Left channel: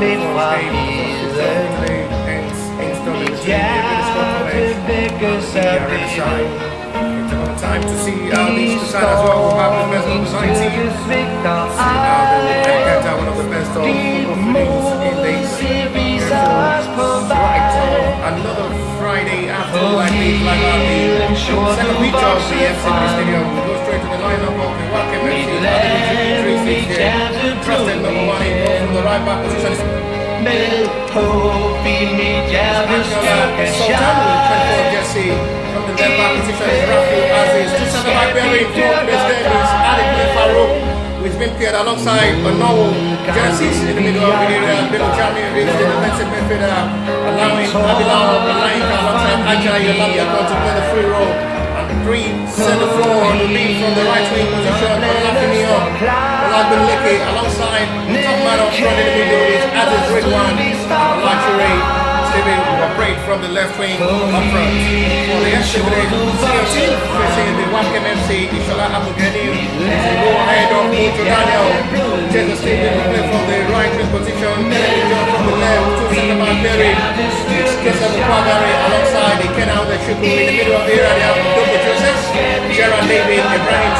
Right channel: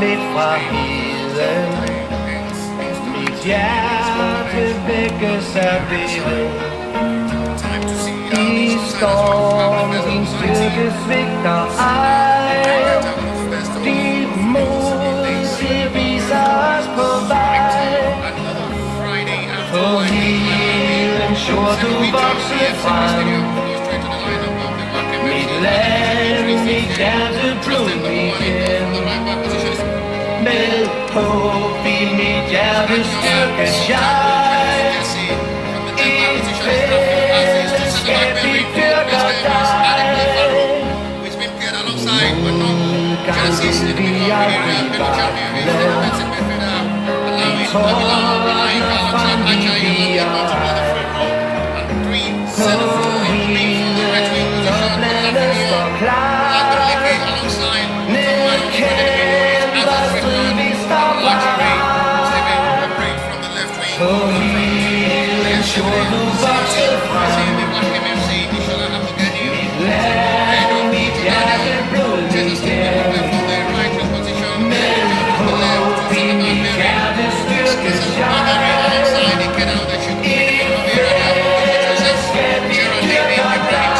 mit fra heden. Mit hjerte vækkes af beden. I storm din styrke svigter ej. Dit mod, det viser os på vej. På hedens jord du vokser frem. Mit land, mit hjerte blod igen. Med håb i mit hjerte styrkes jeg. I fællesskab vi dyrker dig. Modgangen vi aldrig vakle. Vi tordner frem vi viger. På heden og blandet står klar. Ned kæmper strid vi står bare. På hedens jord du vokset frem. Mit land, mit hjerte blod igen. Med håb i mit hjerte styrkes jeg. I fællesskab vi dyrker dig.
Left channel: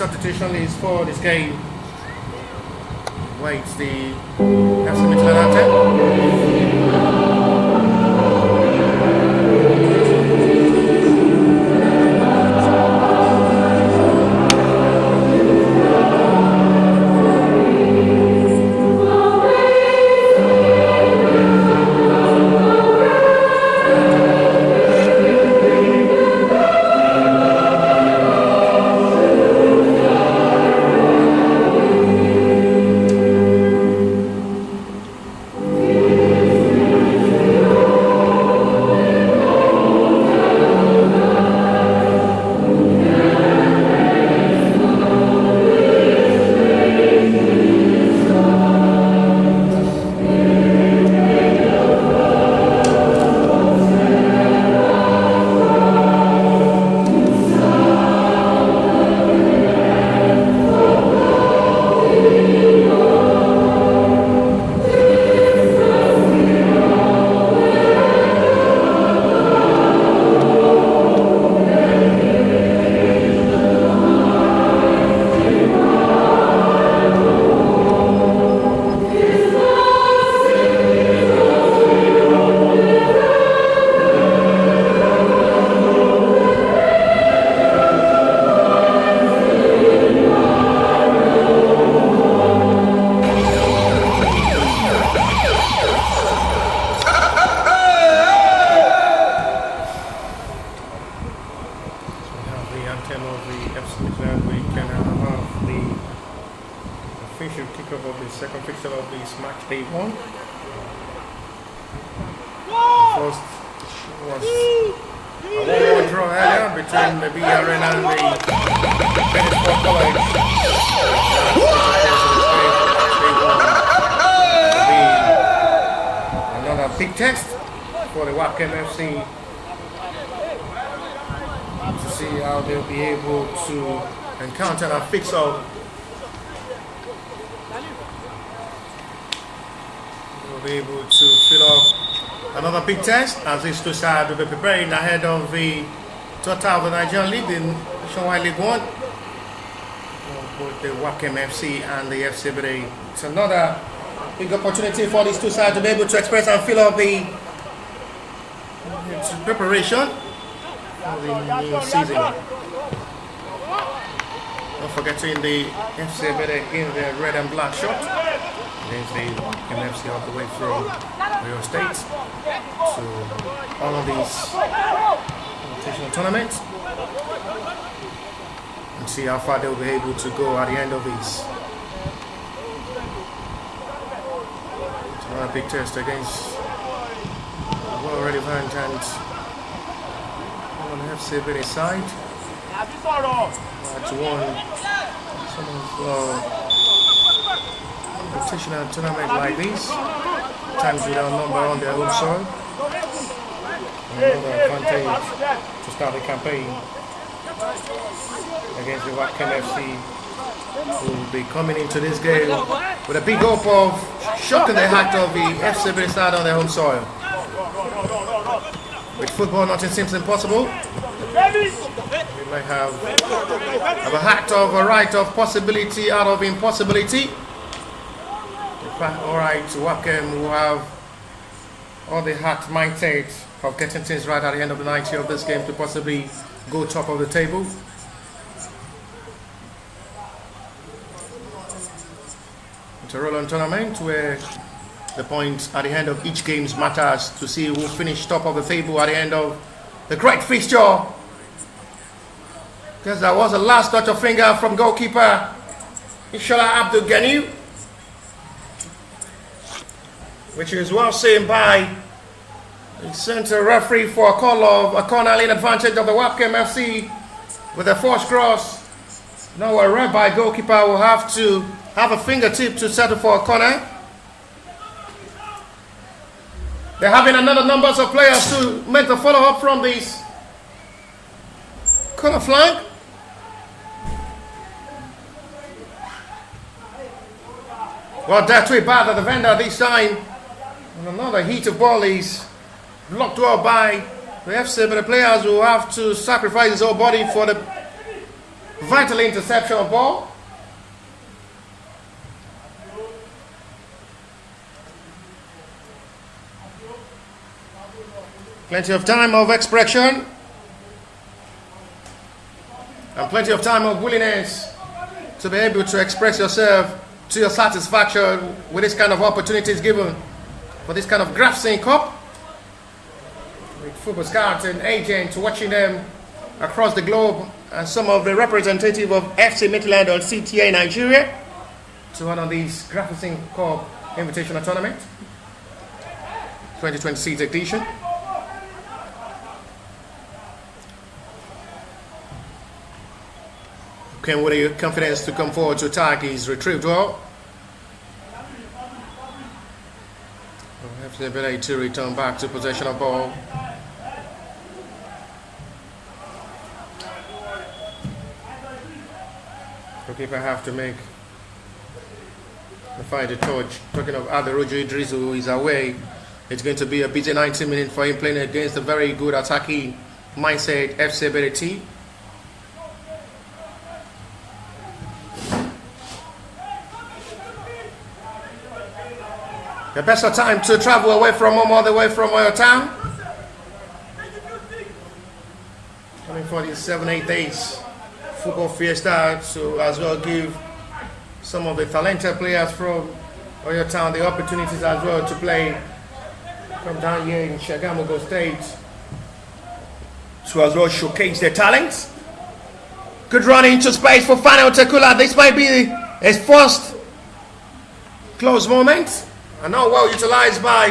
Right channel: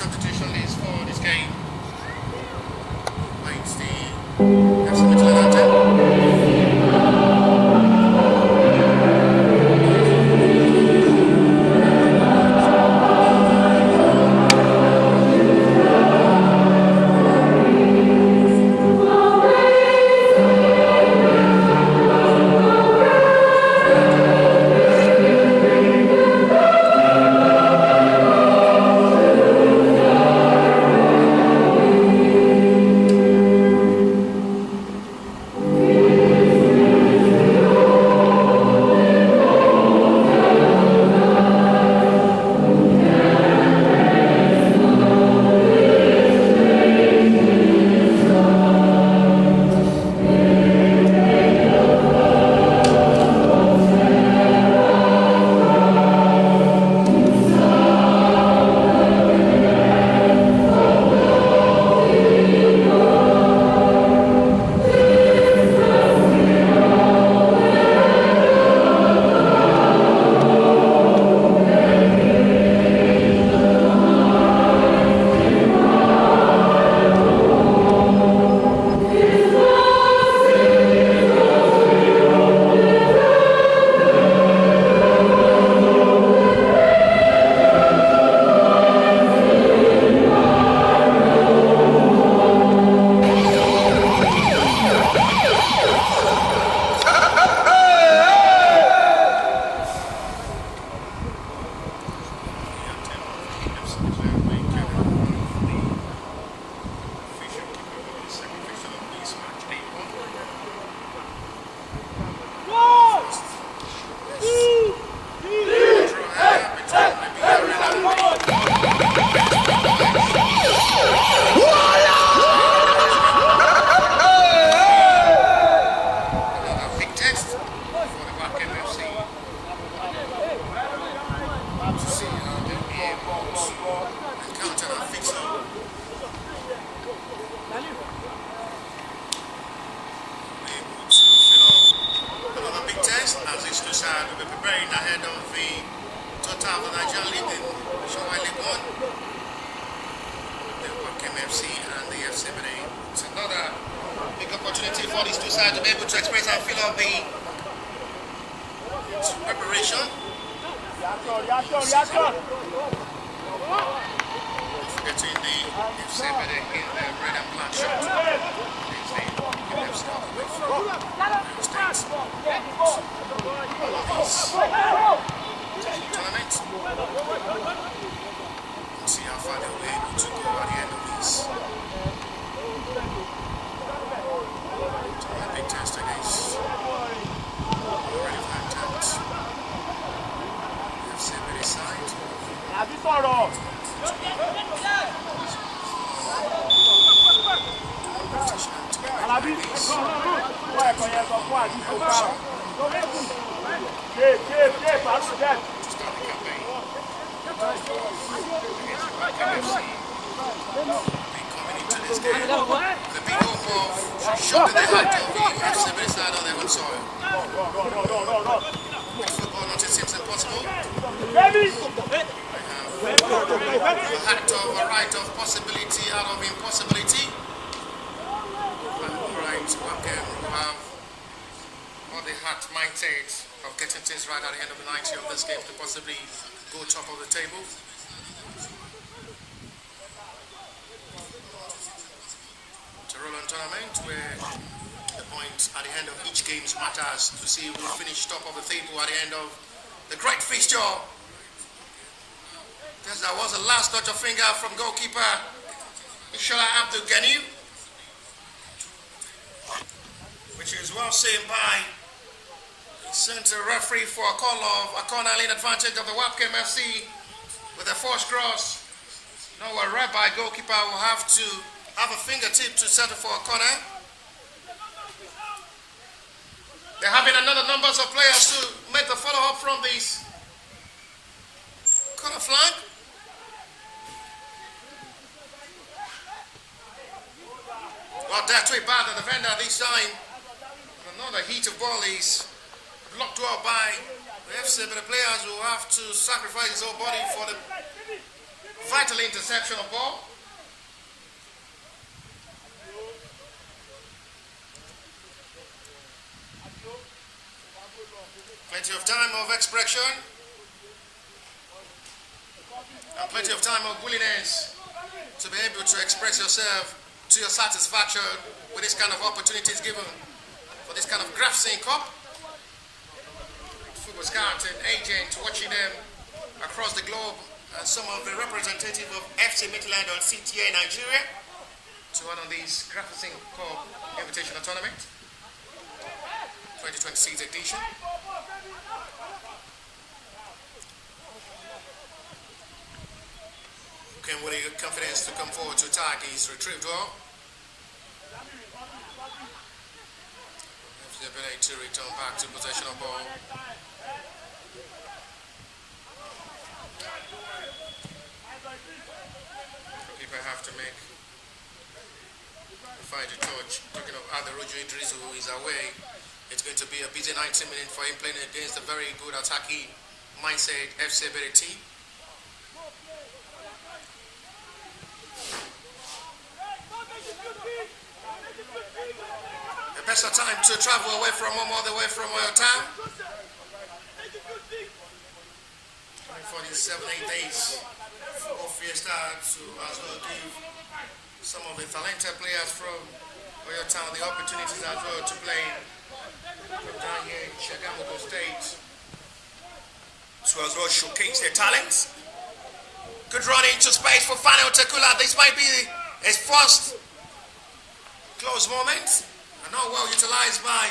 Substitution is for this game. Waits the national anthem. Second fixture of this match day 1. First was draw earlier between the big arena and another big test for the Webkem FC to see how they'll be able to encounter and fix all. Be able to fill off another big test as these two sides will be preparing ahead of the total of the Nigerian League in Nationwide League 1. Both the Webkem FC and the FC Ebedei. It's another big opportunity for these two sides to be able to express and fill up the preparation for the season. forgetting the FC Ebedei in the red and black shirt. There's the MFC all the way through Rio State to all of these tournaments. And see how far they'll be able to go at the end of this. A big test against already and on the FC Ebedei side. To one competition tournament like this, times we are number on their own soil. To start the campaign against the Webkem FC. Will be coming into this game with a big hope of shocking the heart of the FC Ebedei side on their home soil. With football, nothing seems impossible. They have a heart of a right of possibility out of impossibility. Alright, Webkem who have all the heart mindset of getting things right at the end of the 90 of this game to possibly go top of the table. It's a roll-on tournament where the points at the end of each game matters to see who finished top of the table at the end of the great fixture. Because that was the last touch of finger from goalkeeper Inshallah Abdul Ghani, which is well seen by the center referee for a call of a corner lane advantage of the Webkem FC with a forced cross. Now a whereby goalkeeper will have to have a fingertip to settle for a corner. They're having another numbers of players to make the follow-up from this corner flank. Well, that's way bad at the defender this time. And another heat of ball is blocked well by the FC, but the players will have to sacrifice his whole body for the vital interception of ball. Plenty of time of expression and plenty of time of willingness to be able to express yourself to your satisfaction with this kind of opportunities given for this kind of Graversen Cup. With football scouts and agents watching them across the globe, and some of the representatives of FC Midland or CTA Nigeria to one of these Graversen Cup Invitational Tournament 2026 edition. Came with the confidence to come forward to attack. He's retrieved well. FC Ebedei to return back to possession of ball. Goalkeeper have to make the fight a touch. Talking of Aderoju Idris, who is away, it's going to be a busy 90 minutes for him playing against a very good attacking mindset FC Ebedei team. The best of time to travel away from home, all the way from your town. Coming for these 7-8 days football fiesta to as well give some of the talented players from your town the opportunities as well to play from down here in Shagamogo State to as well showcase their talents. Good run into space for Final Tekula. This might be his first close moment. And now well utilized by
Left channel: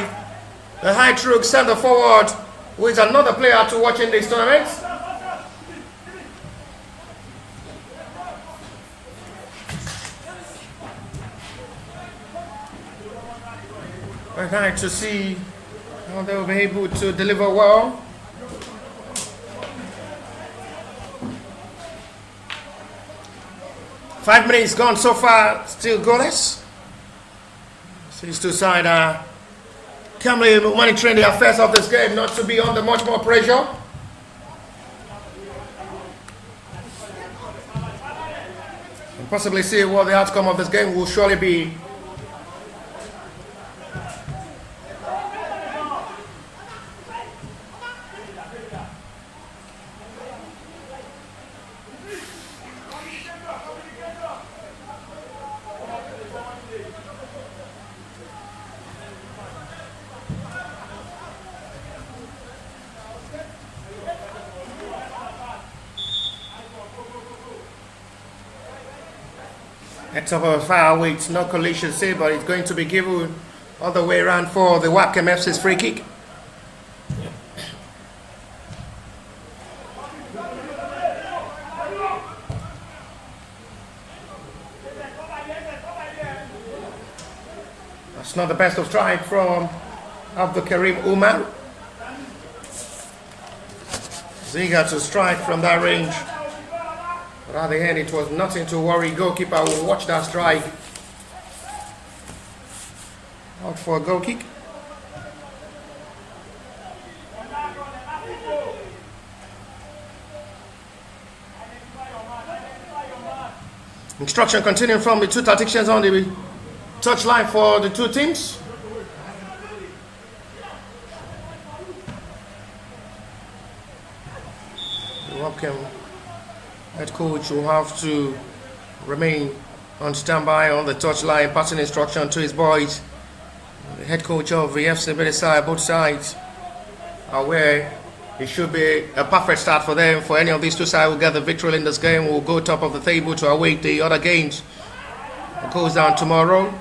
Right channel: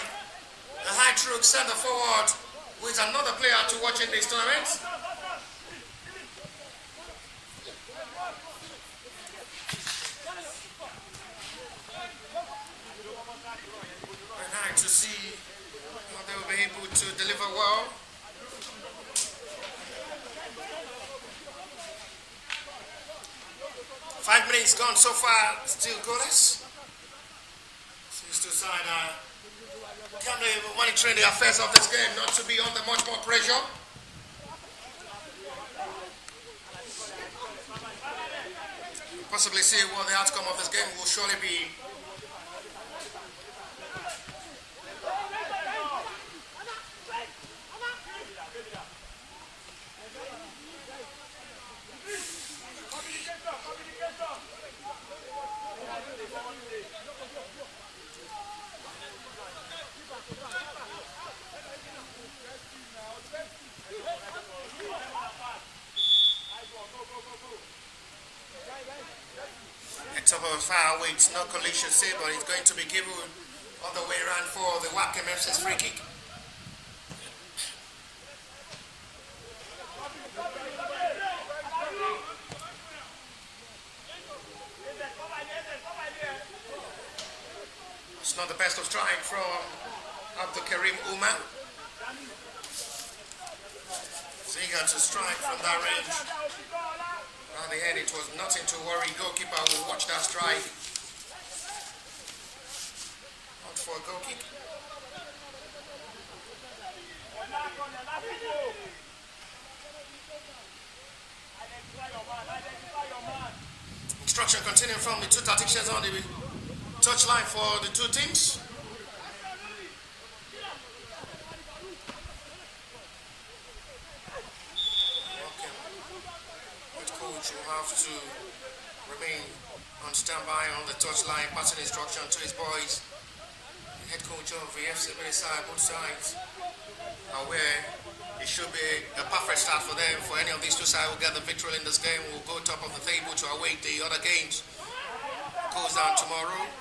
the high true center forward, who is another player to watch in this tournament. Very nice to see how they will be able to deliver well. Five minutes gone so far, still goalless. These two sides calmly monitoring the affairs of this game, not to be under much more pressure. And possibly see what the outcome of this game will surely be. At top of fire weight, no collision say, but it's going to be given all the way around for the Webkem FC's free kick. That's not the best of strike from Abdul Karim Umar. Eager to strike from that range. But at the end, it was nothing to worry. Goalkeeper will watch that strike. Out for a goal kick. Instruction continuing from the two tacticians on the touchline for the two teams. Webkem head coach will have to remain on standby on the touchline, passing instruction to his boys. The head coach of the FC Ebedei, both sides are aware it should be a perfect start for them. For any of these two sides will get the victory in this game, will go top of the table to await the other games. It goes down tomorrow.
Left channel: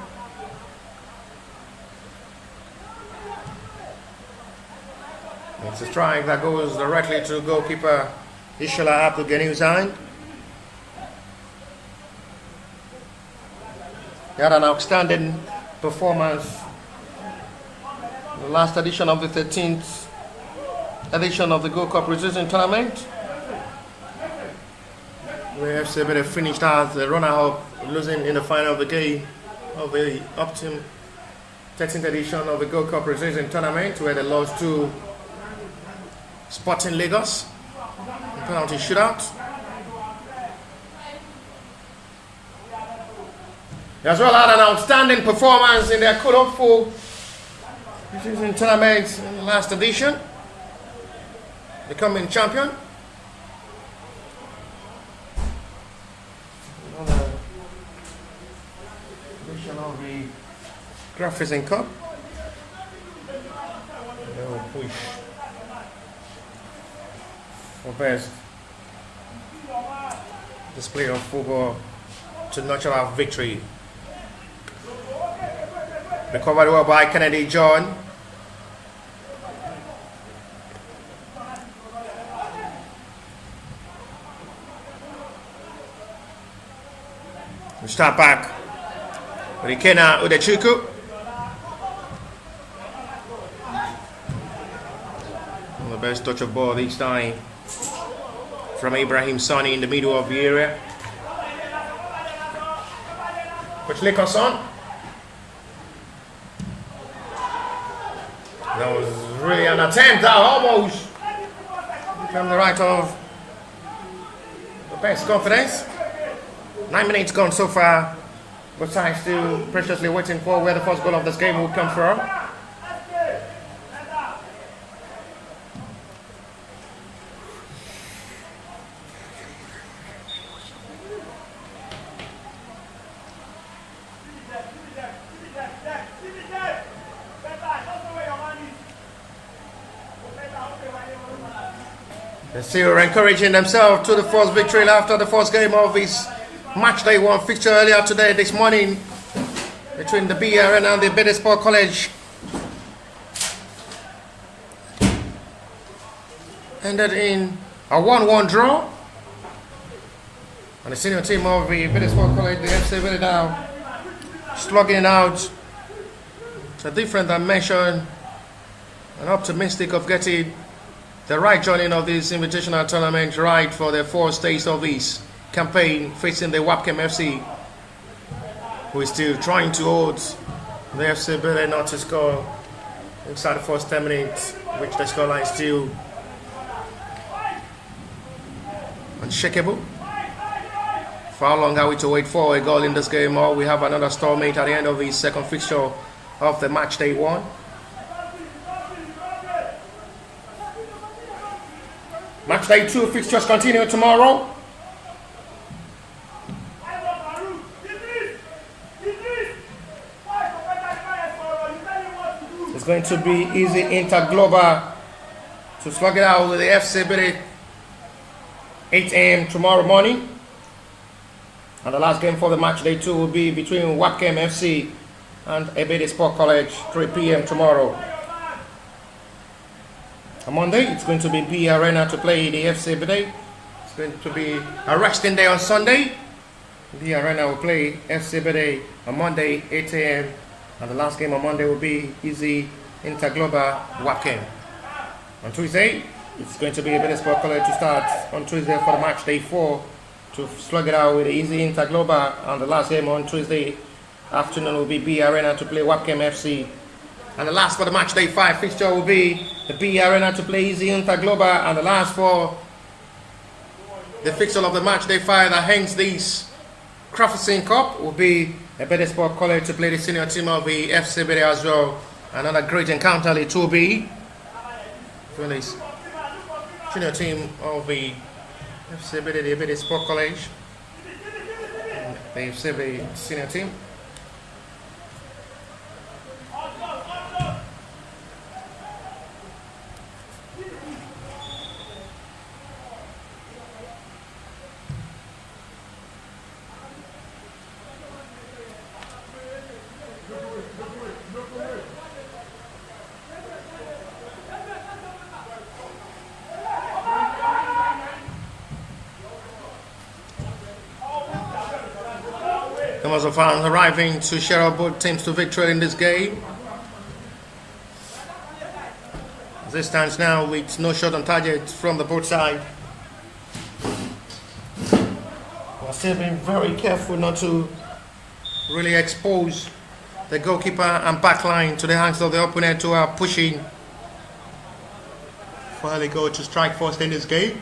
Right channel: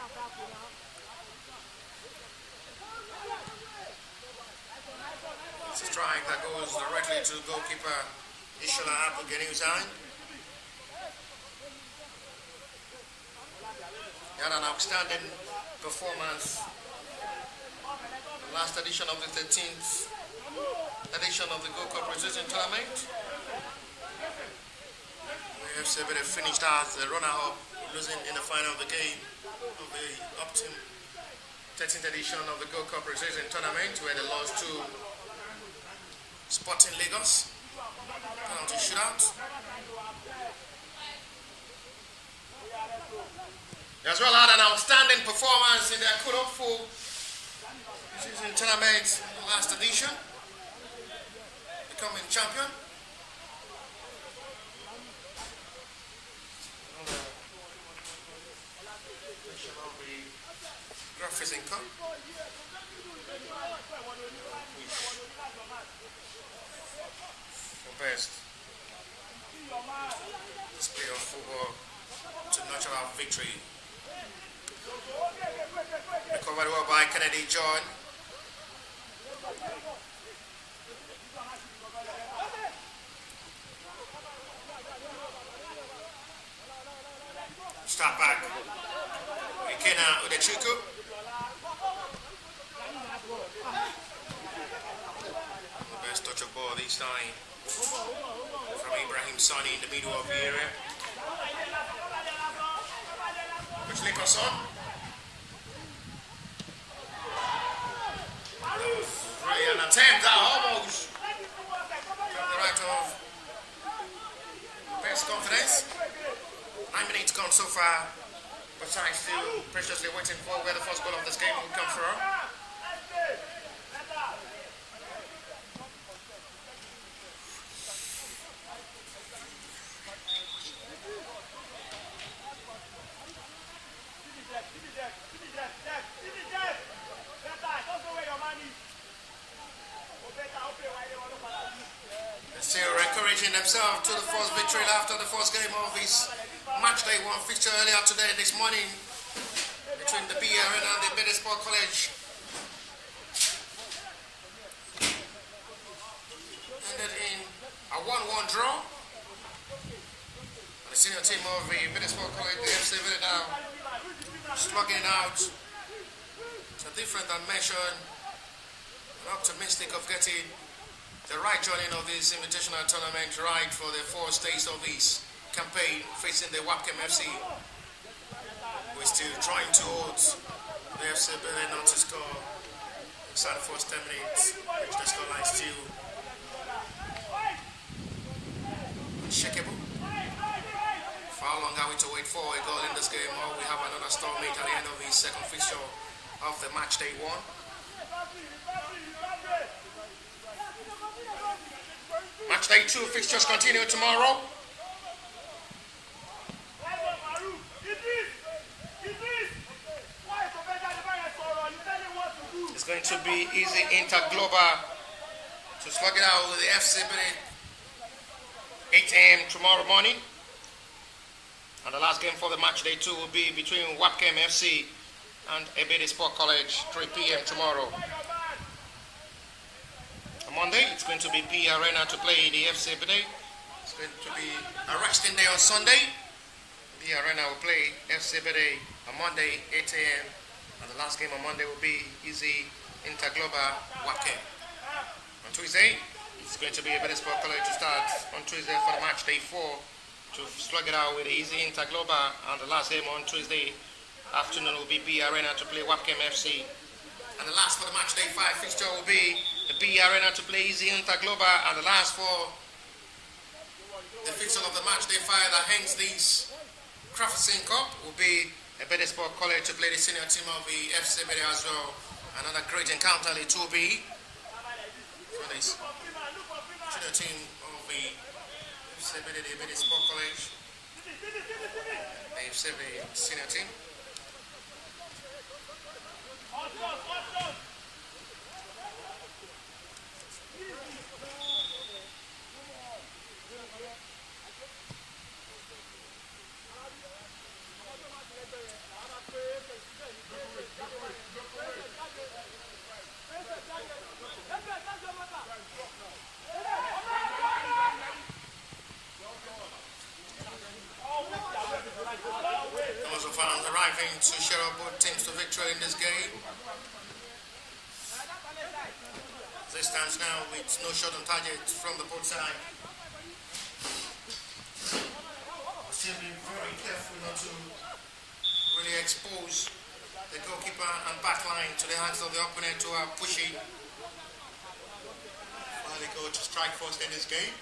It's a strike that goes directly to goalkeeper Ishala Abdul Ganiuzain. He had an outstanding performance in the last edition of the 13th edition of the Gold Cup Resistance Tournament, where FC Ebedei finished as the runner-up, losing in the final of the game of the up-team 13th edition of the Gold Cup Resistance Tournament, where they lost to Sporting Lagos. Penalty shootout. He as well had an outstanding performance in their Kodofo season tournament in the last edition, becoming champion. Another edition of the Graversen Cup. They will push for best display of football to nurture our victory. Recovered well by Kennedy John. We start back with Ikena Udechuku. The best touch of ball each time from Ibrahim Sani in the middle of the area. Which Nicholson. That was really an attempt that almost from the right of the best confidence. 9 minutes gone so far, but I'm still preciously waiting for where the first goal of this game will come from. They're still encouraging themselves to the first victory after the first game of this match day one fixture earlier today, this morning, between the BRN and the Ebedei Sport College. Ended in a 1-1 draw. And the senior team of the Ebedei Sport College, the FC Ebedei, now slugging out to a different dimension and optimistic of getting the right joining of this invitational tournament right for the fourth stage of this campaign, facing the Webkem FC, who is still trying to hold the FC Ebedei not to score inside the first 10 minutes, which the scoreline is still unshakable. For how long are we to wait for a goal in this game, or we have another stalemate at the end of the second fixture of the match day one? Match day two fixtures continue tomorrow. It's going to be easy Interglobal to slug it out with the FC Ebedei 8 a.m. tomorrow morning. And the last game for the match day 2 will be between Webkem FC and Ebedei Sport College, 3 p.m. tomorrow. On Monday, it's going to be B Arena to play the FC Ebedei. It's going to be a resting day on Sunday. B Arena will play FC Ebedei on Monday, 8 a.m. And the last game on Monday will be Easy Interglobal Webkem. On Tuesday, it's going to be Ebedei Sport College to start on Tuesday for the match day 4 to slug it out with the Easy Interglobal. And the last game on Tuesday afternoon will be B Arena to play Webkem FC. And the last for the match day 5 fixture will be the B Arena to play Easy Interglobal. And the last for the fixture of the match day 5 that hangs this Graversen Cup will be Ebedei Sport College to play the senior team of the FC Ebedei as well. Another great encounter, it will be this senior team of the FC Ebedei, the Ebedei Sport College, the FC Ebedei senior team. Numbers of fans arriving to share out both teams to victory in this game. As it stands now with no shot on target from the both sides. We're still being very careful not to really expose the goalkeeper and backline to the hands of the opponent who are pushing for the goal to strike first in this game.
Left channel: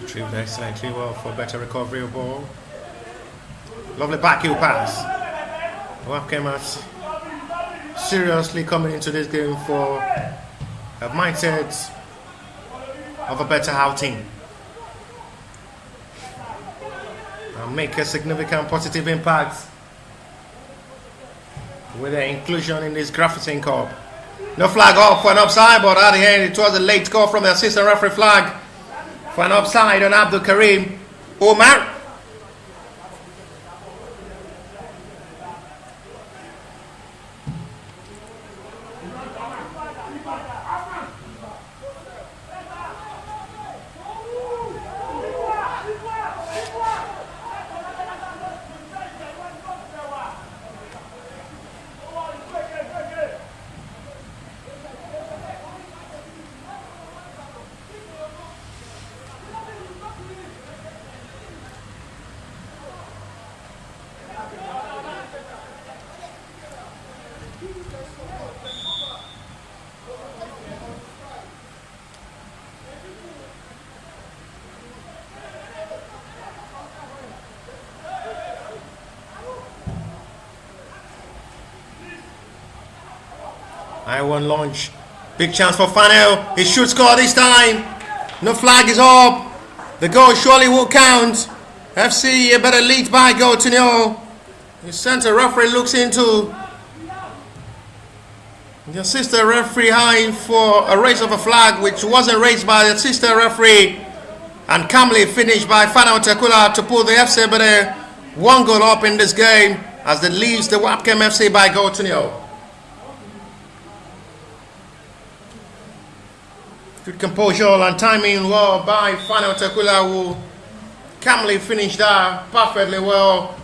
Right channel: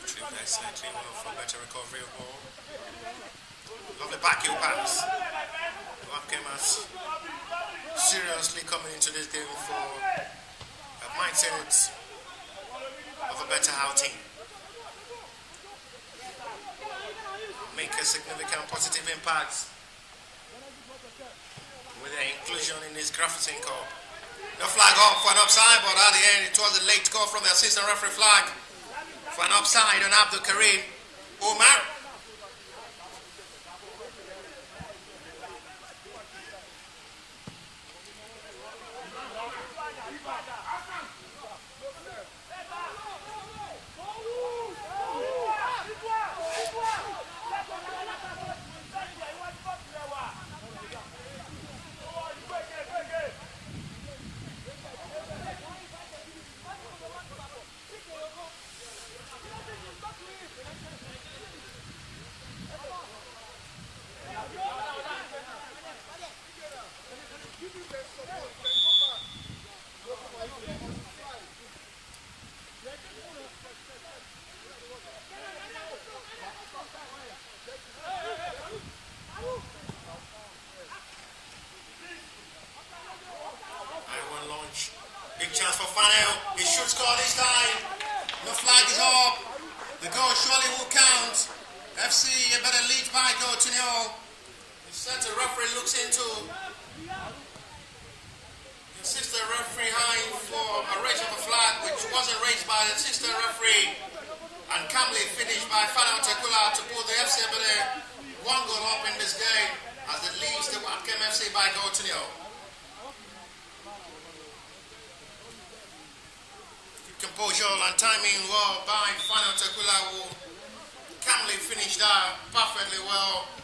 Retrieved excellently well for better recovery of ball. Lovely back heel pass. Webkem has seriously coming into this game for a mindset of a better outing and make a significant positive impact with their inclusion in this Graversen Cup. No flag off for an offside, but at the end it was a late call from the assistant referee flag for an offside on Abdul Karim Omar. I one launch. Big chance for Fanel. He should score this time. No flag is up. The goal surely will count. FC Ebedei lead by goal to 0. The center referee looks into the assistant referee high for a raise of a flag which wasn't raised by the assistant referee, and calmly finished by Fanel Tekula to put the FC Ebedei 1 goal up in this game as it leads the Webkem FC by goal to 0. Good composure and timing well by Fanel Tekula, who calmly finished that perfectly well.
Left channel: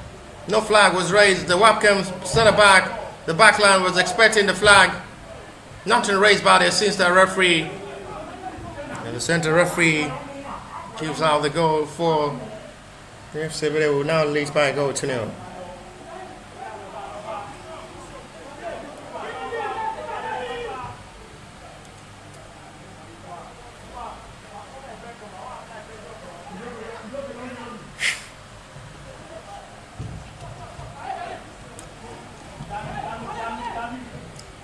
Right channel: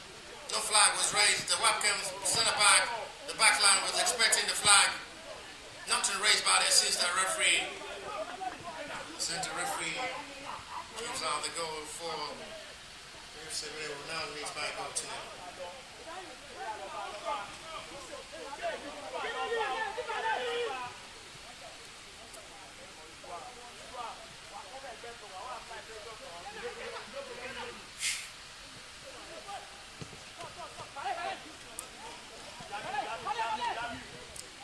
No flag was raised. The Webkem centre back, the backline was expecting the flag. Nothing raised by the assistant referee. And the centre referee gives out the goal for the FC Ebedei, who now leads by a goal to 0.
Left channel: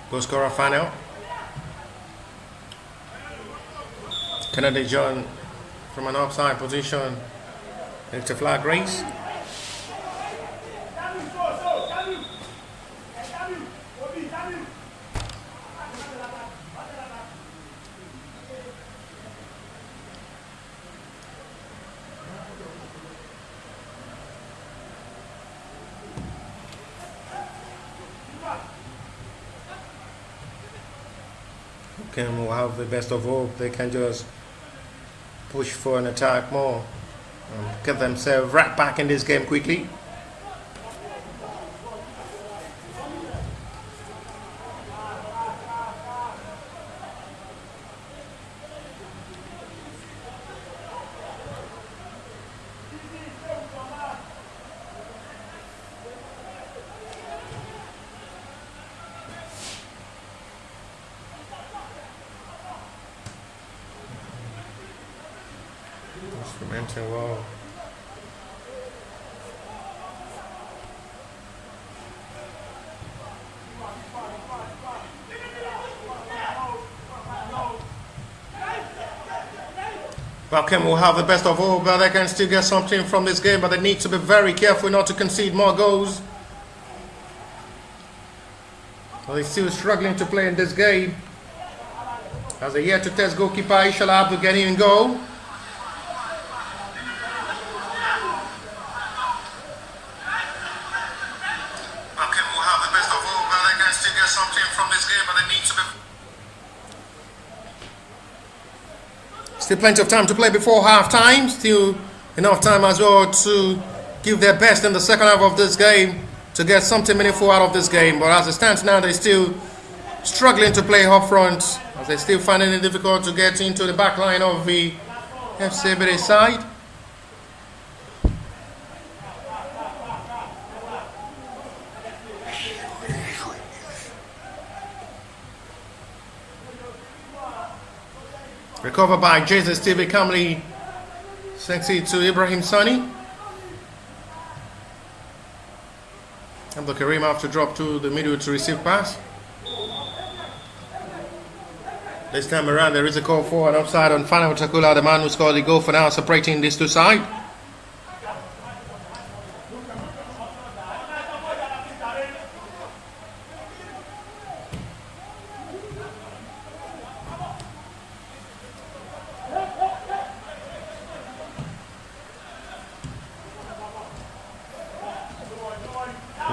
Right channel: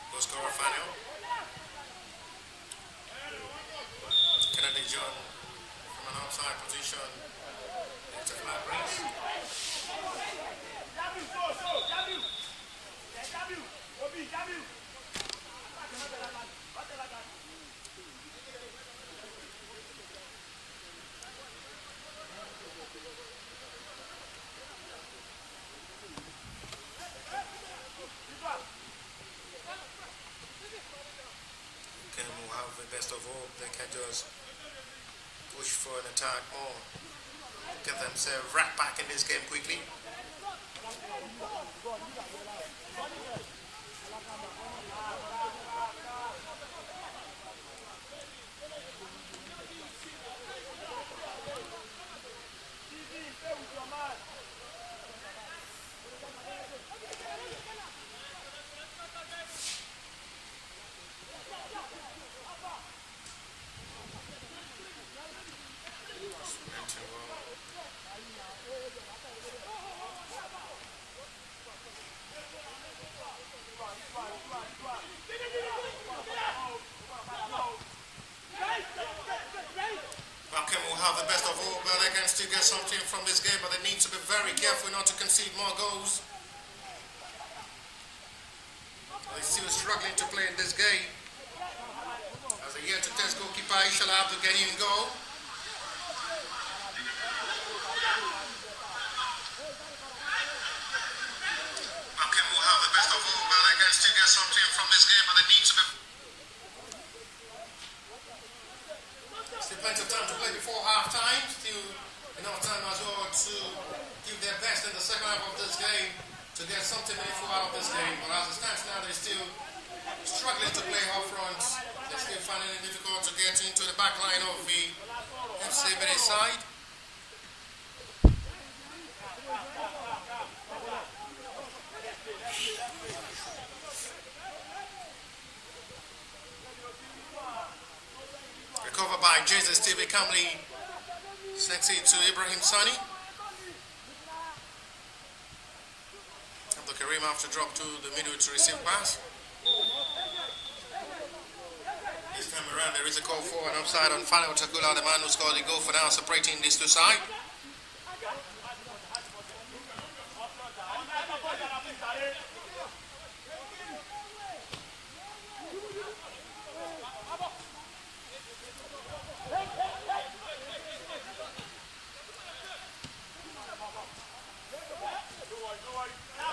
Goal scorer Fanel. Kennedy John from an offside position. It's a flag race. Webkem will have the best of hope. They can just push for an attack more and get themselves right back in this game quickly. Instrumental well. Webkem will have the best of all, but they can still get something from this game, but they need to be very careful not to concede more goals. So they're still struggling to play in this game. As a yet to test goalkeeper Ishala Abdul getting in goal. Still plenty of time to play before half time. Still enough time as well to give their best in the second half of this game to get something meaningful out of this game. But as it stands now, they're still struggling to play up front, as they're still finding it difficult to get into the back line of the FC Ebedei side. Recovered by Jesus Stevie Kamli, sends it to Ibrahim Sani. Abdul Karim have to drop to the middle to receive pass. This time around there is a call for an offside on Fana Utakula, the man who scored the goal for now, separating these two sides.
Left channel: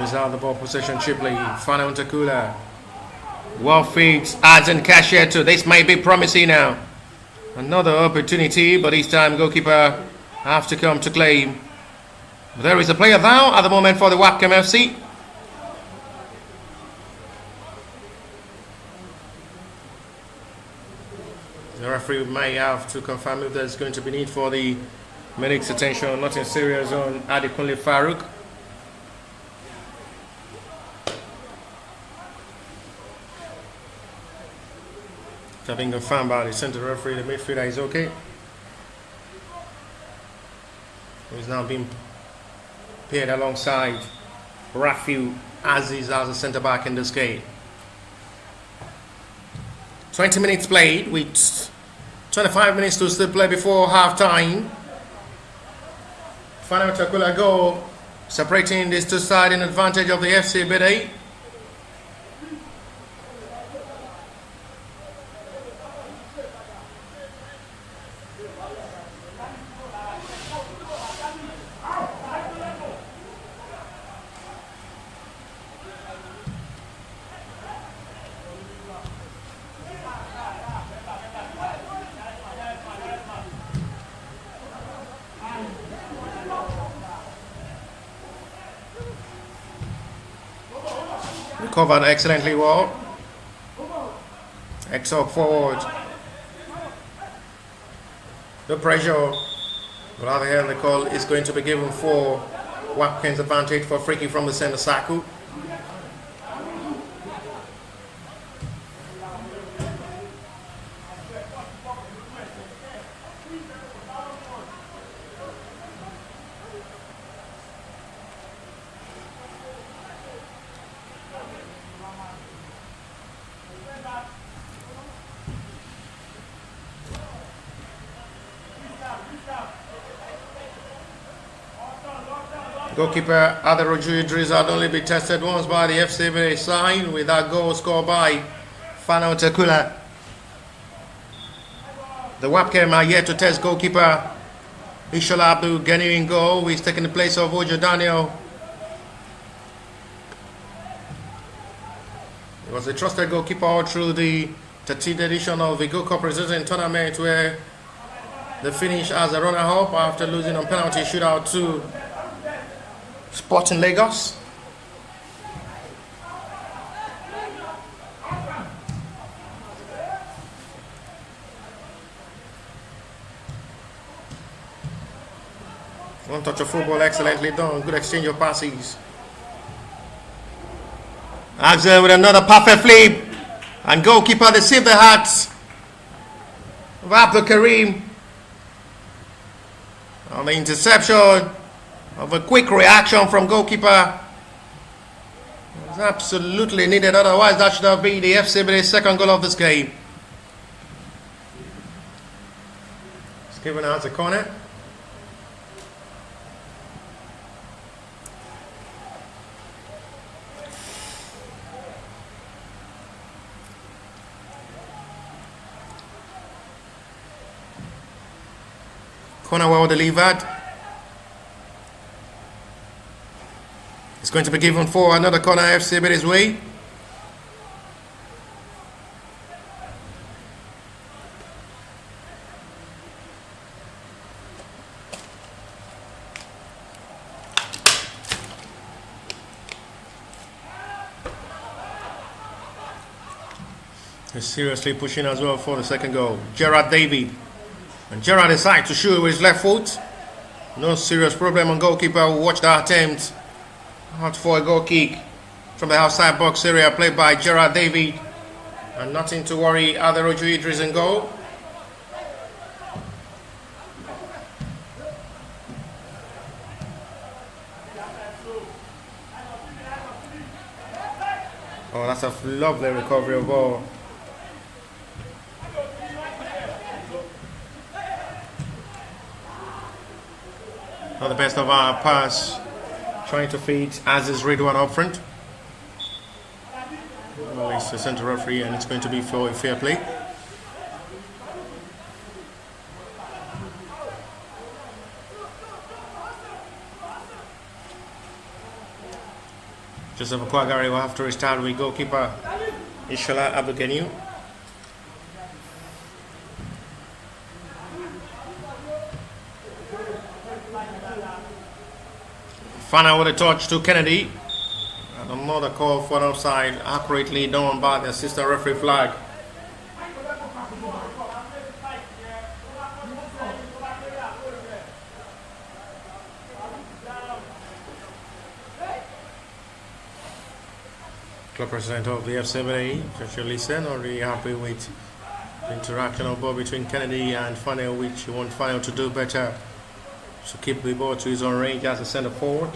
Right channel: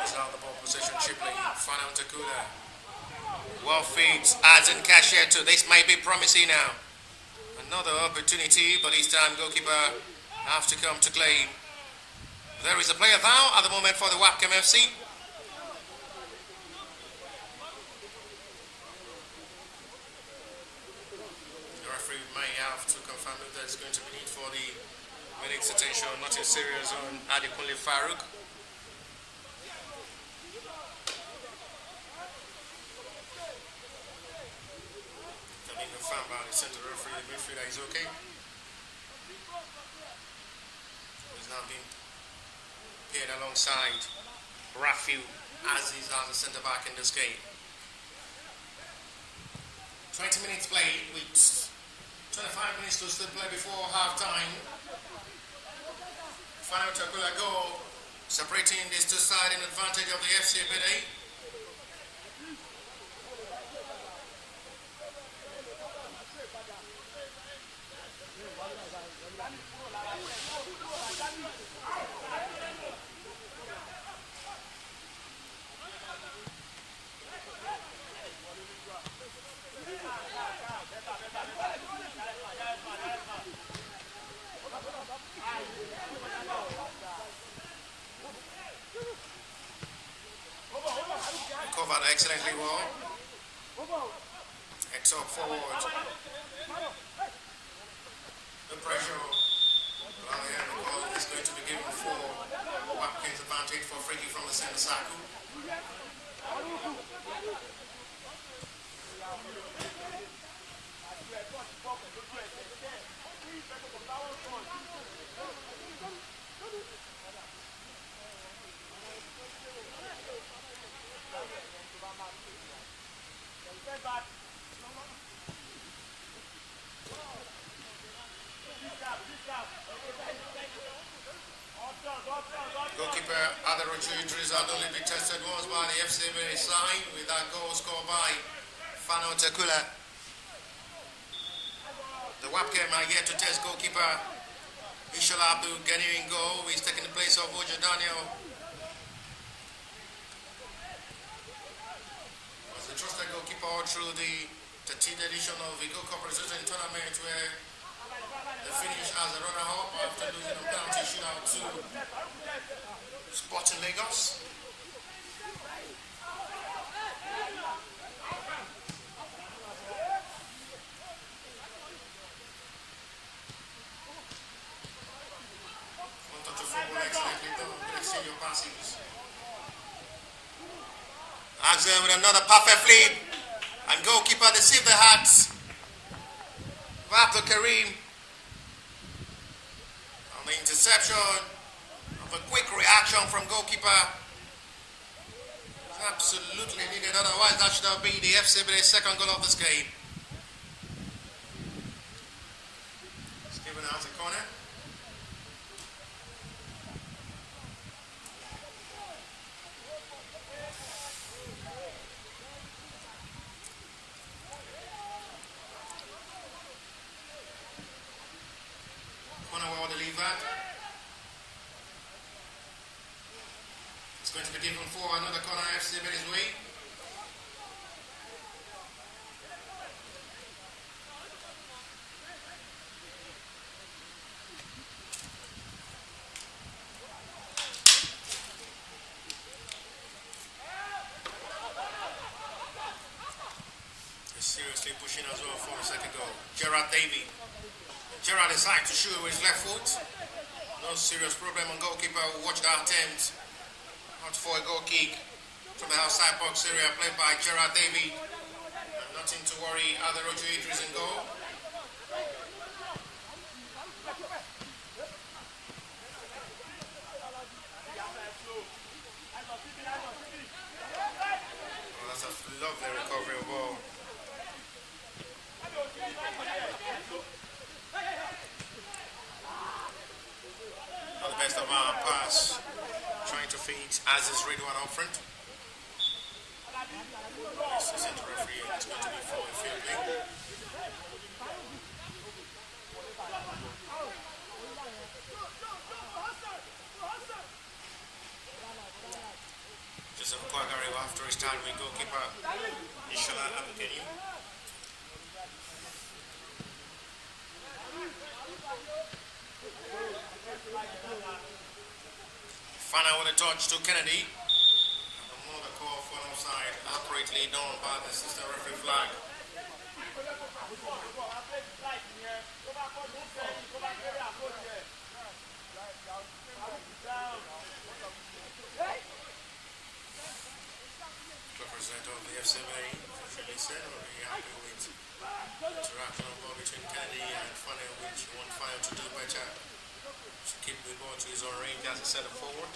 He's out the ball possession cheaply. Fana Utakula. Well feeds, adds and cashier to this may be promising now. Another opportunity, but this time goalkeeper have to come to claim. There is a player now at the moment for the Webkem FC. The referee may have to confirm if there's going to be need for the medic's attention. Nothing serious on Adekunle Farouk. Having confirmed by the center referee, the midfielder is okay. He's now being paired alongside Rafiu Aziz as a centre back in this game. 20 minutes played with 25 minutes to still play before half time. Final Takula goal separating these two sides in advantage of the FC Ebedei. Covered excellently well. X-up forward. The pressure, rather here the call is going to be given for Webkem's advantage for free kick from the centre circle. Goalkeeper Aderoju Idris had only been tested once by the FC Ebedei side, with that goal scored by Fano Tekula. The Webkem are yet to test goalkeeper Ishola Abdul Gani in goal, who is taking the place of Ojo Daniel. He was a trusted goalkeeper all through the 13th edition of the Gold Cup Preseason tournament, where they finished as a runner-up after losing on penalty shootout to Sporting Lagos. One touch of football, excellently done. Good exchange of passes. Axel with another perfect flip. And goalkeeper deceived the hearts of Abdul Karim on the interception of a quick reaction from goalkeeper. It was absolutely needed, otherwise that should have been the FC Ebedei's second goal of this game. It's given out a corner. Corner well delivered. It's going to be given for another corner FC Ebedei's way. He's seriously pushing as well for the second goal. Gerard David. And Gerard decides to shoot with his left foot. No serious problem on goalkeeper who watched that attempt. Out for a goal kick from the outside box area, played by Gerard David. And nothing to worry, Aderoju Idris in goal. Oh, that's a lovely recovery of ball. Not the best of our pass, trying to feed Aziz Ridwan up front. Well, it's the centre referee and it's going to be for a fair play. Joseph Okwagari will have to restart with goalkeeper Ishola Abugeniu. Fana with a touch to Kennedy. And another call for an offside, accurately done by the assistant referee flag. Club president of the FC Ebedei, Joshua Listen, already happy with the interaction of ball between Kennedy and Fana, which he wants Fana to do better. To keep the ball to his own range as a centre forward.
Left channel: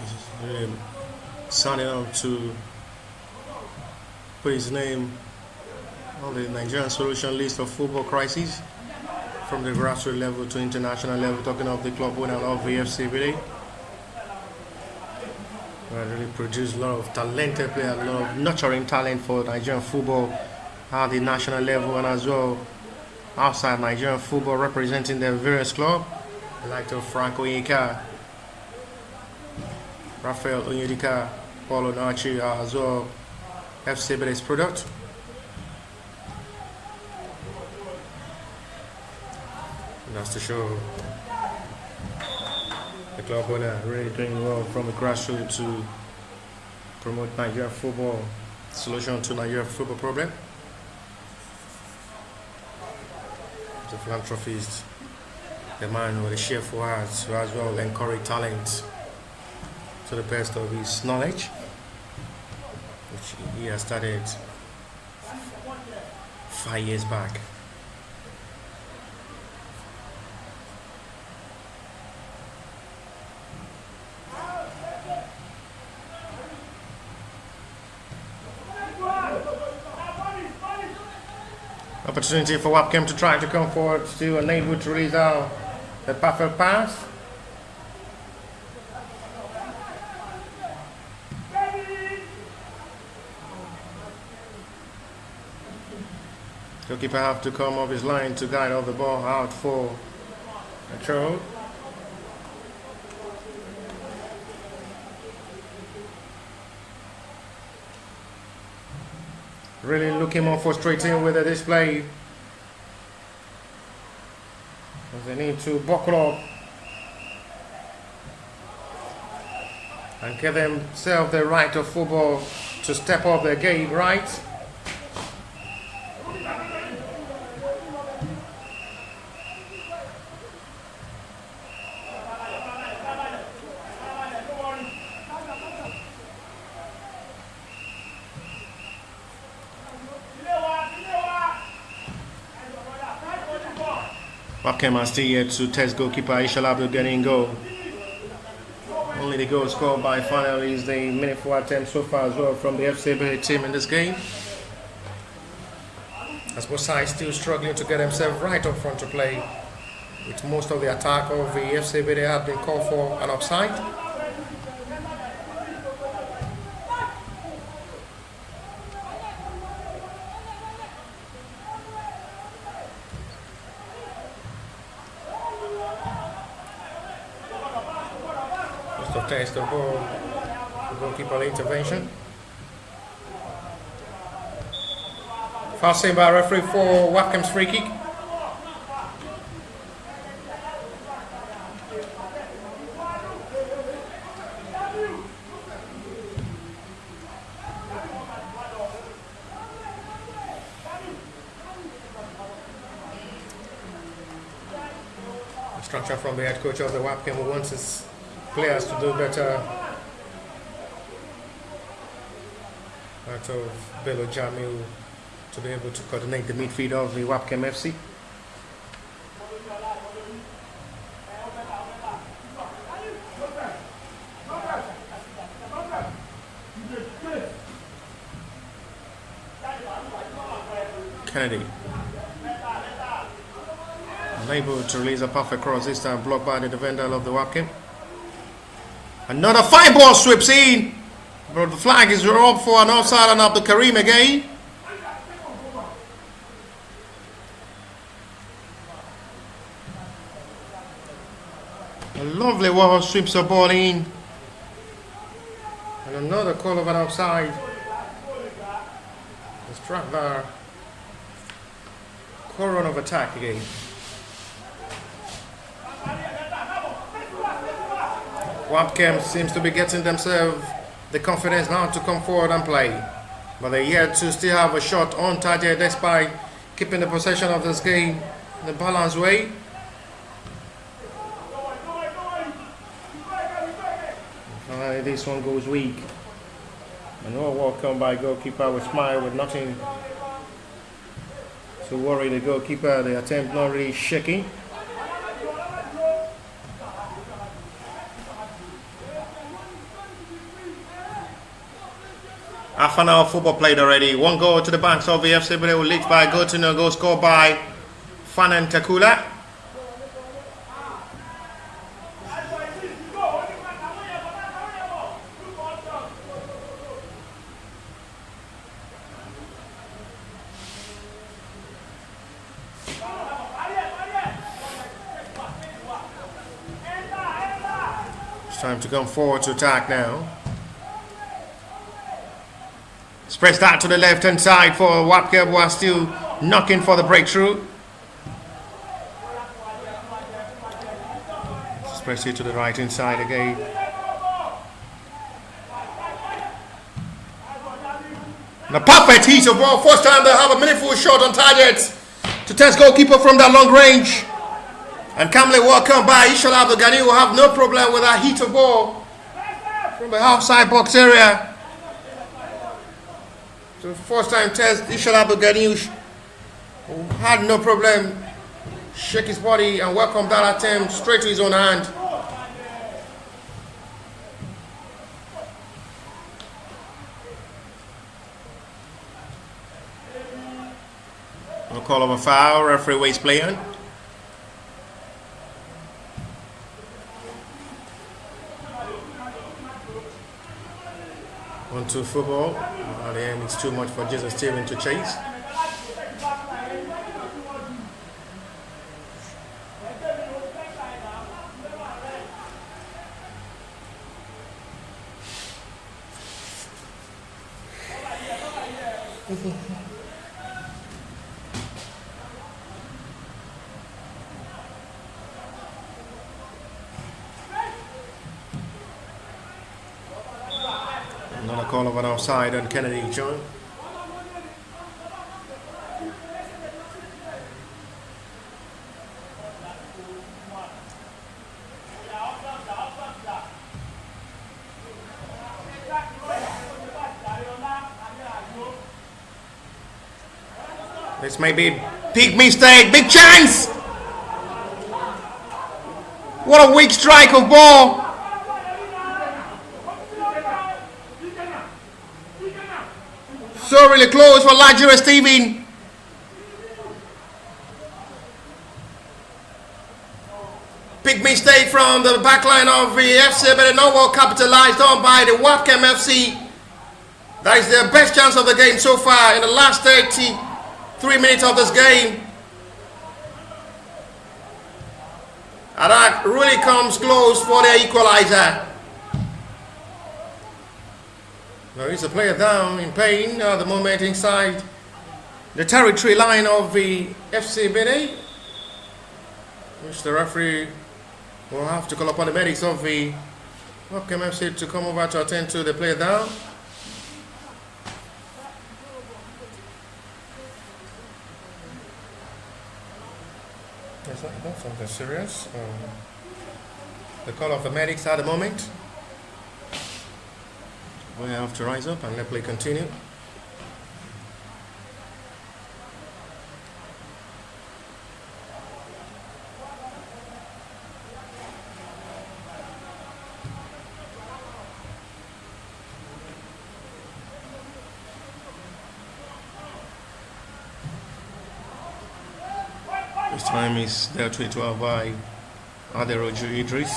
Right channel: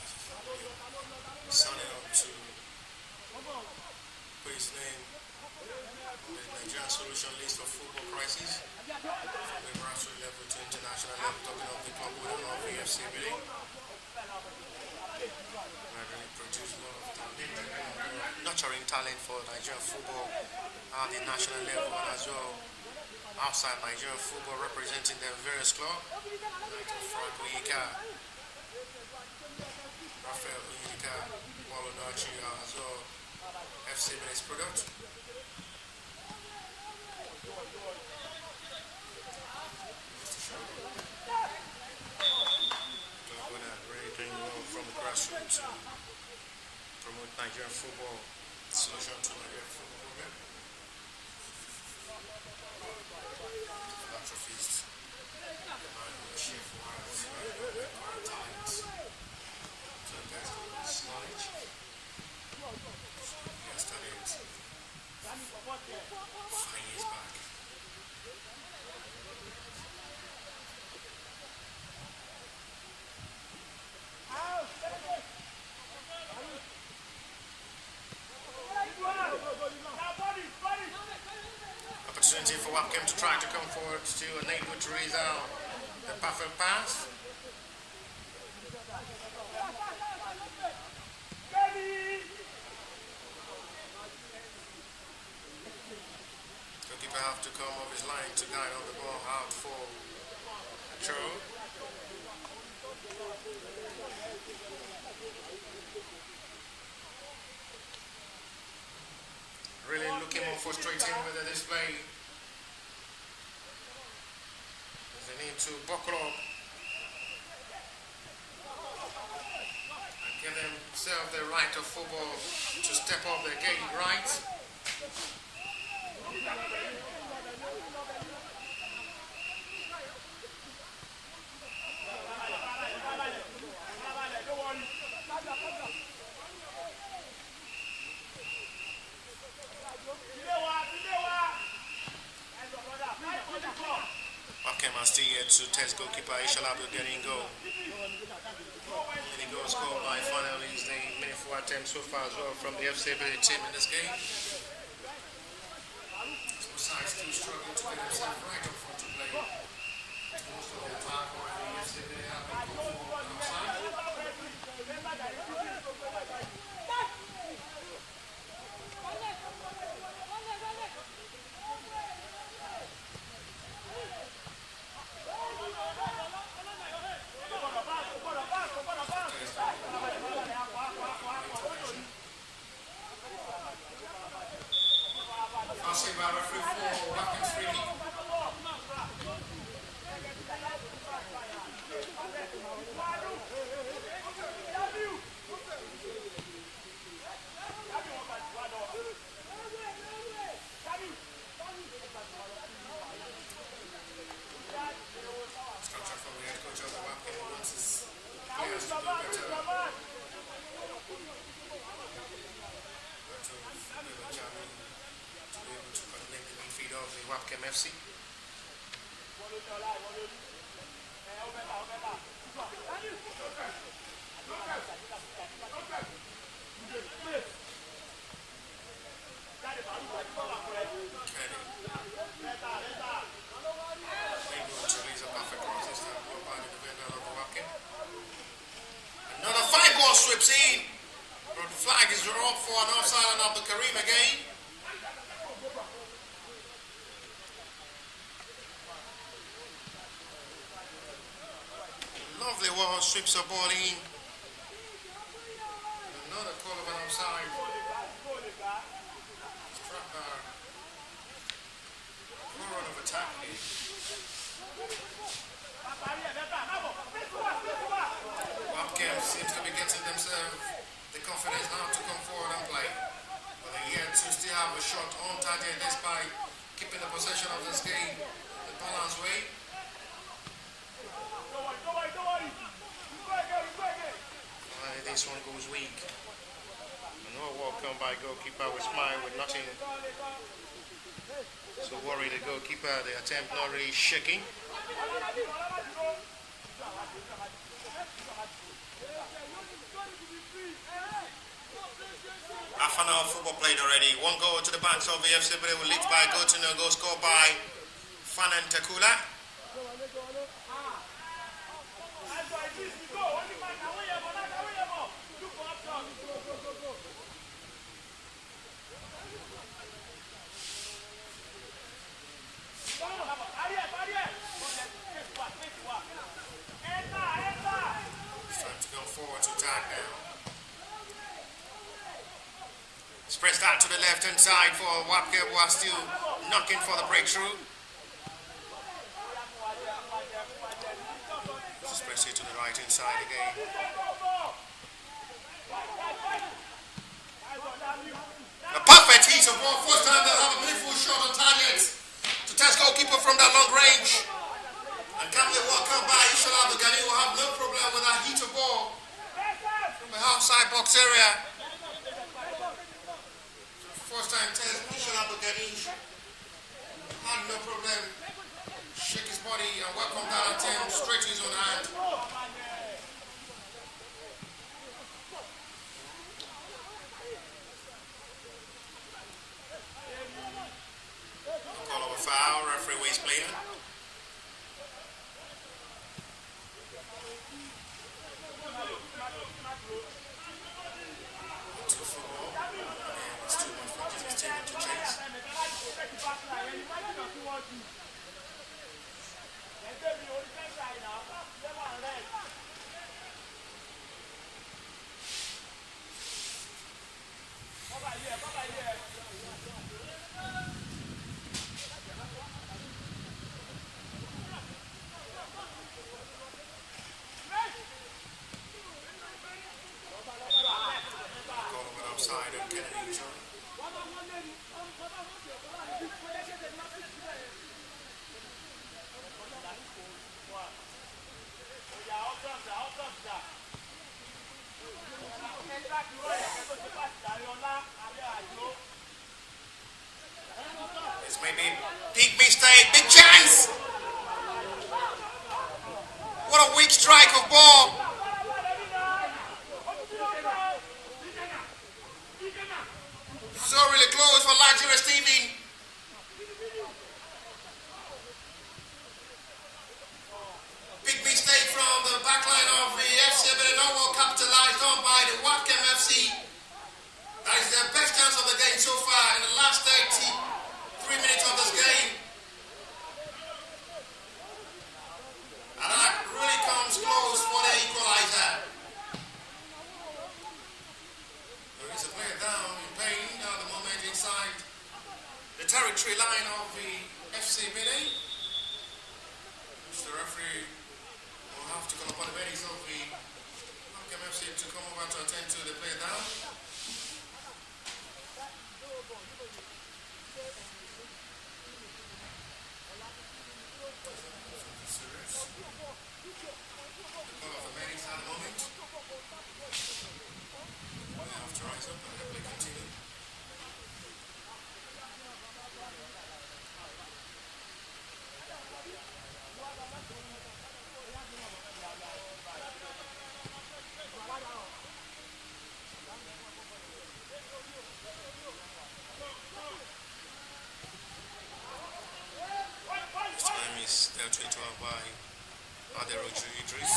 He's really signing up to put his name on the Nigerian solution list of football crises. From the grassroots level to international level, talking of the club winner of the FC Ebedei. Really produced a lot of talented players, a lot of nurturing talent for Nigerian football at the national level and as well outside Nigerian football, representing their various clubs, like Frank Onyeka, Raphael Onyedika, Paulo Nachi, as well FC Ebedei's product. That's to show the club winner really doing well from the grassroots to promote Nigerian football, solution to Nigerian football problem. The philanthropist, the man with a cheerful heart, who as well encourage talent to the best of his knowledge, which he has started 5 years back. Opportunity for Webkem to try to come forward, still unable to release out the perfect pass. Goalkeeper have to come off his line to guide off the ball out for a throw. Really looking more frustrating with the display, as they need to buckle up and give themselves the right of football to step up their game, right? Webkem are still yet to test goalkeeper Ishalabdo getting goal. Only the goal scored by finally is the meaningful attempt so far as well from the FC Ebedei team in this game. As both sides still struggling to get themselves right up front to play, with most of the attack of the FC Ebedei have been called for an offside. Test the ball, goalkeeper intervention. Fast seen by referee for Webkem's free kick. Instruction from the head coach of the Webkem, who wants his players to do better. Out of Bello Jamil to be able to coordinate the midfield of the Webkem FC. Kennedy unable to release a perfect cross, this time blocked by the defender of the Webkem. Another fine ball sweeps in, but the flag is up for an offside on Abdul Karim again. A lovely wall sweeps the ball in, and another call of an offside. The struck there. Core run of attack again. Webkem seems to be getting themselves the confidence now to come forward and play, but they're yet to still have a shot on target despite keeping the possession of this game in a balanced way. Finally, this one goes weak. Another welcome by goalkeeper with smile with nothing to worry the goalkeeper. The attempt not really shaking. Half an hour of football played already. One goal to the banks of the FC Ebedei, leads by a goal to no goal scored by Fanan Takula. It's time to come forward to attack now. Spreads that to the left-hand side for Webkem, who are still knocking for the breakthrough. Spreads it to the right-hand side again. And a perfect hit of ball. First time they have a meaningful shot on target to test goalkeeper from that long range. And calmly welcome by Ishala Abdogani, will have no problem with that hit of ball from the outside box area. So first time test, Ishala Abdogani had no problem. Shake his body and welcome that attempt straight to his own hand. call of a foul. Referee waits play on. Onto football. At the end, it's too much for Jason Steven to chase. Another call of an offside on Kennedy John. This may be big mistake, big chance. What a weak strike of ball. So really close for Nigeria Steven. Big mistake from the backline of the FC, but no well capitalized on by the Webkem FC. That is their best chance of the game so far in the last 33 minutes of this game. And that really comes close for their equalizer. There is a player down in pain at the moment inside the territory line of the FC Ebedei, which the referee will have to call upon the medics of the Webkem FC to come over to attend to the player down. Is that something serious? The call of the medics at the moment. We have to rise up and let play continue. This time is dealt with by Aderoju Idris.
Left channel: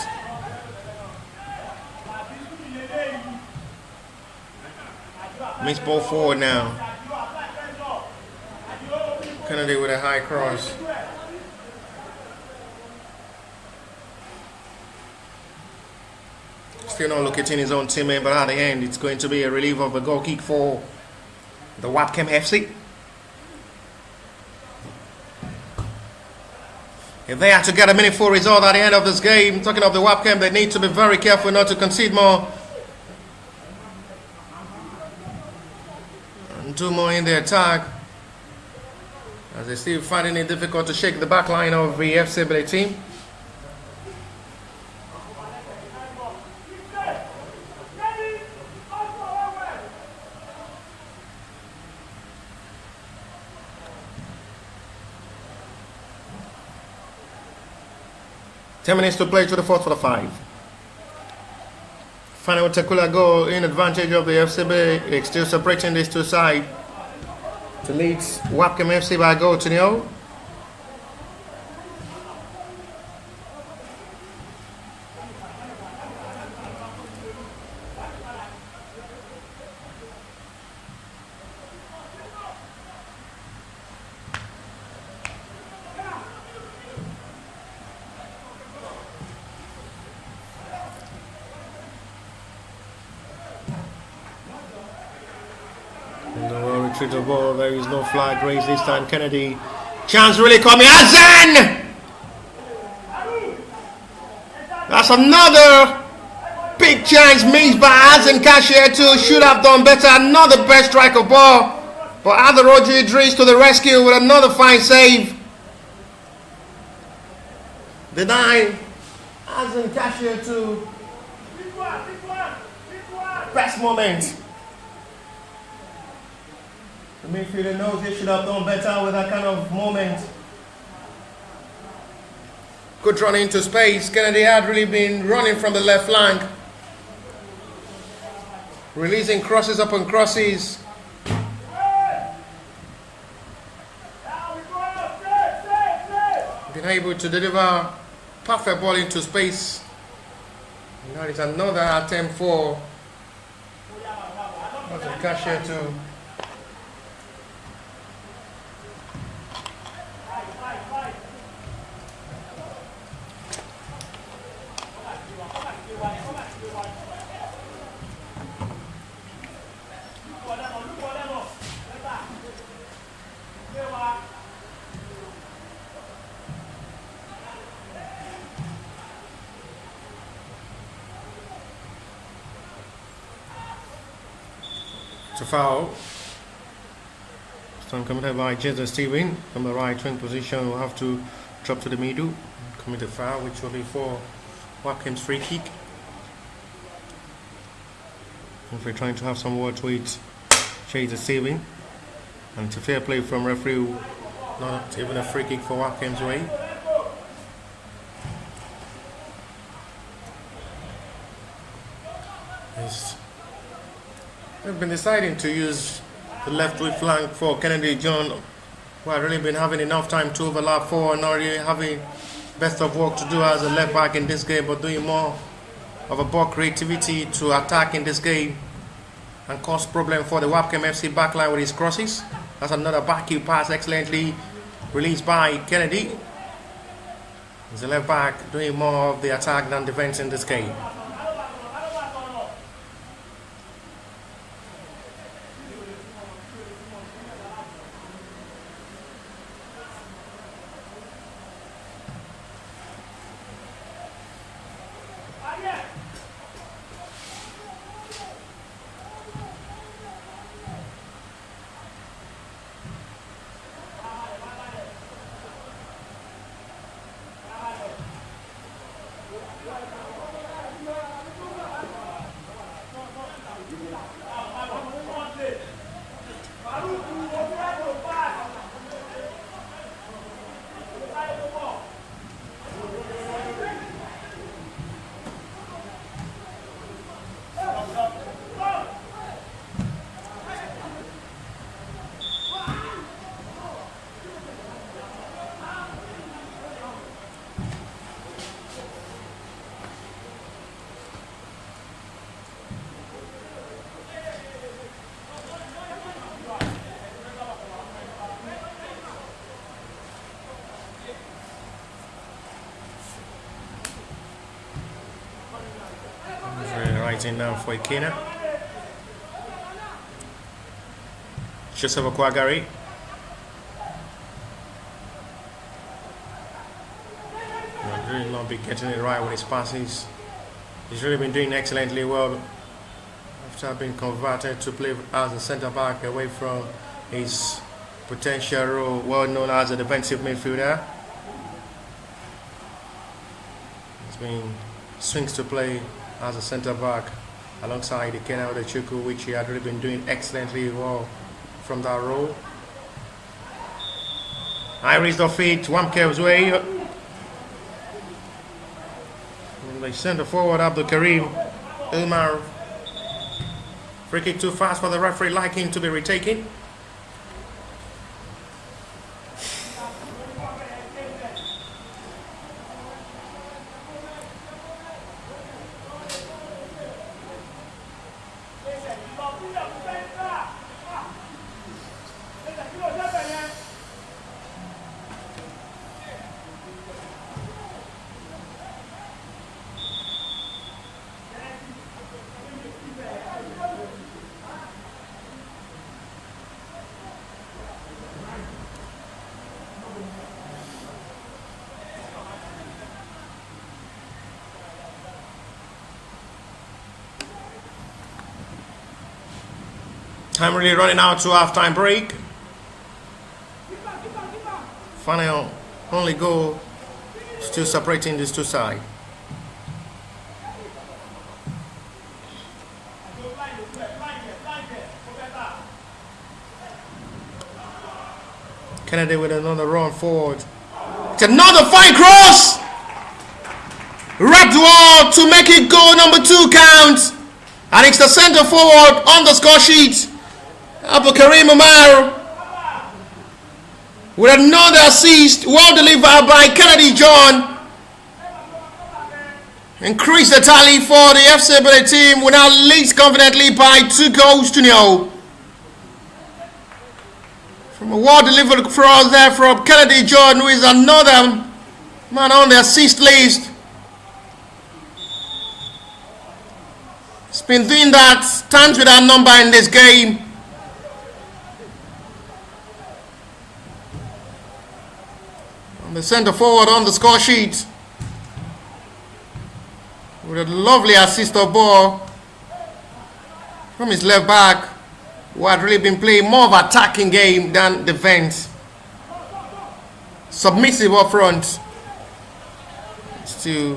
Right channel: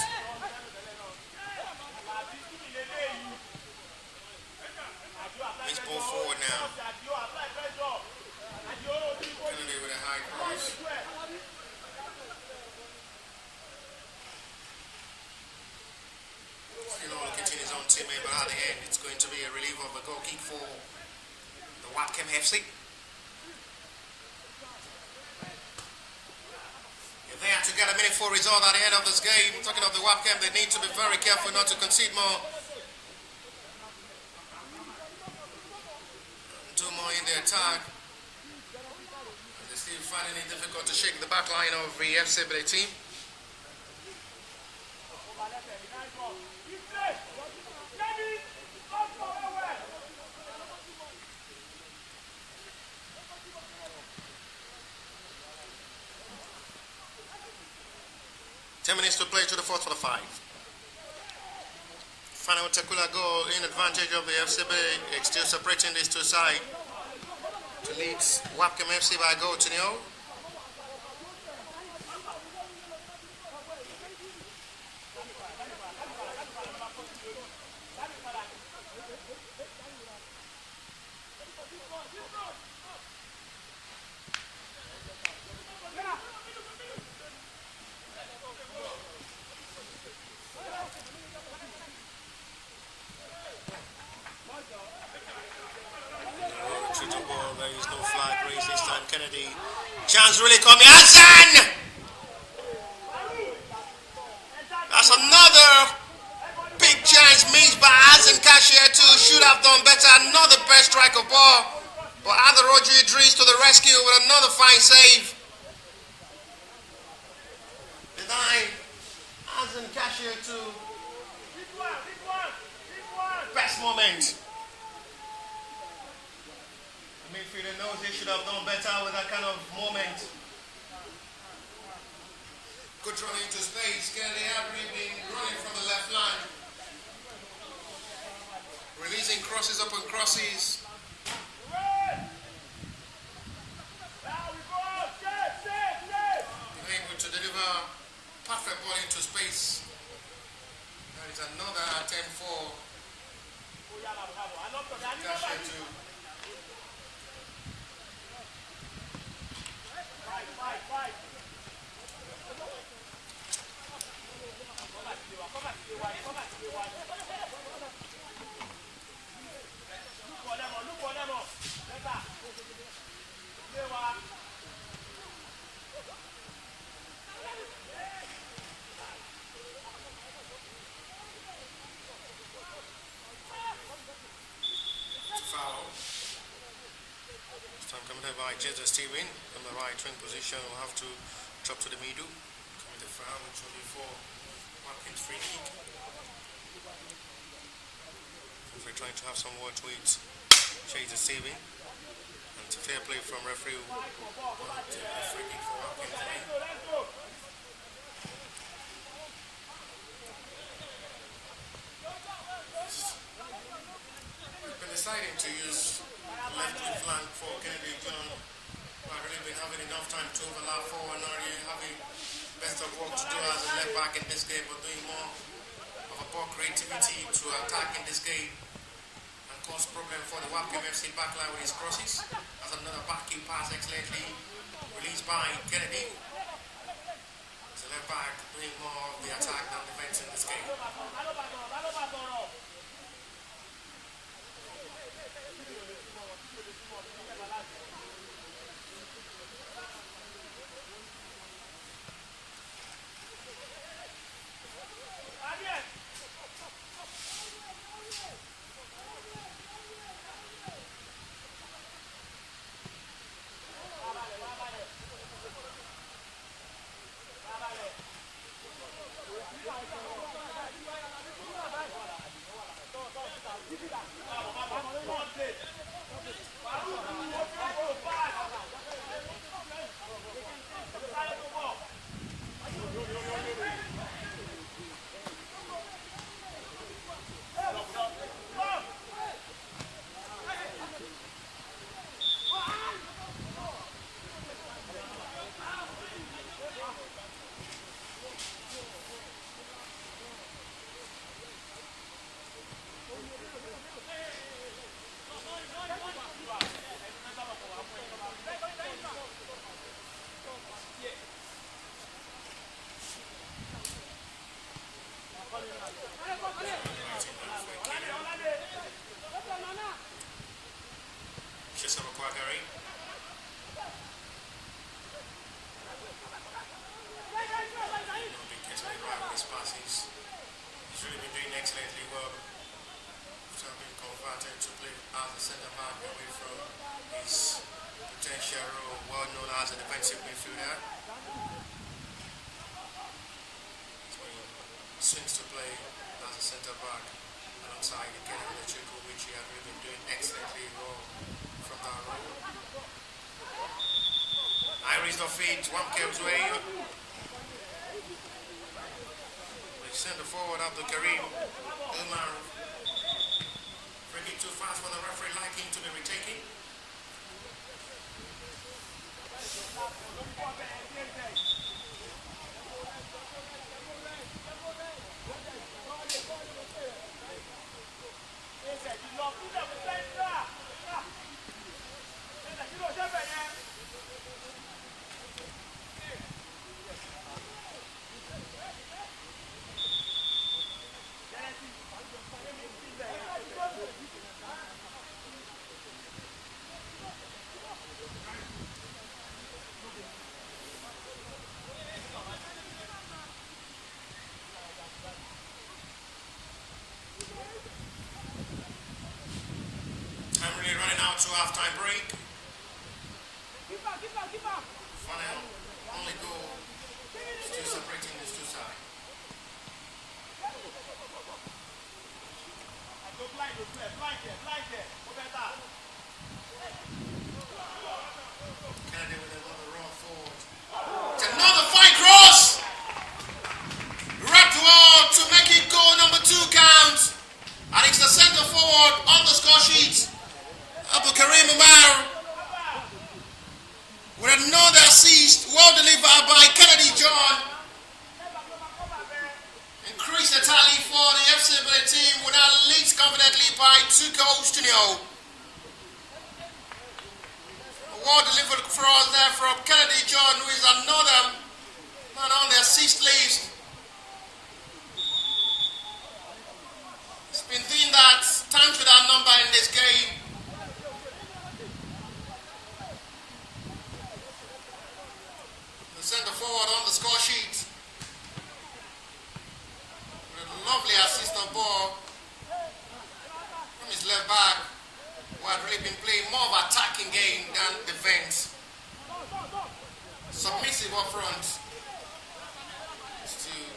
Missed ball forward now. Kennedy with a high cross. Still not locating his own teammate, but at the end it's going to be a relief of a goal kick for the Webkem FC. If they are to get a meaningful result at the end of this game, talking of the Webkem, they need to be very careful not to concede more. Do more in the attack, as they still finding it difficult to shake the back line of the FC Ebedei team. Ten minutes to play to the fourth for the 5. Final Takula goal in advantage of the FC Ebedei. It's still separating these two sides to lead Webkem FC by a goal to 0. Retrieve the ball. There is no flag raised this time. Kennedy. Chance really coming. Azan! That's another big chance missed by Azan Cashier too. Should have done better. Another best strike of ball. But Aderoju Idris to the rescue with another fine save. Denying Azan Cashier too. Best moment. The midfielder knows they should have done better with that kind of moment. Good run into space. Kennedy had really been running from the left flank. Releasing crosses upon crosses. been able to deliver perfect ball into space. Now it's another attempt for Cashier to foul. Stone committed by Jesus Steven from the right wing position. Will have to drop to the middle, commit a foul, which will be for Webkem's free kick. If we're trying to have some words with Jesus Steven, and it's a fair play from referee, not even a free kick for Webkem's way. They've been deciding to use the left wing flank for Kennedy John, who have really been having enough time to overlap for and not really having best of work to do as a left back in this game, but doing more of a ball creativity to attack in this game and cause problem for the Webkem FC backline with his crosses. That's another back heel pass excellently released by Kennedy. He's the left back doing more of the attack than defense in this game. In now for Ikena. Joseph Okwagari. Really not be getting it right with his passes. He's really been doing excellently well after being converted to play as a centre back away from his potential role, well known as a defensive midfielder. He's been swings to play as a centre back alongside Ikena Odechukwu, which he had really been doing excellently well from that role. Iris of feet, Webkem's way. And they send the forward Abdul Karim Ilmar. Free kick too fast for the referee, liking to be retaken. Time really running out to half-time break. Final only goal still separating these two sides. Kennedy with another run forward. It's another fine cross! Wrapped wall to make it goal number 2 count. And it's the centre forward on the score sheet. Abdul Karim Umar with another assist, well delivered by Kennedy John. Increase the tally for the FC Ebedei team, who now leads confidently by 2-0. From a well delivered cross there from Kennedy John, who is another man on the assist list. He's been doing that, stands with that number in this game. And the centre forward on the score sheet with a lovely assist of ball from his left back, who had really been playing more of an attacking game than defense. Submissive up front. Still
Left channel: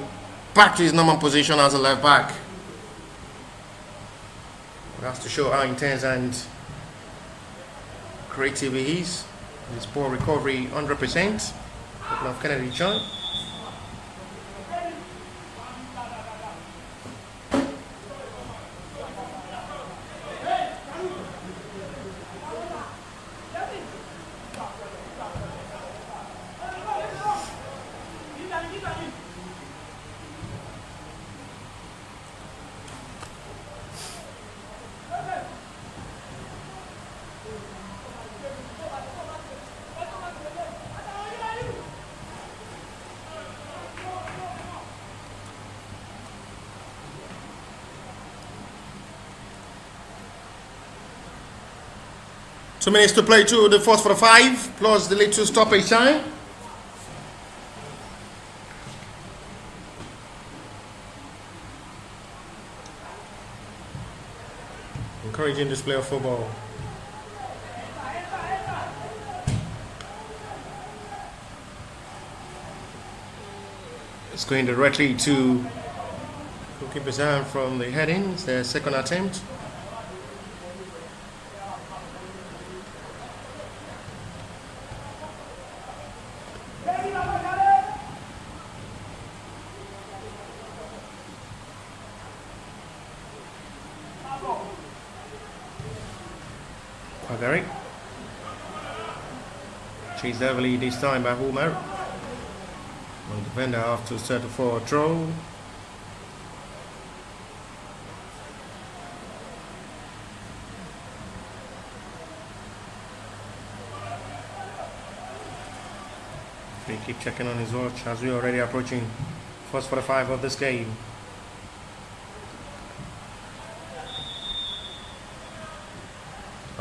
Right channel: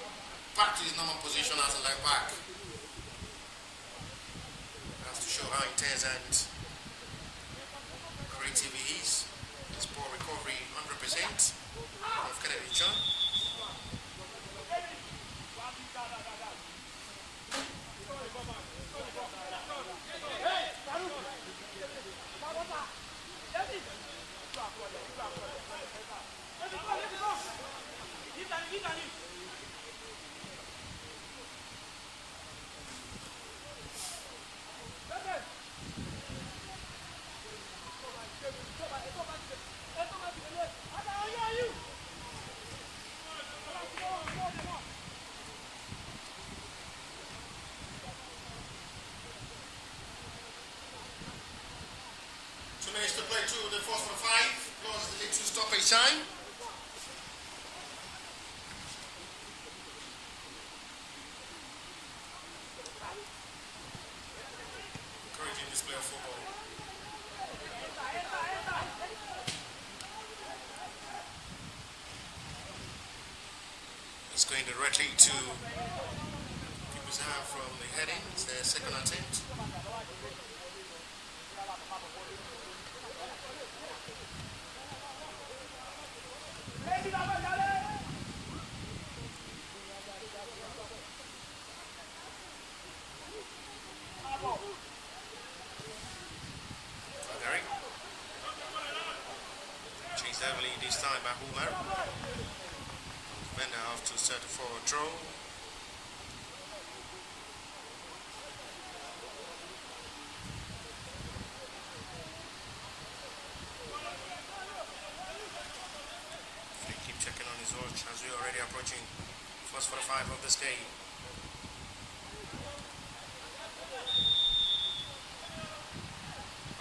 back to his normal position as a left back. That's to show how intense and creative he is. His ball recovery 100% of Kennedy John. Two minutes to play to the first 45, plus the little stoppage time. Encouraging display of football. It's going directly to goalkeeper's hand from the heading. It's their second attempt. Very chased heavily this time by Homer. The defender after settle for a throw. Free keep checking on his watch as we're already approaching first 45 of this game.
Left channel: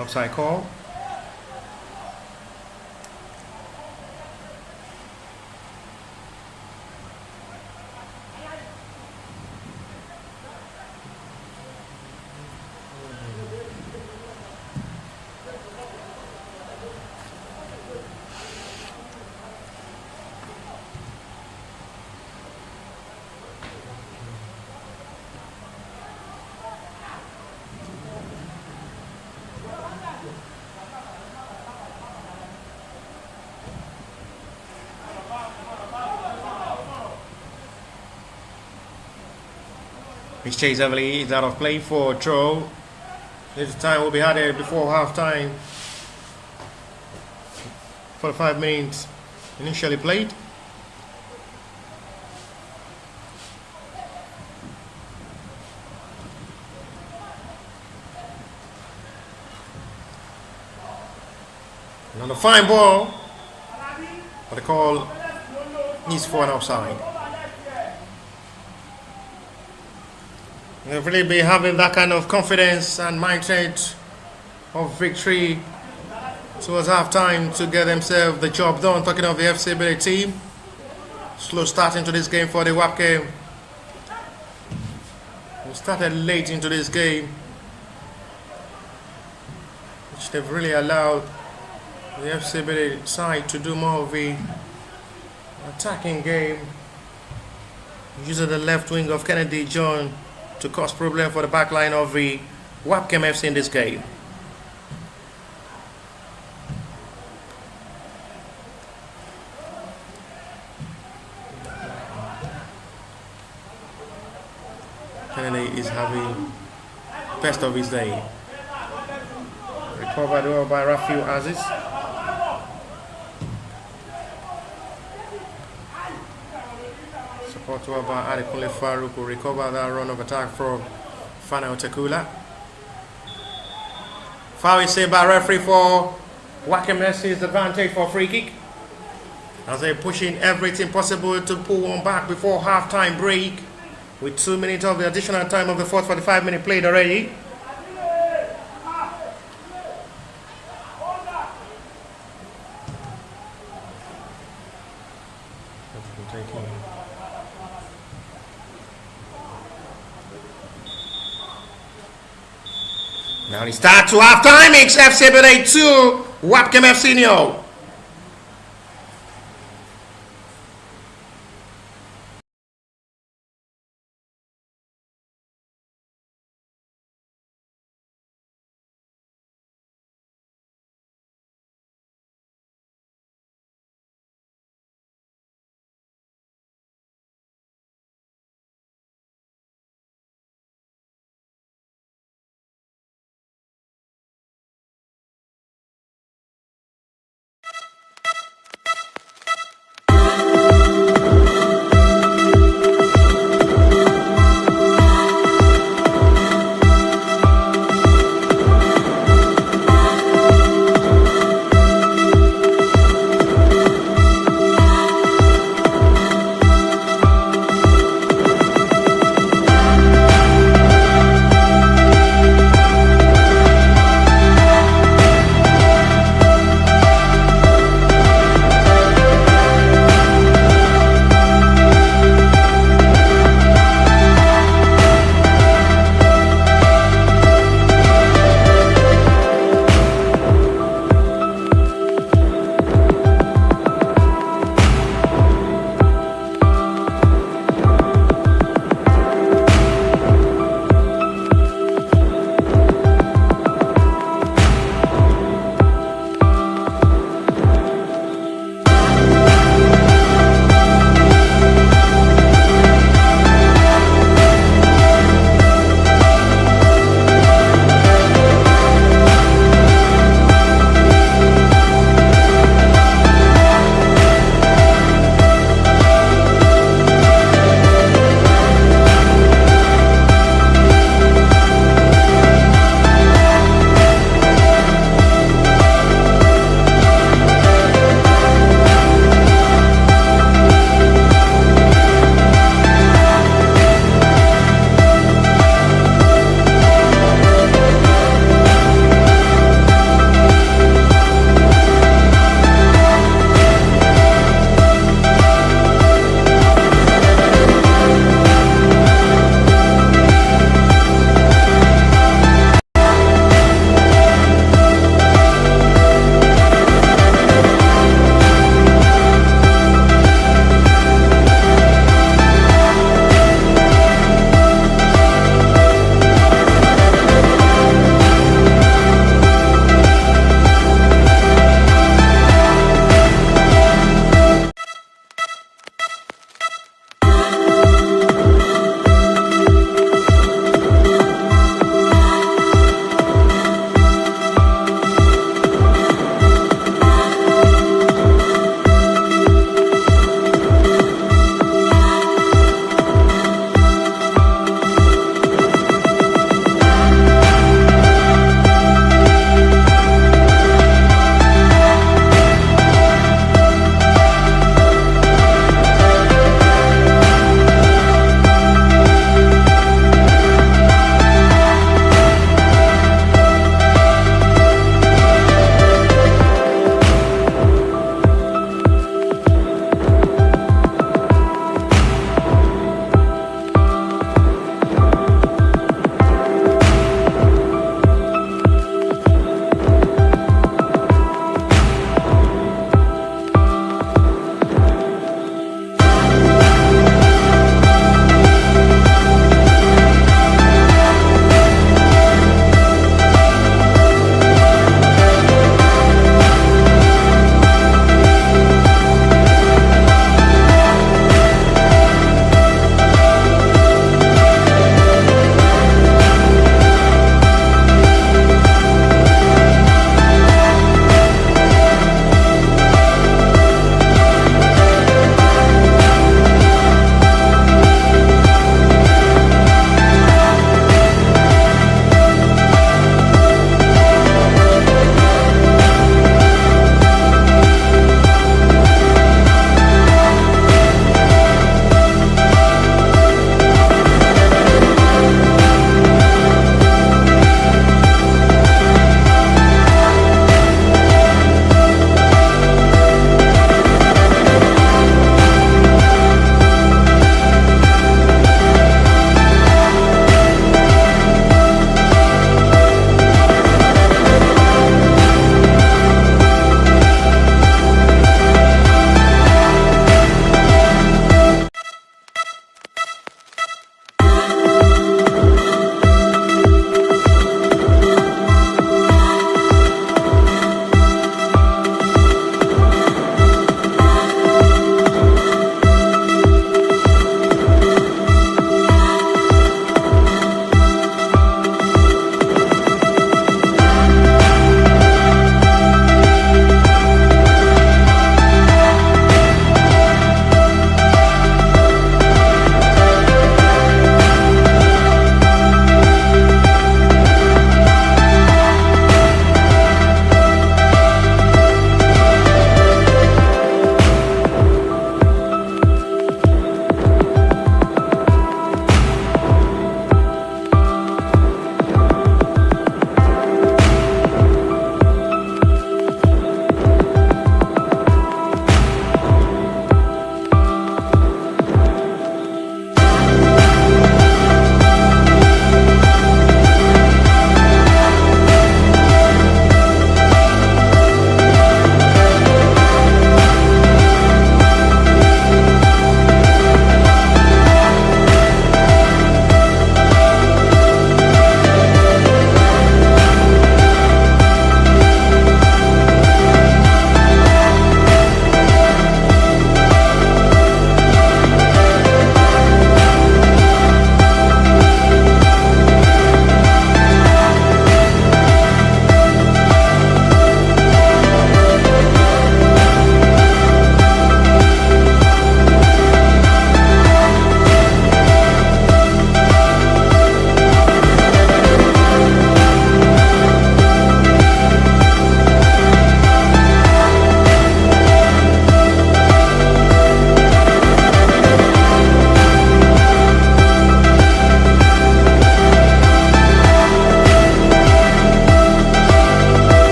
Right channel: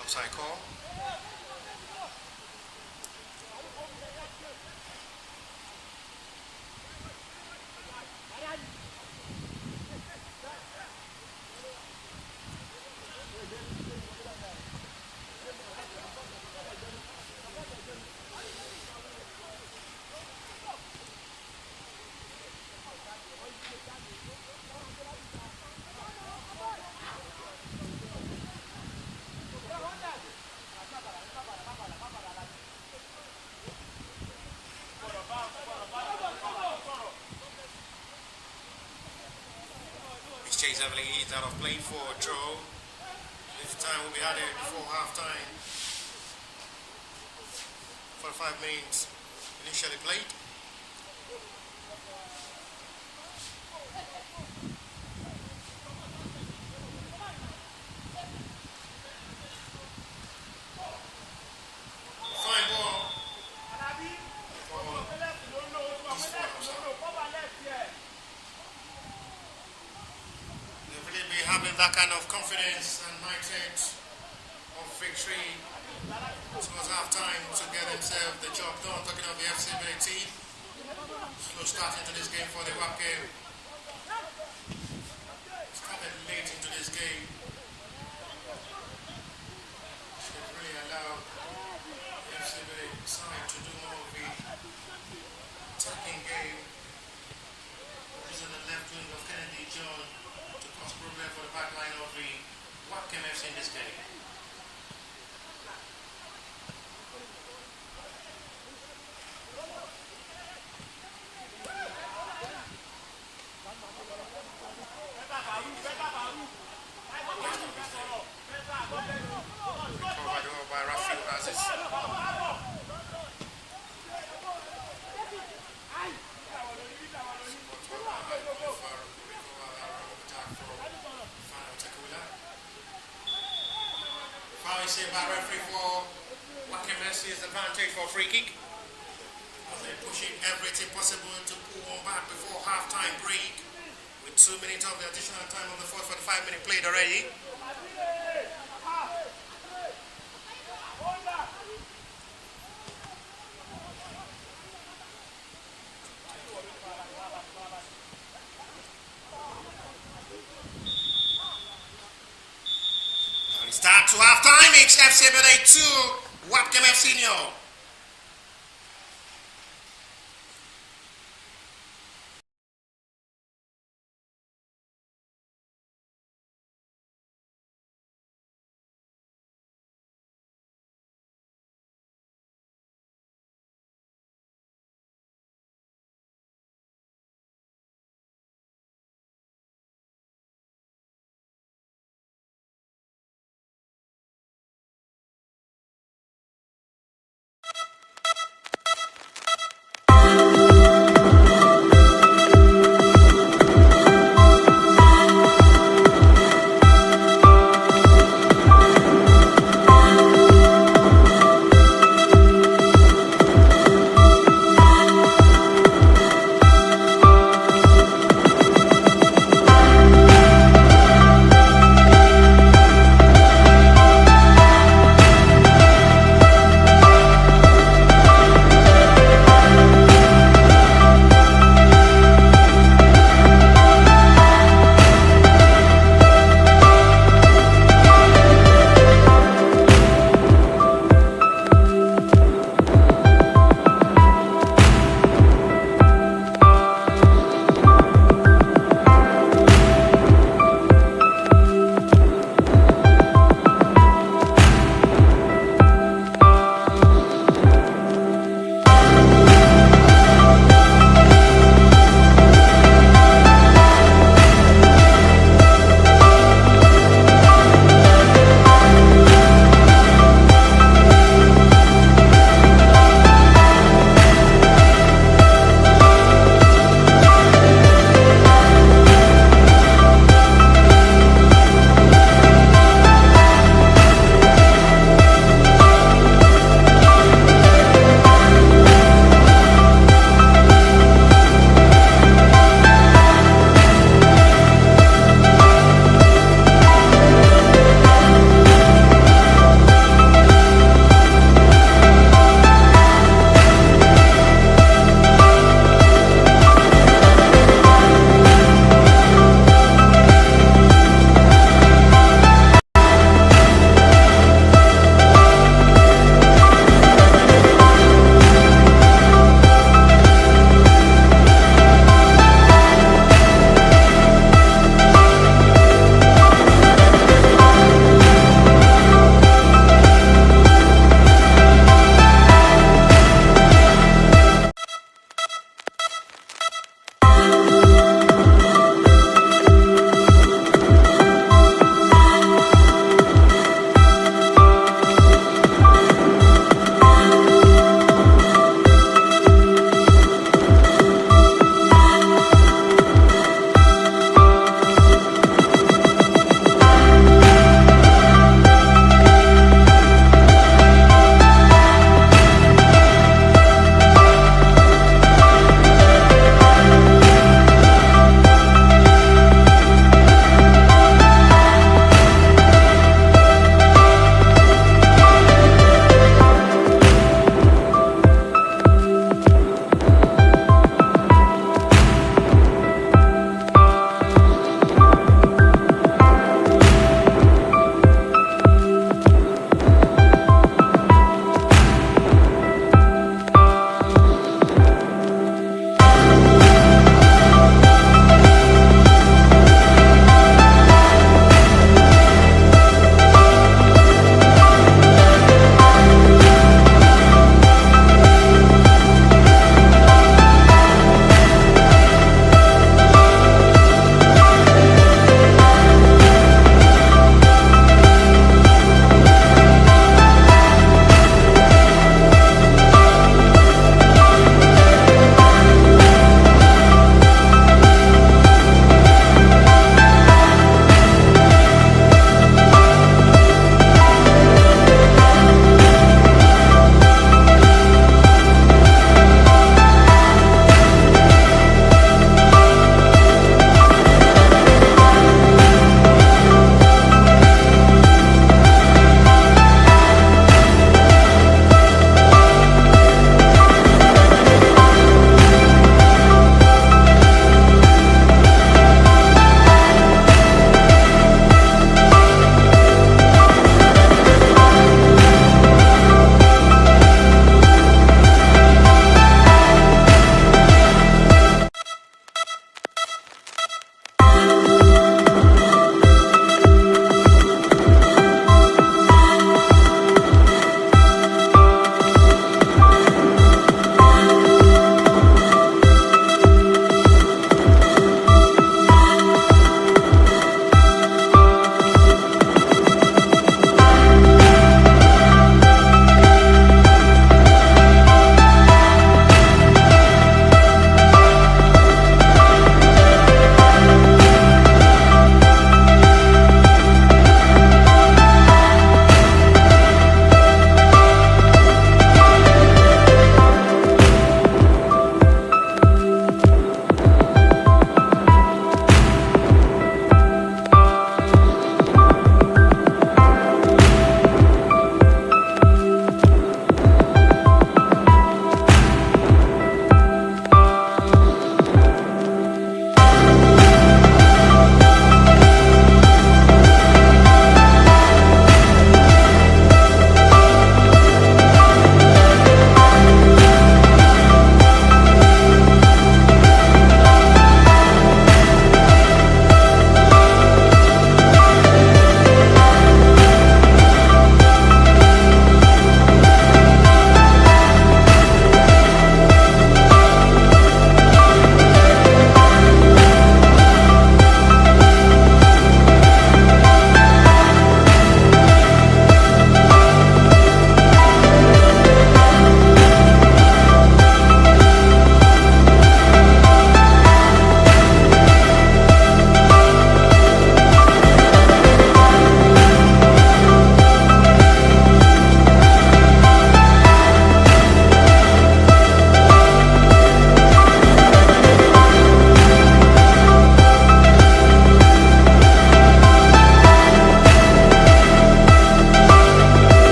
Offside call. He's chased heavily, he's out of play for a throw. This time will be added before half time. 45 minutes initially played. And on a fine ball, but the call is for an offside. They'll really be having that kind of confidence and mindset of victory towards half-time to get themselves the job done. Talking of the FC Ebedei team, slow start into this game for the Webkem. We started late into this game, which they've really allowed the FC Ebedei side to do more of the attacking game. Using the left wing of Kennedy John to cause problem for the back line of the Webkem FC in this game. Kennedy is having best of his day. Recovered well by Rafael Aziz. Spot over by Adekunle Farouk will recover that run of attack from Fana Otekula. Foul is saved by referee for Webkem FC's advantage for free kick. As they're pushing everything possible to pull one back before half-time break. With 2 minutes of the additional time of the fourth 45-minute played already. Now we start to half-time. It's FC Ebedei 2, Webkem FC 0.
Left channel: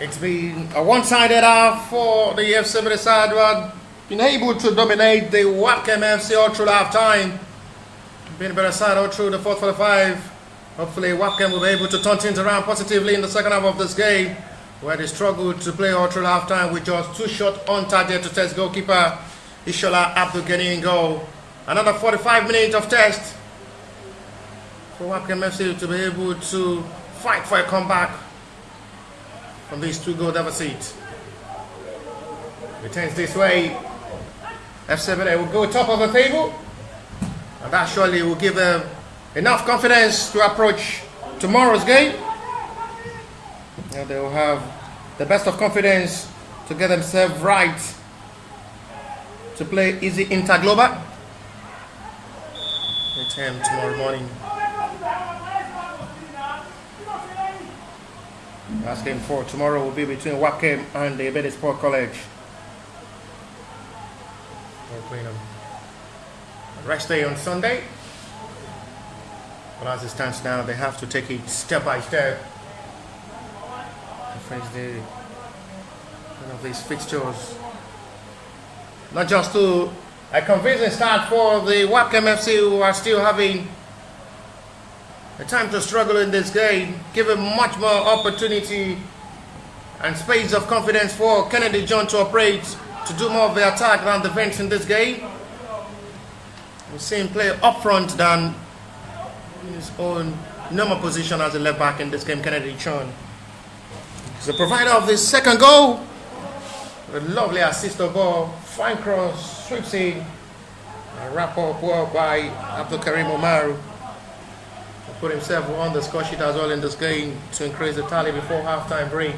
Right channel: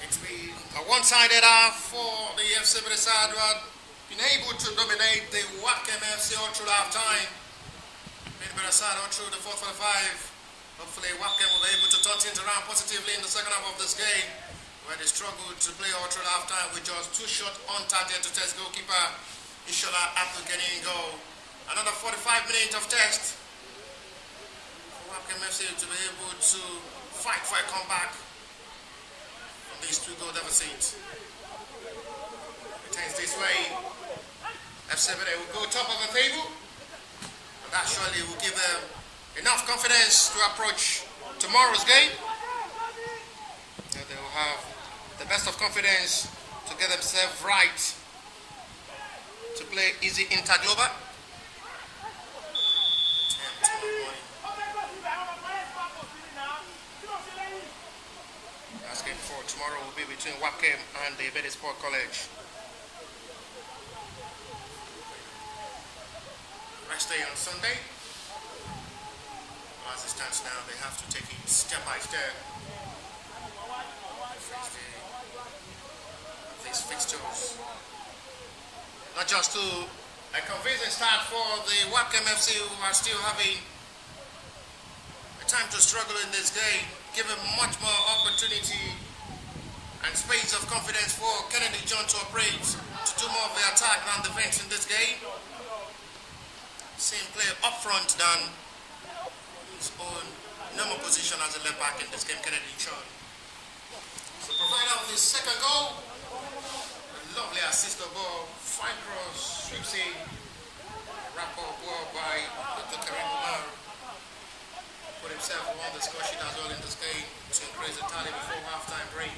It's been a one-sided half for the FC Ebedei side, who had been able to dominate the Webkem FC all through half-time. Being a better side all through the 4:45. Hopefully Webkem will be able to turn things around positively in the second half of this game, where they struggled to play all through half-time with just 2 shots on target to test goalkeeper Ishola Abdul Ghani in goal. Another 45 minutes of test for Webkem FC to be able to fight for a comeback from these 2-goal deficit. It turns this way. FC Ebedei will go top of the table, and that surely will give them enough confidence to approach tomorrow's game. And they will have the best of confidence to get themselves right to play easy Interglobal. Return tomorrow morning. Last game for tomorrow will be between Webkem and the Ebedei Sport College. They're playing on rest day on Sunday. But as it stands now, they have to take it step by step to face one of these fixtures. Not just to a convincing start for the Webkem FC, who are still having a time to struggle in this game, giving much more opportunity and space of confidence for Kennedy John to operate, to do more of the attack than defense in this game. We see him play up front than his own normal position as a left back in this game, Kennedy John. He's the provider of the second goal. A lovely assist of ball, fine cross, sweeps in, a wrap up well by Abdul Karim Omaru. Put himself on the score sheet as well in this game to increase the tally before halftime break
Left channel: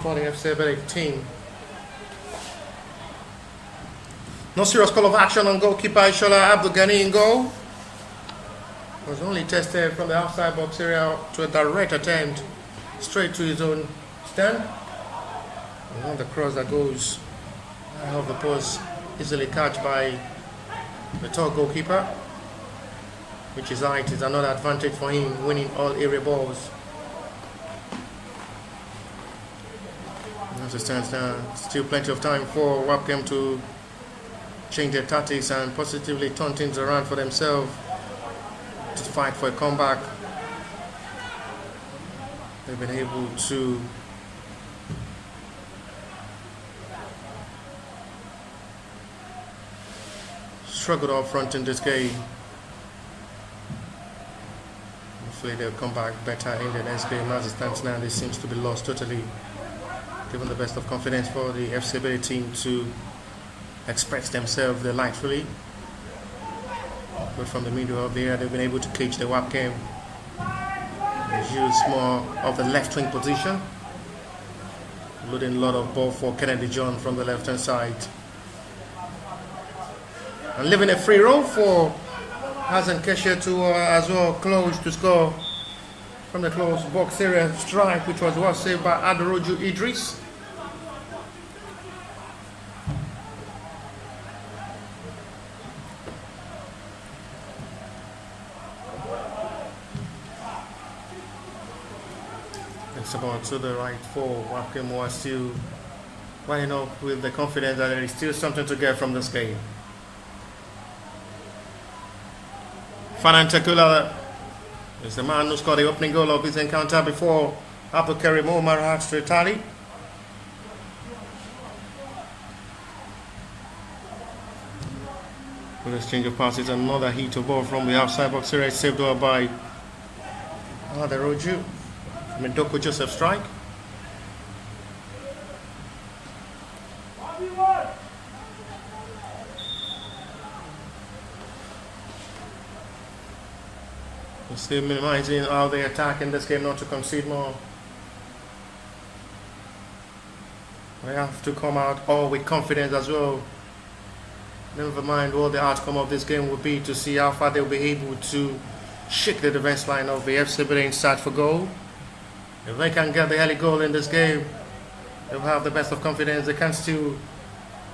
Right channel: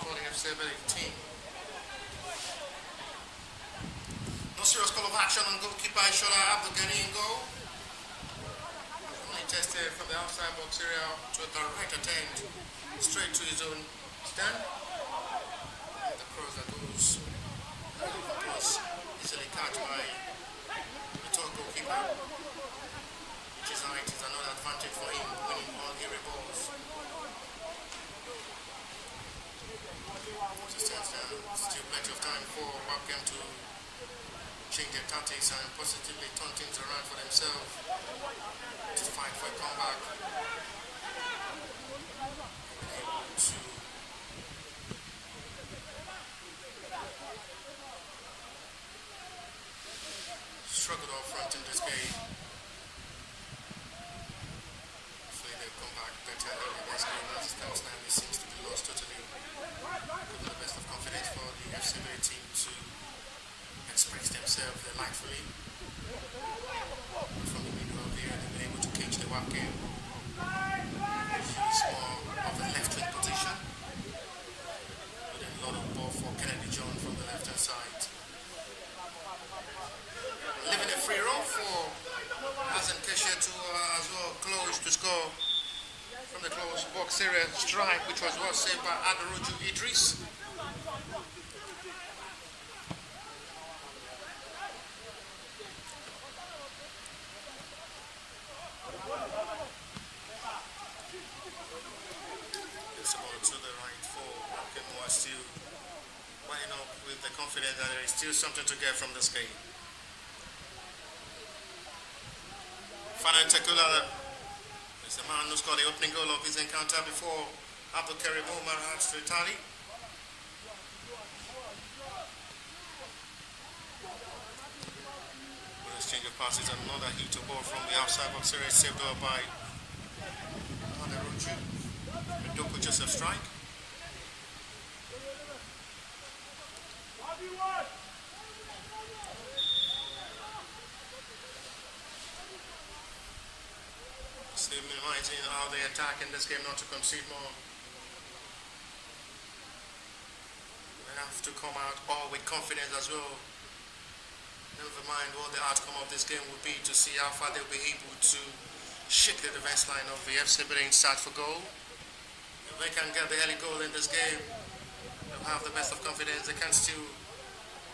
for the FC Ebedei team. No serious call of action on goalkeeper Ishola Abdul Ghani in goal. Was only tested from the outside box area to a direct attempt straight to his own stand. And on the cross that goes out of the post, easily catch by the tall goalkeeper, which is height is another advantage for him, winning all area balls. As it stands now, still plenty of time for Webkem to change their tactics and positively turn things around for themselves to fight for a comeback. They've been able to struggle up front in this game. Hopefully they'll come back better in the next game. As it stands now, this seems to be lost totally. Given the best of confidence for the FC Ebedei team to express themselves delightfully. But from the middle of the air, they've been able to cage the Webkem. They use more of the left wing position, loading a lot of ball for Kennedy John from the left hand side. And leaving a free roll for Hassan Keshe to as well close to score from the close box area strike, which was well saved by Adoroju Idris. It's about to the right for Webkem, who are still running up with the confidence that there is still something to get from this game. Fanan Tekula is the man who scored the opening goal of his encounter before Abdul Karim Omar had to tally. With this change of passes, another hit of ball from the outside box area, saved over by Adoroju. Mendoko Joseph strike. We're still minimizing how they attack in this game, not to concede more. They have to come out all with confidence as well. Never mind what the outcome of this game will be, to see how far they'll be able to shake the defense line of the FC Ebedei inside for goal. If they can get the early goal in this game, they'll have the best of confidence. They can still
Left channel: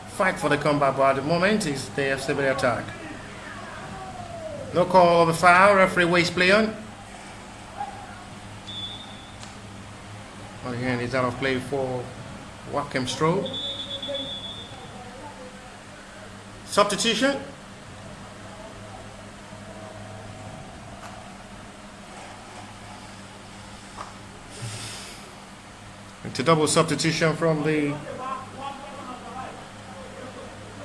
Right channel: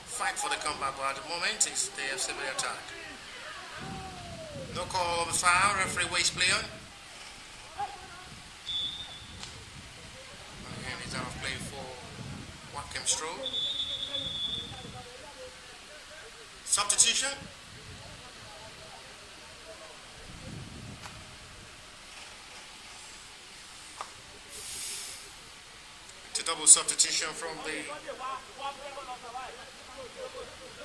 fight for the comeback, but at the moment it's the FC Ebedei attack. No call of a foul, referee waste play on. Oh, he and is out of play for Webkem Stroll. Substitution. To double substitution from the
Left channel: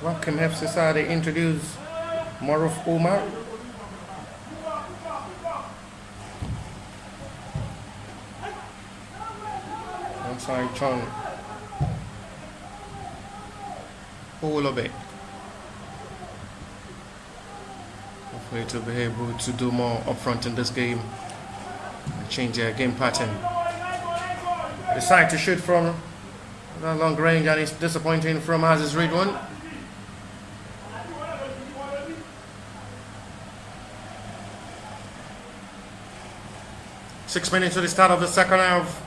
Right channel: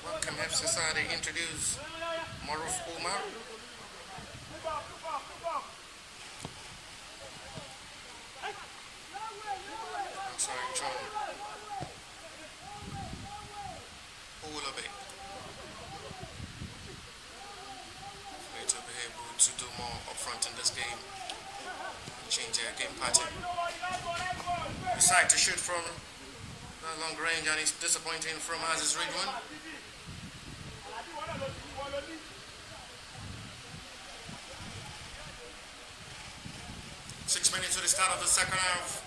Webkem FC side, they introduce Maruf Umar. Outside Chong Olobe. Hopefully to be able to do more up front in this game and change their game pattern. Decide to shoot from that long range, and it's disappointing from Aziz Ridwan. Six minutes to the start of the second half.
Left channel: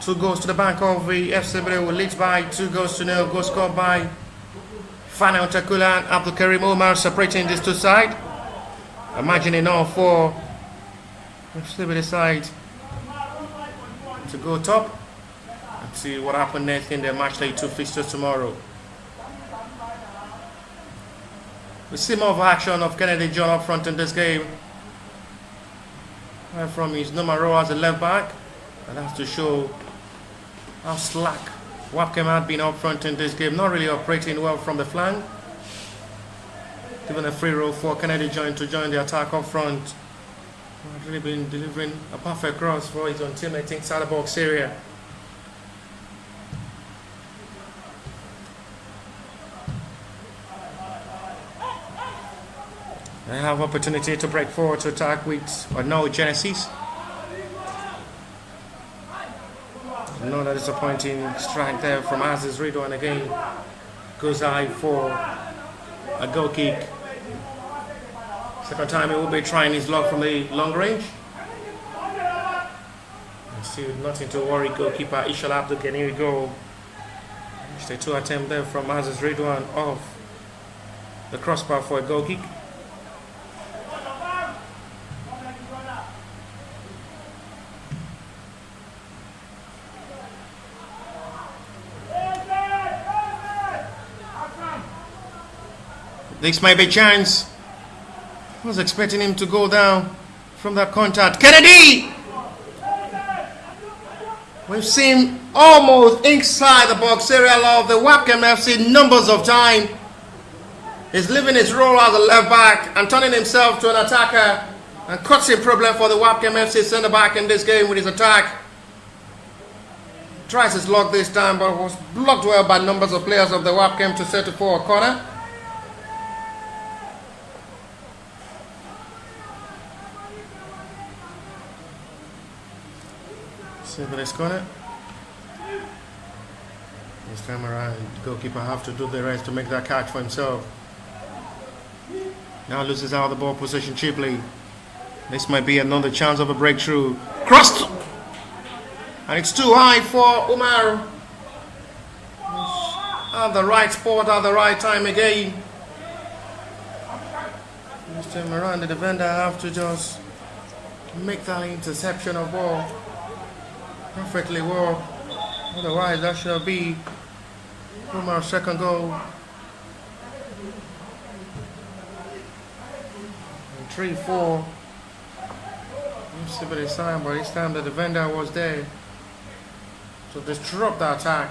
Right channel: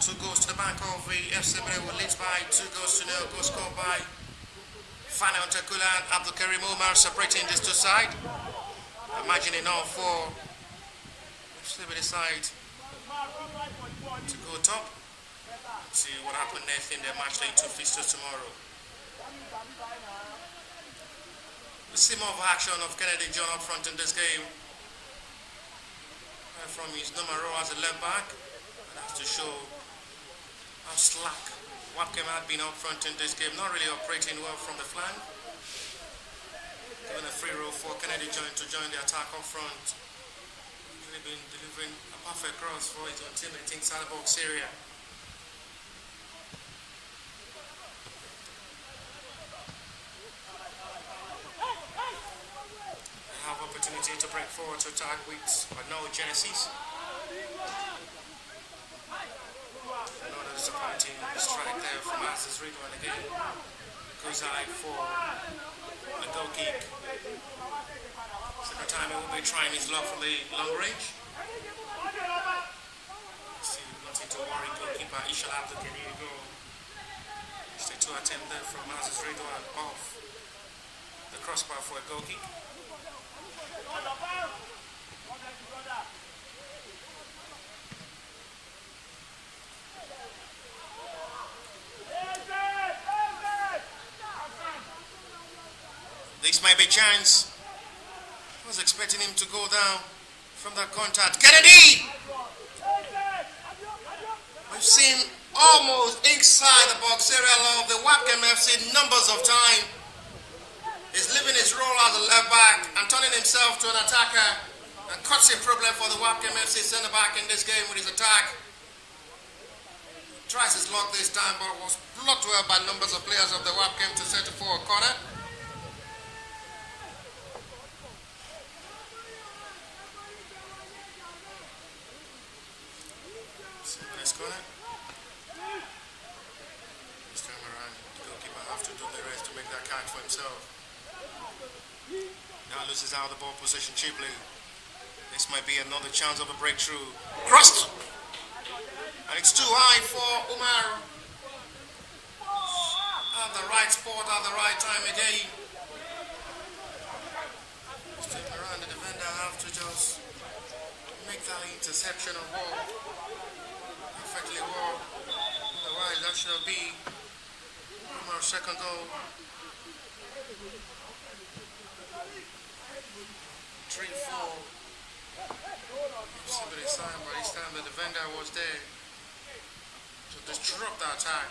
2 goals to the bank of the FC Ebedei, who leads by 2-0. Goal scored by Fanel Takula and Abdul Karim Omar, separating these two sides. Imagining all for FC Ebedei side to go top and see what happens next in their match day 2 fixtures tomorrow. We see more of action of Kennedy John up front in this game. Right from his numero as a left back, and that's to show how slack Webkem had been up front in this game, not really operating well from the flank. Given a free roll for Kennedy John to join the attack up front. Not really been delivering a perfect cross for his own teammate inside the box area. They have opportunity to break forward to attack with no Genesis. Another disappointing strike there from Aziz Ridwan again. Goes high for a goal kick. Second time he will be trying his luck from the long range. Still nothing to worry, goalkeeper Ishal Abdul. Can here we go. Just a 2 attempt there from Aziz Ridwan off the crossbar for a goal kick. This may be a chance. I was expecting him to go down from that contact. Kennedy! We've seen almost inside the box area of the Webkem FC numbers of time. He's leaving his role as a left back and turning himself to an attacker, and causing problem for the Webkem FC centre back in this game with his attack. Tries his luck this time, but was blocked well by numbers of players of the Webkem to settle for a corner. This corner. This time around, the goalkeeper have to do the rest to make that catch for himself. Now loses out the ball position cheaply. This might be another chance of a breakthrough. Crossed! And it's too high for Umar. At the right spot at the right time again. This time around, the defender have to just make that interception of ball perfectly well. Otherwise, that shall be Umar's second goal. 3-4. You see the sign, but this time the defender was there to disrupt the attack.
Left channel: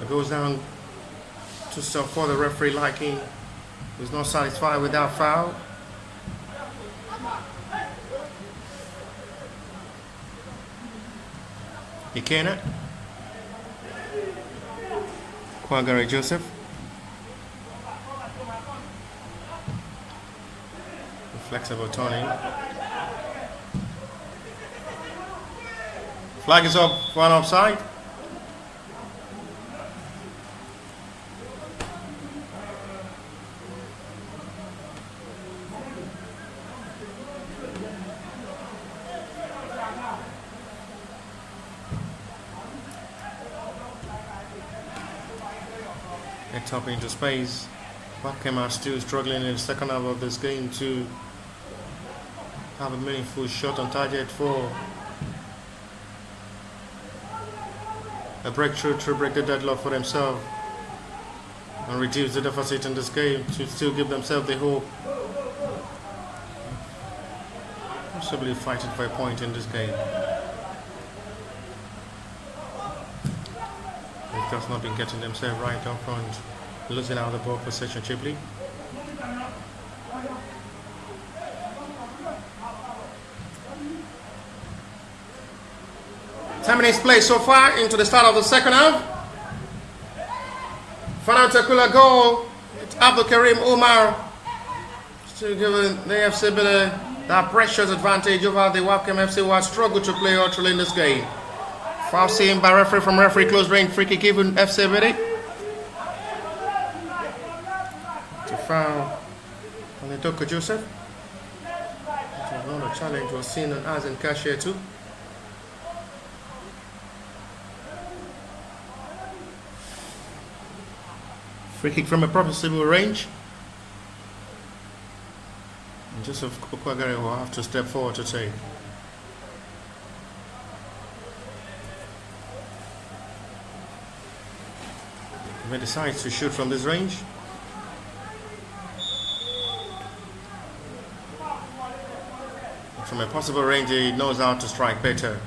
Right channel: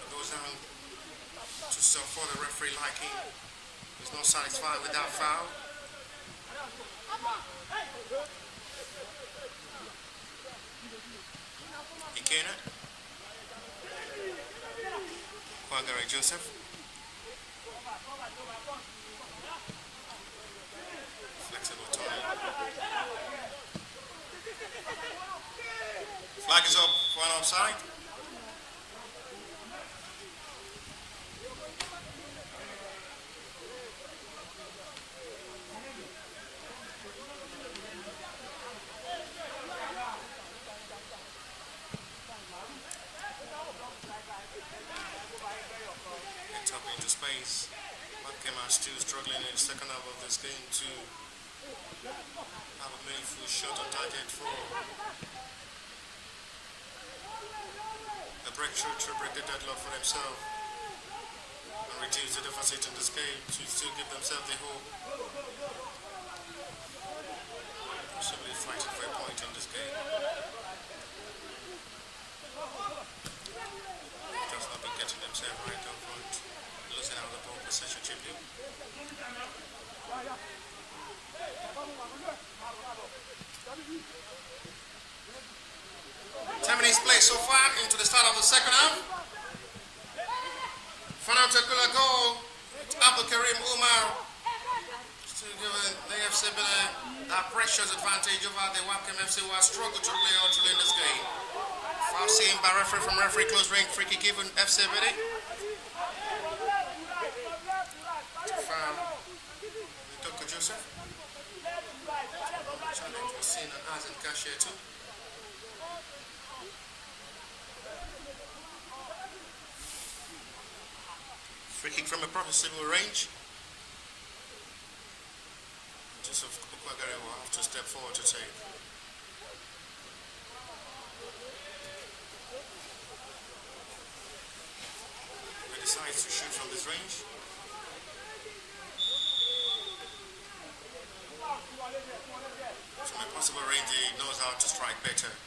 It goes down to stop for the referee liking. He's not satisfied with that foul. Ikena, Kwagare Joseph, flexible turning. Flag is up for an offside. Top into space. Webkem are still struggling in the second half of this game to have a meaningful shot on target for a breakthrough to break the deadlock for themselves and reduce the deficit in this game to still give themselves the hope possibly fighting for a point in this game. They've just not been getting themselves right up front, losing out the ball possession cheaply. Ten minutes play so far into the start of the second half. Fanatical goal. It's Abdul Karim Umar still giving the FC Ebedei that precious advantage over the Webkem FC, who has struggled to play utterly in this game. Foul seen by referee from referee, close range free kick given FC Ebedei. To foul on the Doko Joseph. Another challenge was seen on Azen Cashier too. Free kick from a profitable range. And Joseph Okwagare will have to step forward to take. He decides to shoot from this range. From a possible range, he knows how to strike better.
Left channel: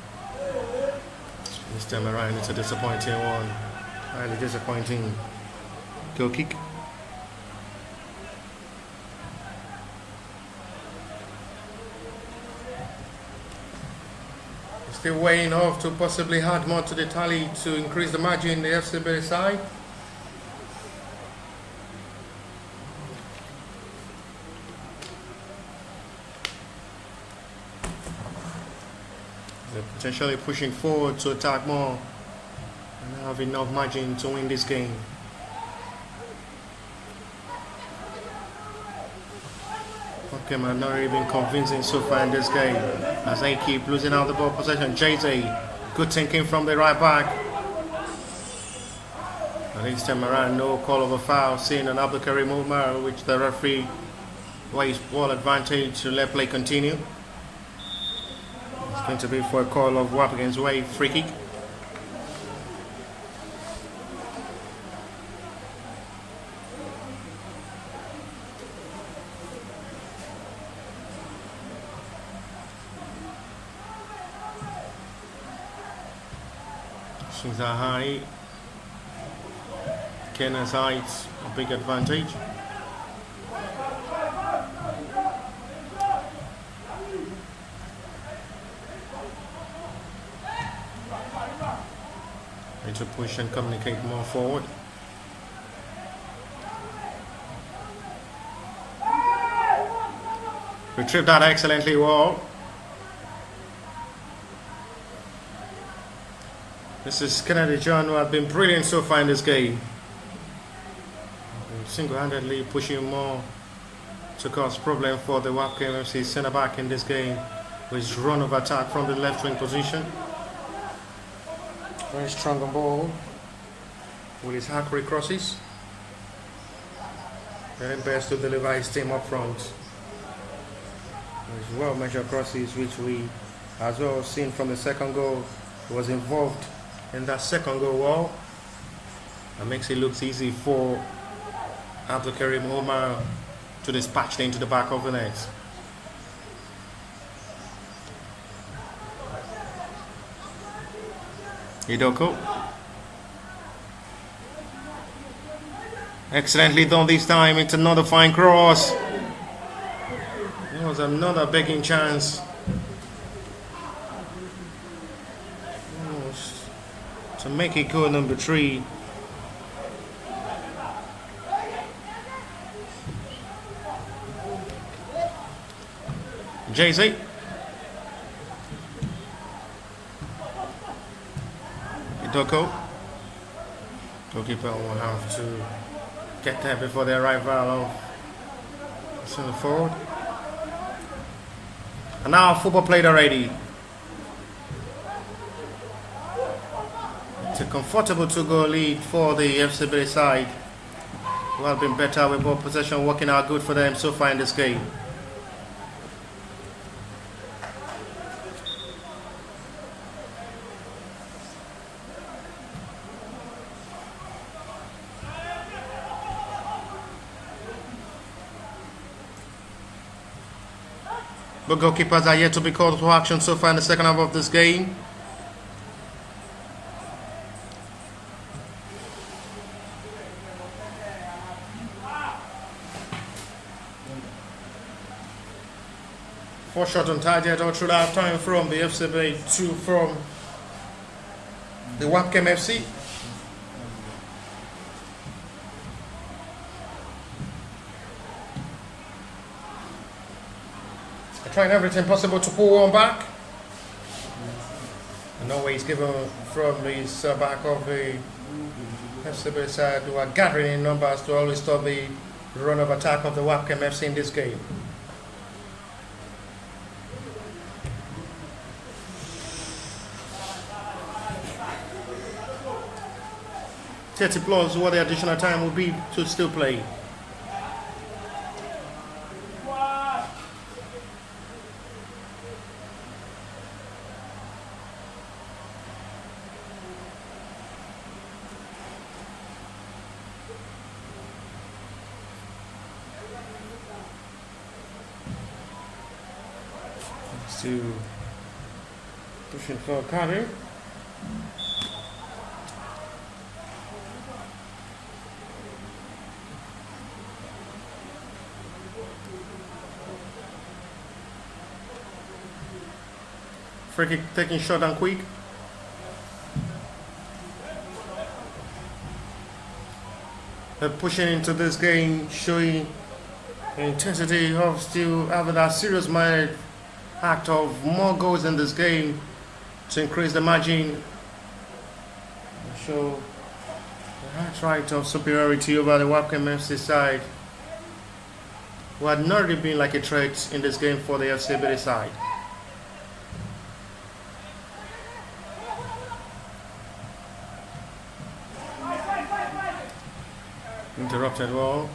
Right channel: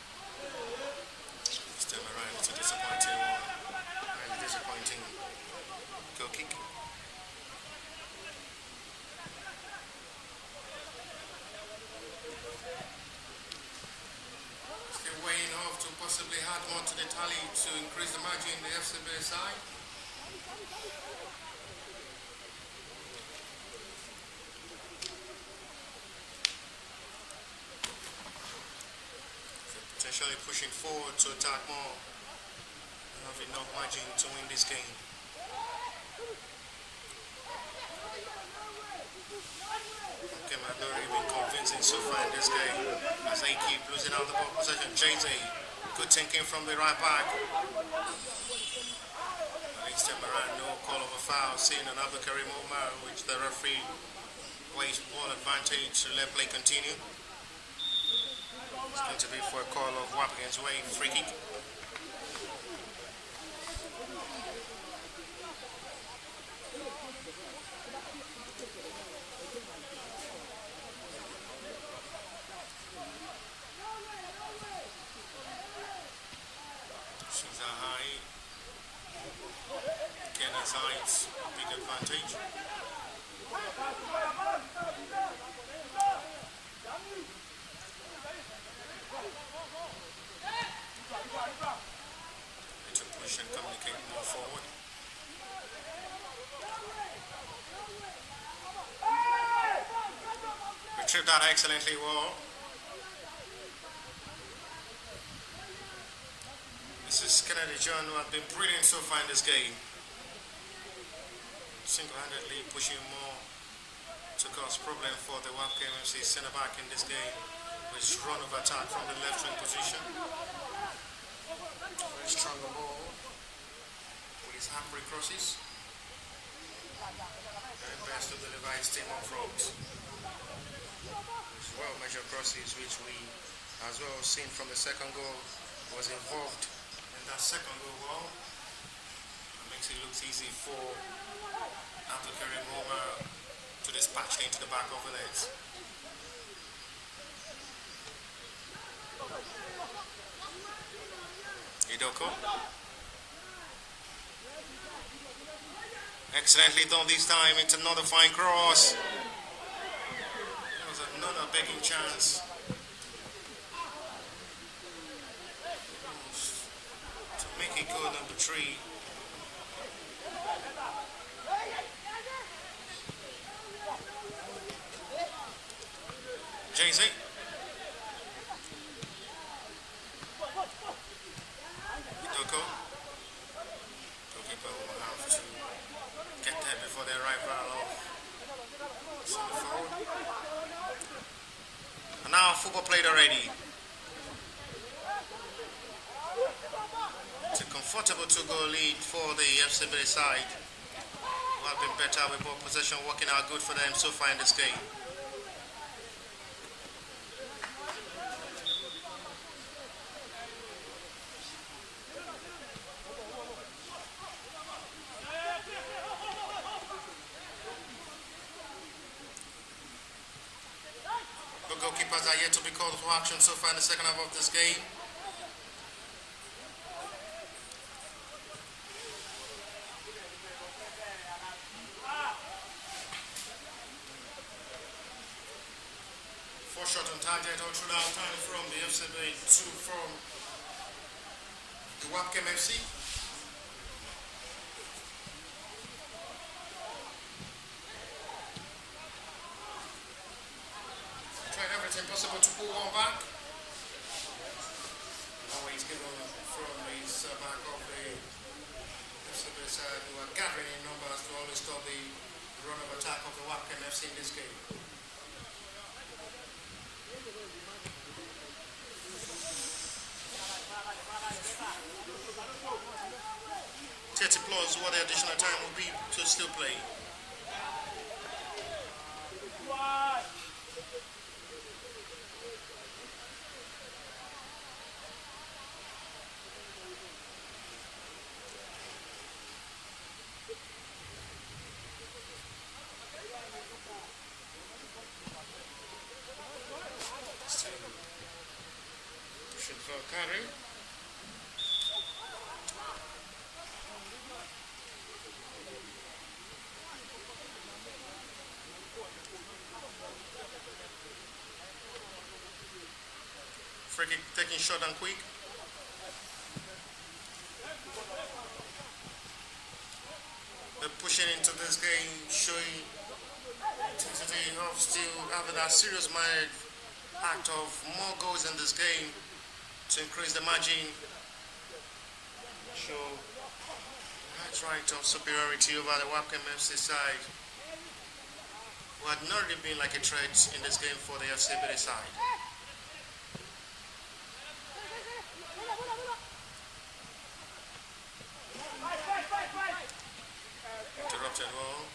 This time around, it's a disappointing one. Highly disappointing goal kick. Still weighing off to possibly add more to the tally to increase the margin in the FC Ebedei side. They're potentially pushing forward to attack more and have enough margin to win this game. Webkem have not really been convincing so far in this game as they keep losing out the ball possession. JJ, good thinking from the right back. And this time around, no call of a foul seen on Abdul Karim Umar, which the referee weighs ball advantage to let play continue. It's going to be for a call of Webkem's way, free kick. Things are high. Kenya's height, a big advantage. Need to push and communicate more forward. Retrieved that excellently well. This is Kennedy John, who have been brilliant so far in this game. Single-handedly pushing more to cause problem for the Webkem FC centre-back in this game with his run of attack from the left wing position. Very strong on ball with his hackberry crosses. Very best to deliver his team up front. His well-measured crosses, which we as well seen from the second goal, was involved in that second goal wall. That makes it look easy for Abdul Karim Umar to dispatch into the back of the net. Idoko. Excellently done this time. It's another fine cross. It was another begging chance. To make it goal number 3. Jay-Z. Idoko. Goalkeeper will have to get there before the arrival of centre forward. And now football played already. It's a comfortable 2-goal lead for the FC Ebedei side. who have been better with ball possession, working out good for them so far in this game. But goalkeepers are yet to be called to action so far in the second half of this game. Four shots on target all through that time from the FC Ebedei, 2 from the Webkem FC. They're trying everything possible to pull one back. No way is given from the back of the FC Ebedei side, who are gathering in numbers to always stop the run of attack of the Webkem FC in this game. 30 plus what the additional time will be to still play. Still pushing for a carry. Free kick taking short and quick. They're pushing into this game, showing the intensity of still having that serious minded act of more goals in this game to increase the margin. Show the right of superiority over the Webkem FC side, who had not really been like a threat in this game for the FC Ebedei side. Interrupted well.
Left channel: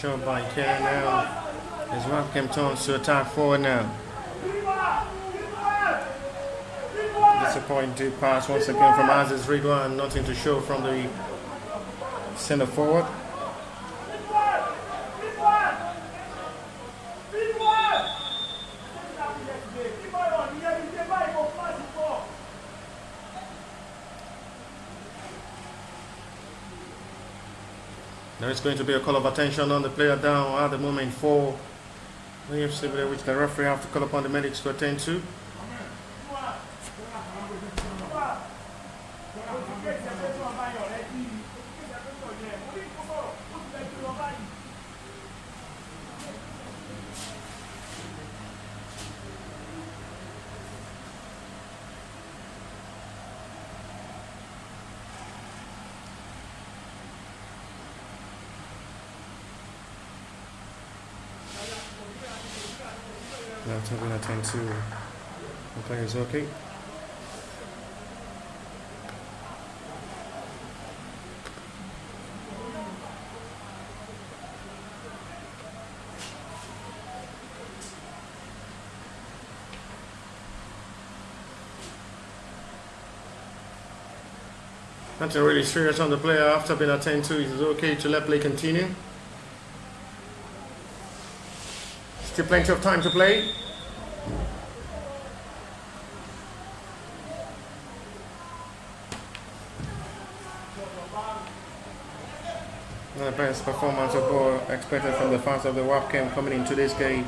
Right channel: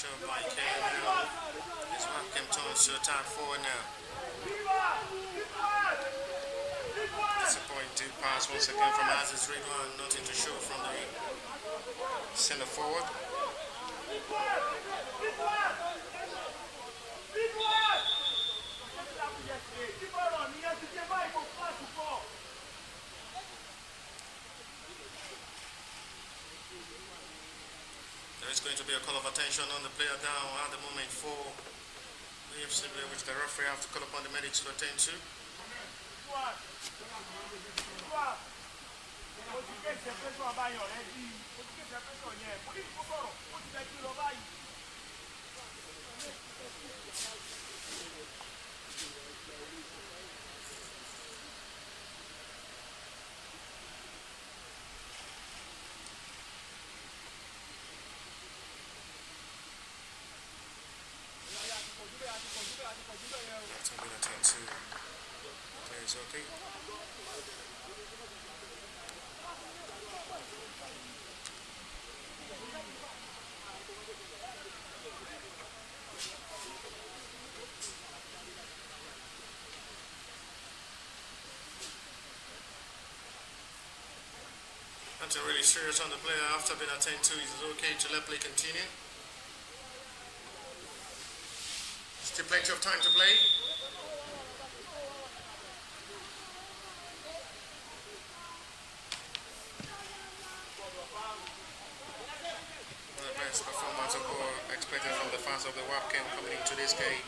Job by Ken now. His Webkem turns to attack forward now. Disappointing pass once again from Aziz Ridwan. Nothing to show from the center forward. There is going to be a call of attention on the player down at the moment for AFC, which the referee have to call upon the medics to attend to. I'm going to attend to the players, okay. Nothing really serious on the player after being attended to. It's okay to let play continue. Still plenty of time to play. The best performance of all expected from the fans of the Webkem coming into this game.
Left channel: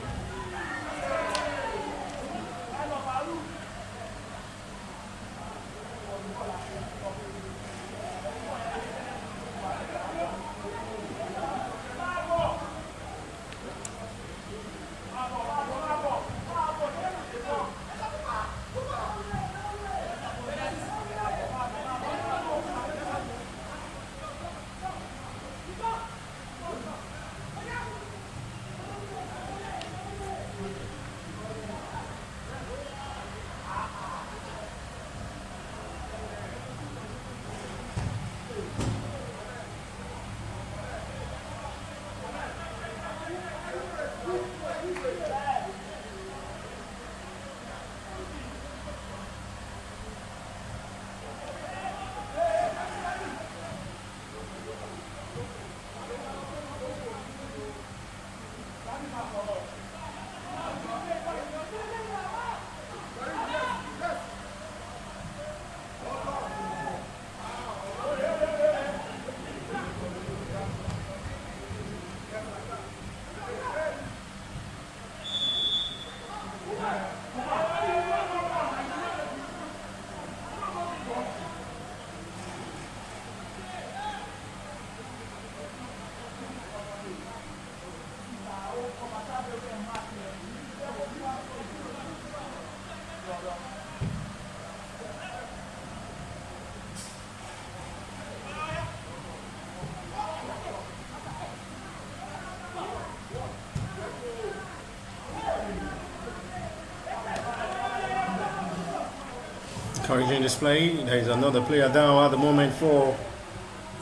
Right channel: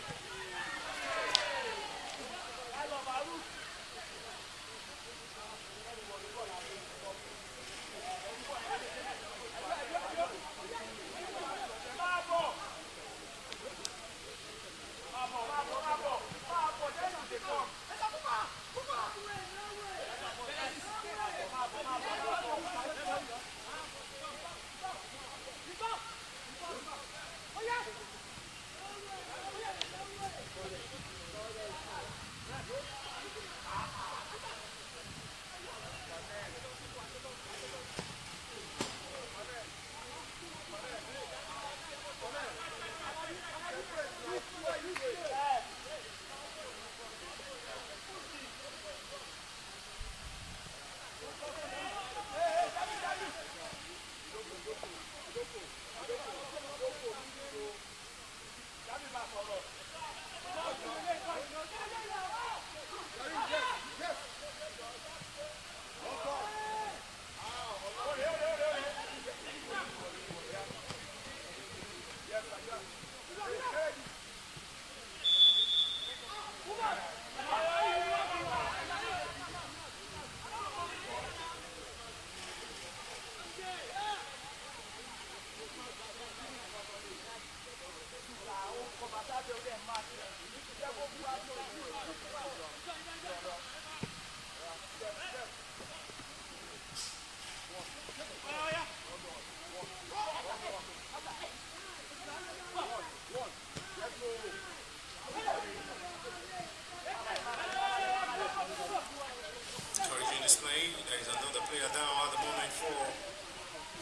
Encouraging display. There is another player down at the moment for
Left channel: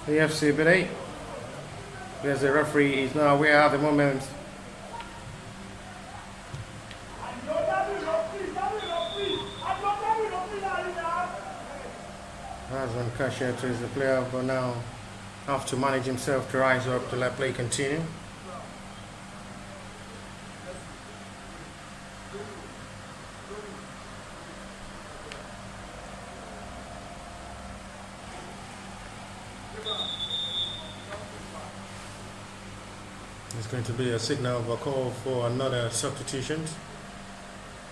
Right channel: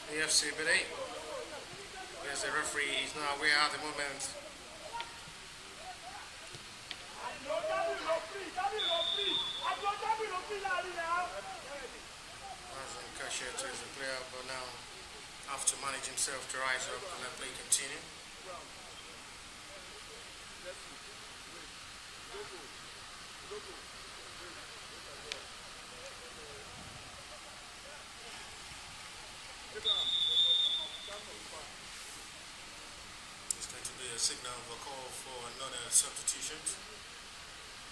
the FC Ebedei. Yes, the referee is not aware at the moment. Razan Kashiatu is the player who now have to manage himself to rise up to let play continue. There's going to be a signal of a call for another substitution.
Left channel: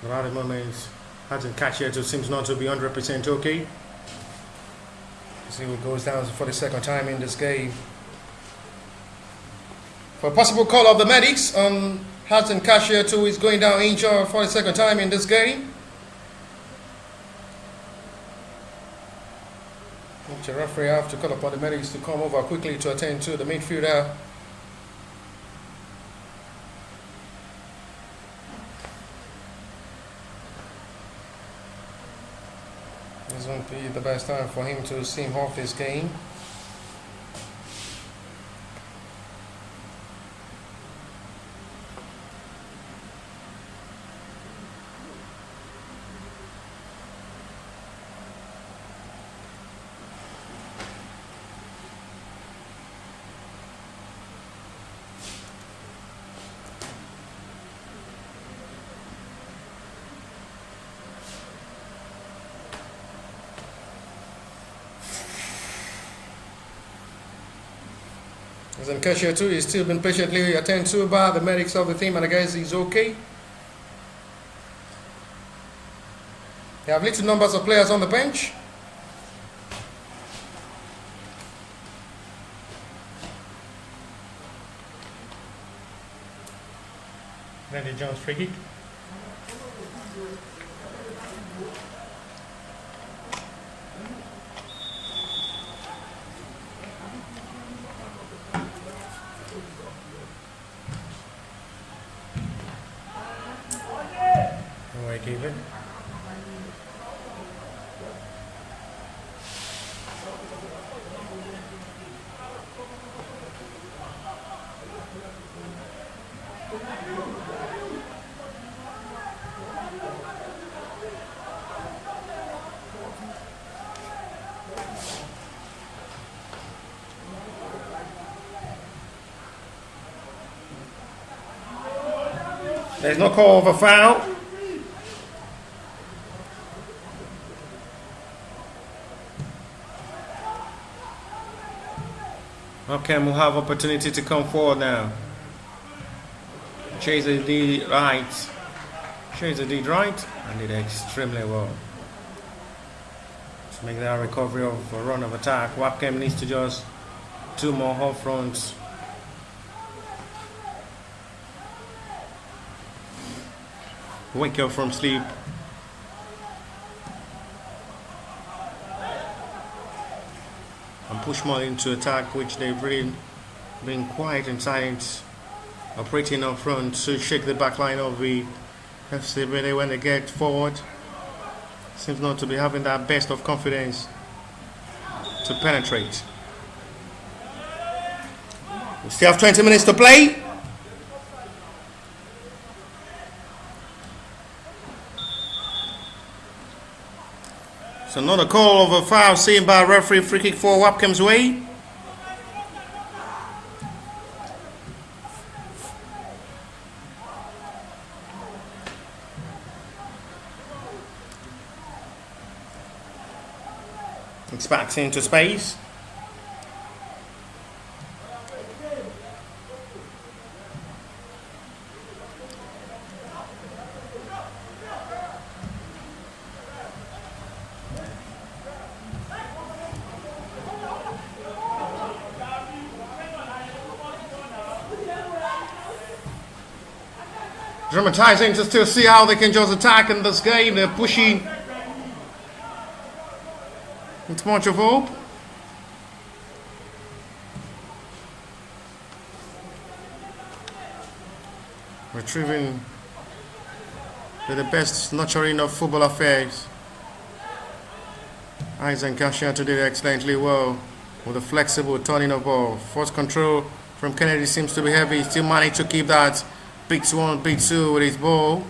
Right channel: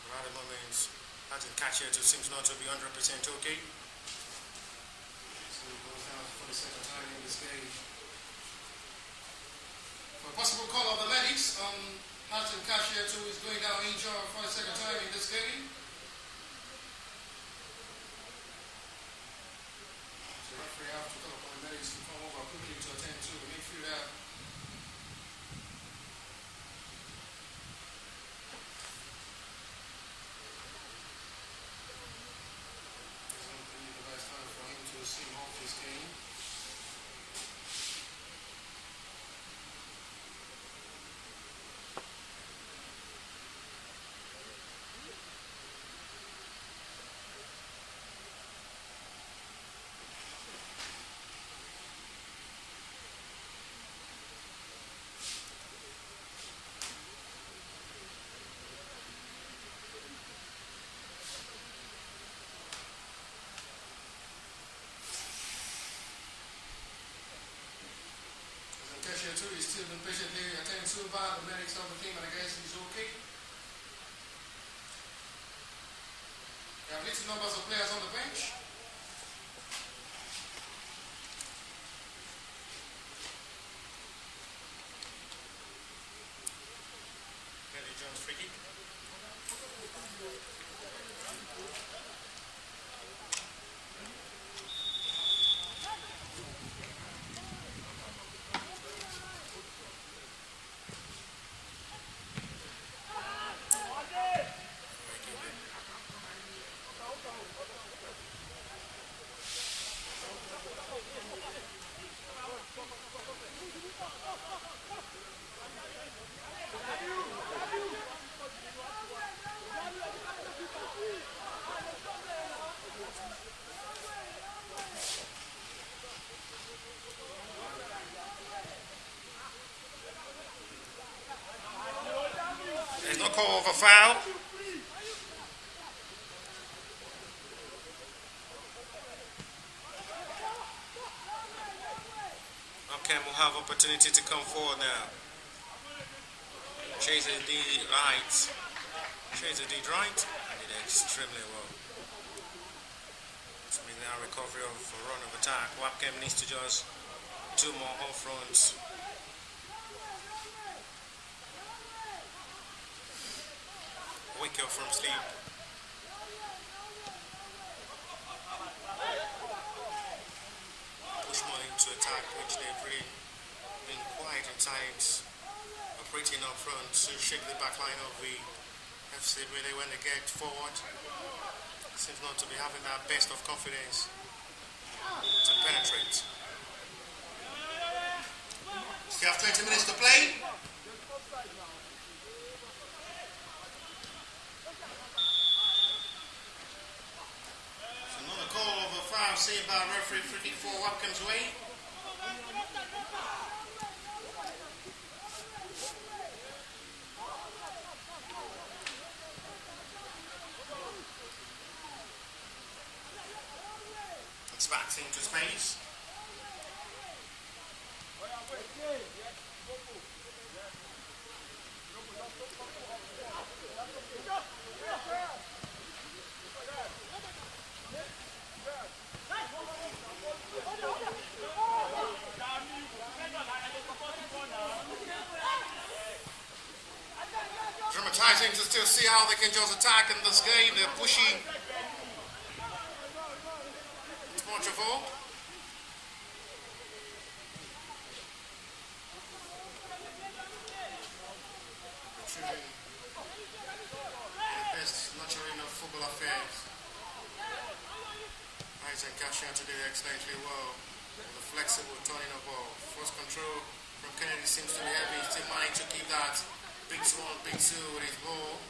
But at the moment, Razan Kashiatu seems not to be 100% okay. See who goes down for the second time in this game. For a possible call of the medics, Razan Kashiatu is going down injured for the second time in this game. The referee have to call upon the medics to come over quickly to attend to the midfielder. This won't be the best time for him to seem off this game. And Kashiatu is still been patiently attended to by the medics of the team, and I guess he's okay. They have little numbers of players on the bench. Randy Jones free kick. There's no call of a foul. Webkem will have opportunity to come forward now. Chaser did right. Chaser did right and did extremely well. To make that recovery of a run of attack, Webkem needs to just two more off fronts. Wake up from sleep. And push more into attack, which they've really been quiet and silent, operating up front to shake the back line of the FC Ebedei when they get forward. Seems not to be having that best of confidence to penetrate. We still have 20 minutes to play. So another call of a foul seen by referee, free kick for Webkem's way. It's back into space. Dramatizing to still see how they can just attack in this game. They're pushing. It's much of hope. Retrieving with the best nurturing of football affairs. Isaac Cashiato did excellently well with a flexible turning of ball. Force control from Kennedy seems to be heavy. Still managed to keep that beats one, beat two with his ball.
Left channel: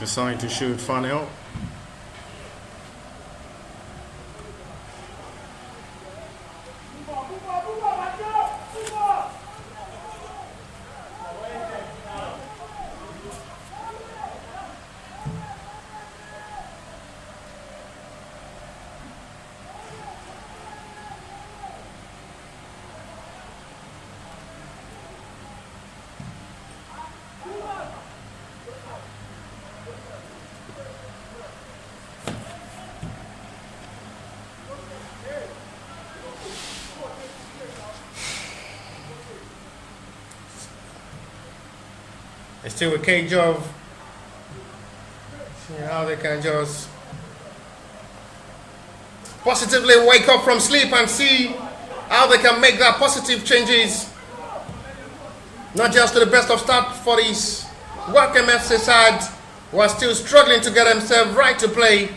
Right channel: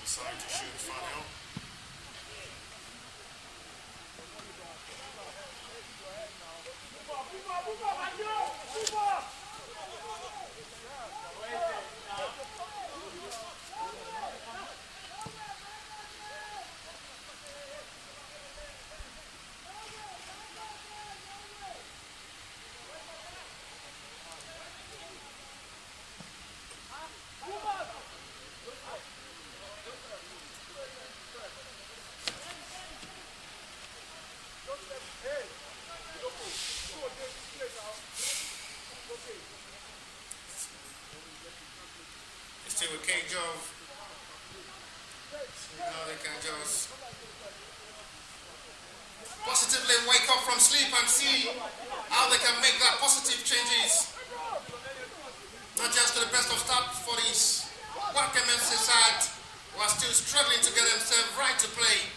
Deciding to shoot Fanel. It's still a cage of see how they can just positively wake up from sleep and see how they can make that positive changes. Not just to the best of start for this Webkem FC side who are still struggling to get themselves right to play,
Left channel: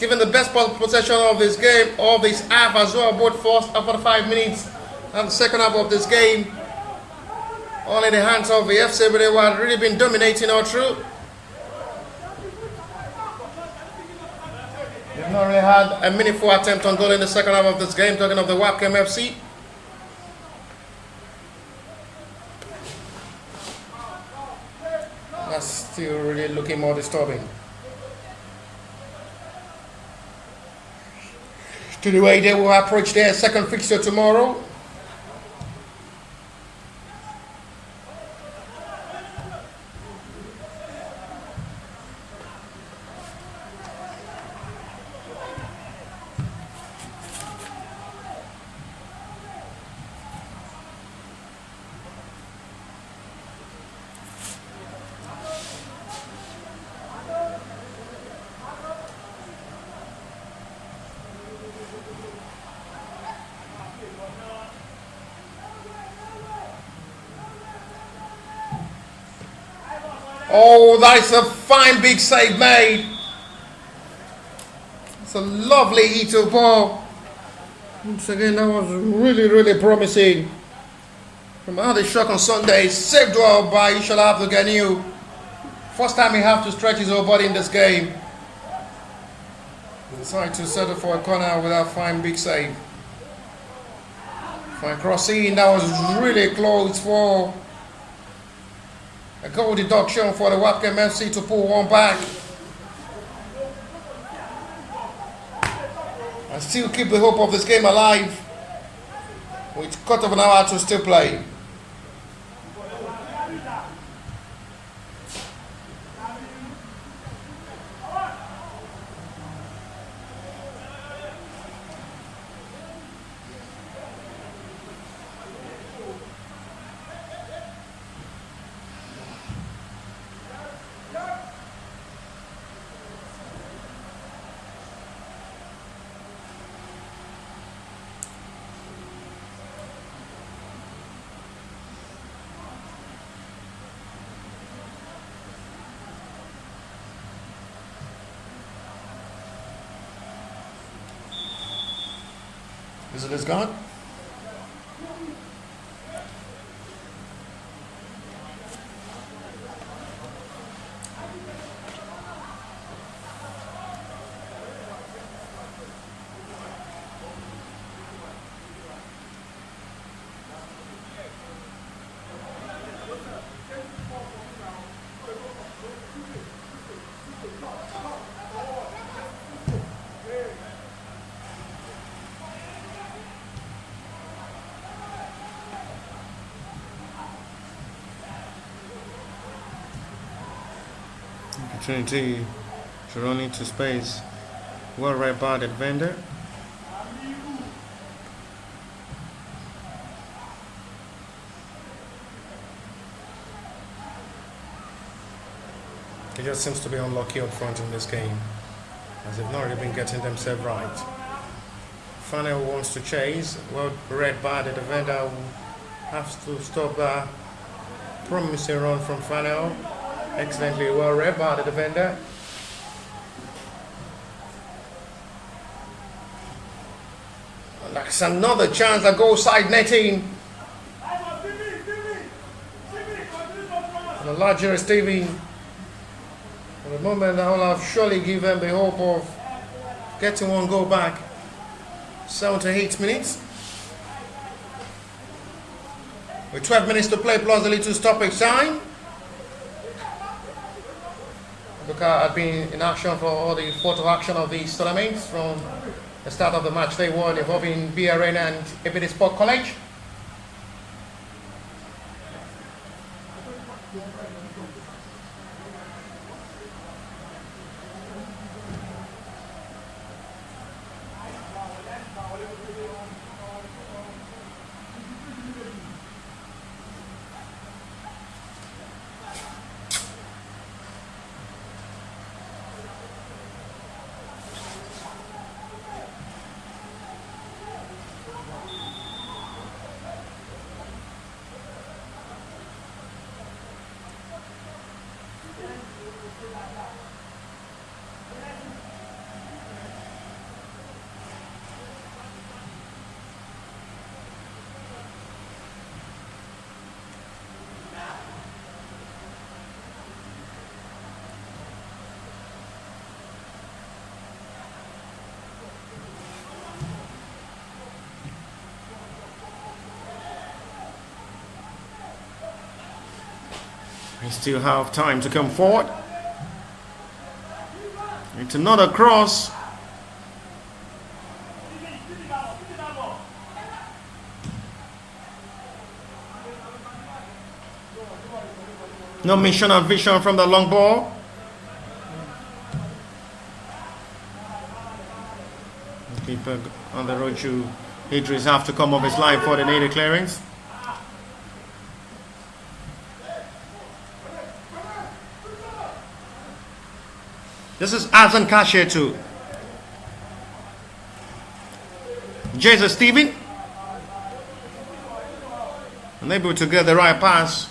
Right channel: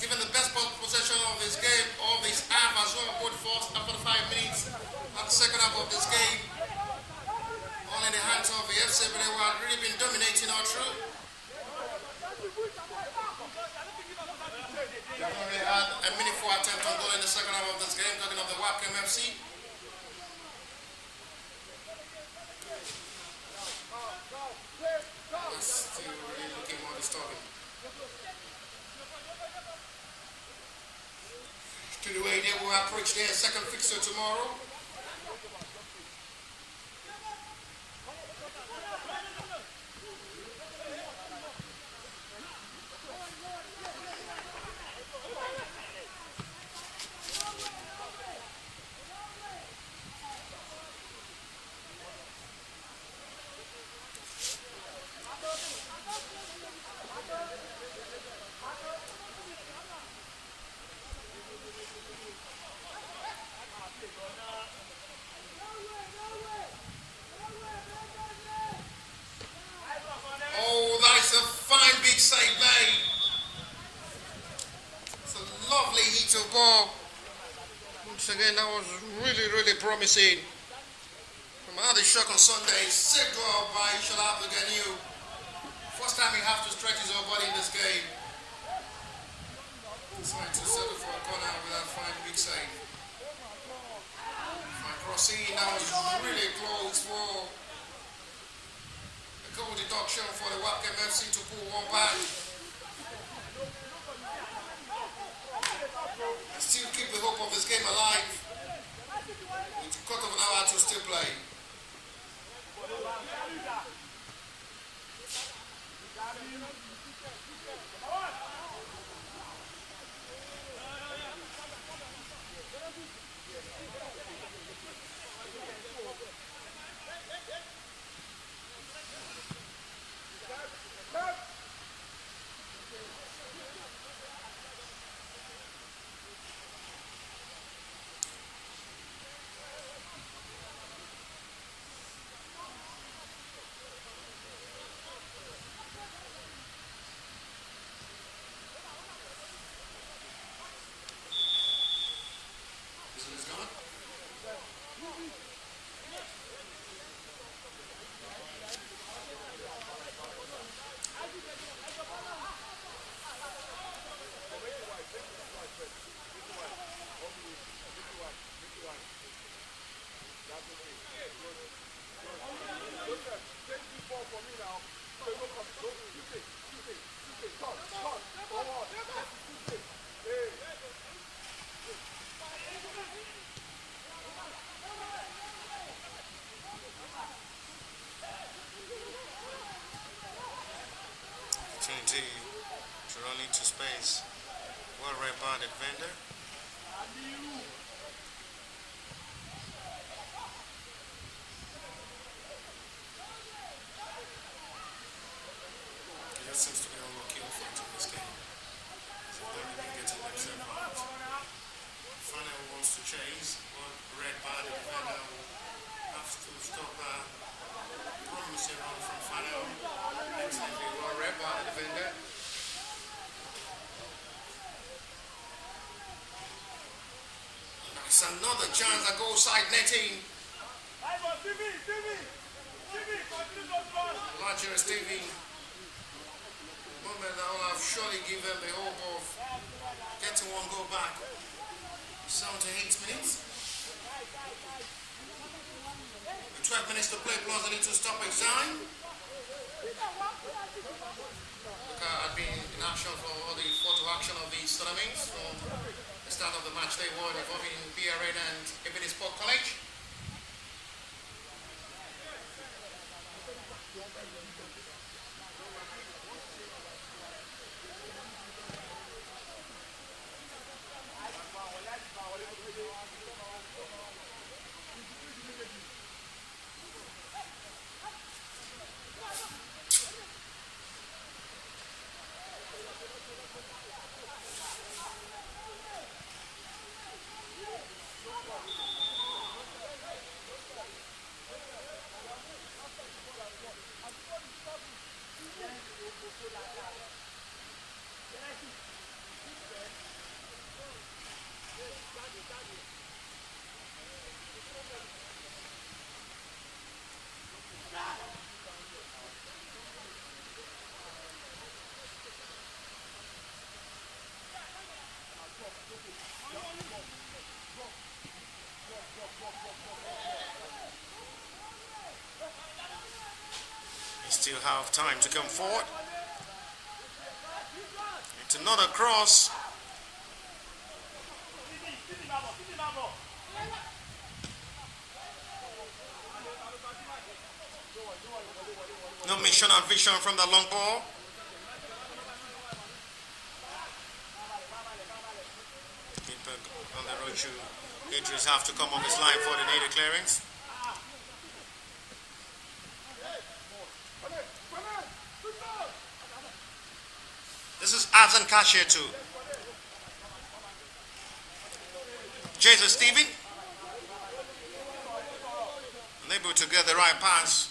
given the best possession of this game, of this half as well, both first and 45 minutes and the second half of this game. All in the hands of the FC, but they have really been dominating all through. They've not really had a meaningful attempt on goal in the second half of this game, talking of the Webkem FC. That's still really looking more disturbing. To the way they will approach their second fixture tomorrow. Oh, that is a fine big save made. It's a lovely hit ball. Once again, that was really promising. From how they shot on Sunday, saved well by Ishola Abdulganiu. First time he have to stretch his whole body in this game. Decided to settle for a corner with that fine big save. Fine crossing, that was really close for a goal deduction for the Webkem FC to pull one back. And still keep the hope of this game alive with a quarter of an hour to still play. Is it gone? Opportunity to run into space. Well read by the defender. He just seems to be unlucky up front in this game, as they've not really been getting themselves right. Fanel wants to chase. Well read by the defender, who has to stop that promising run from Fanel. Excellently well read by the defender. And that's another chance that goes side netting. The larger Stevie. For the moment, I will have surely given the hope of getting one goal back. 7 to 8 minutes. With 12 minutes to play plus a little stoppage time. Buka had been in action for all the photo action of these tournaments from the start of the match day one involving BRN and Ebedei Sport College. We still have time to come forward. It's another cross. No mission and vision from the long ball. The keeper on the road to Idris have to come off his line for the needed clearance. This is Azan Kashe too. Jesus Stephen. Unable to get the right pass.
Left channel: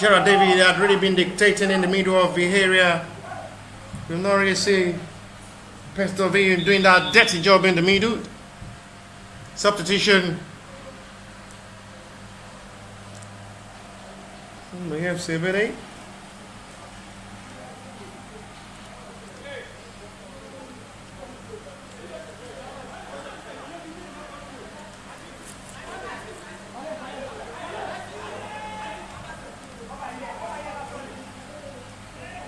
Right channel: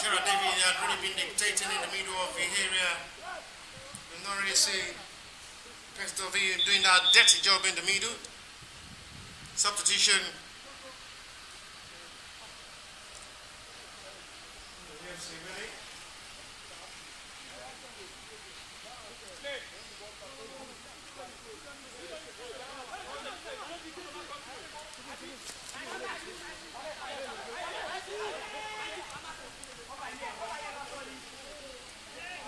Gerard David had really been dictating in the middle of the area. We've not really seen Pestoville doing that dirty job in the middle. Substitution. We have Ebedei.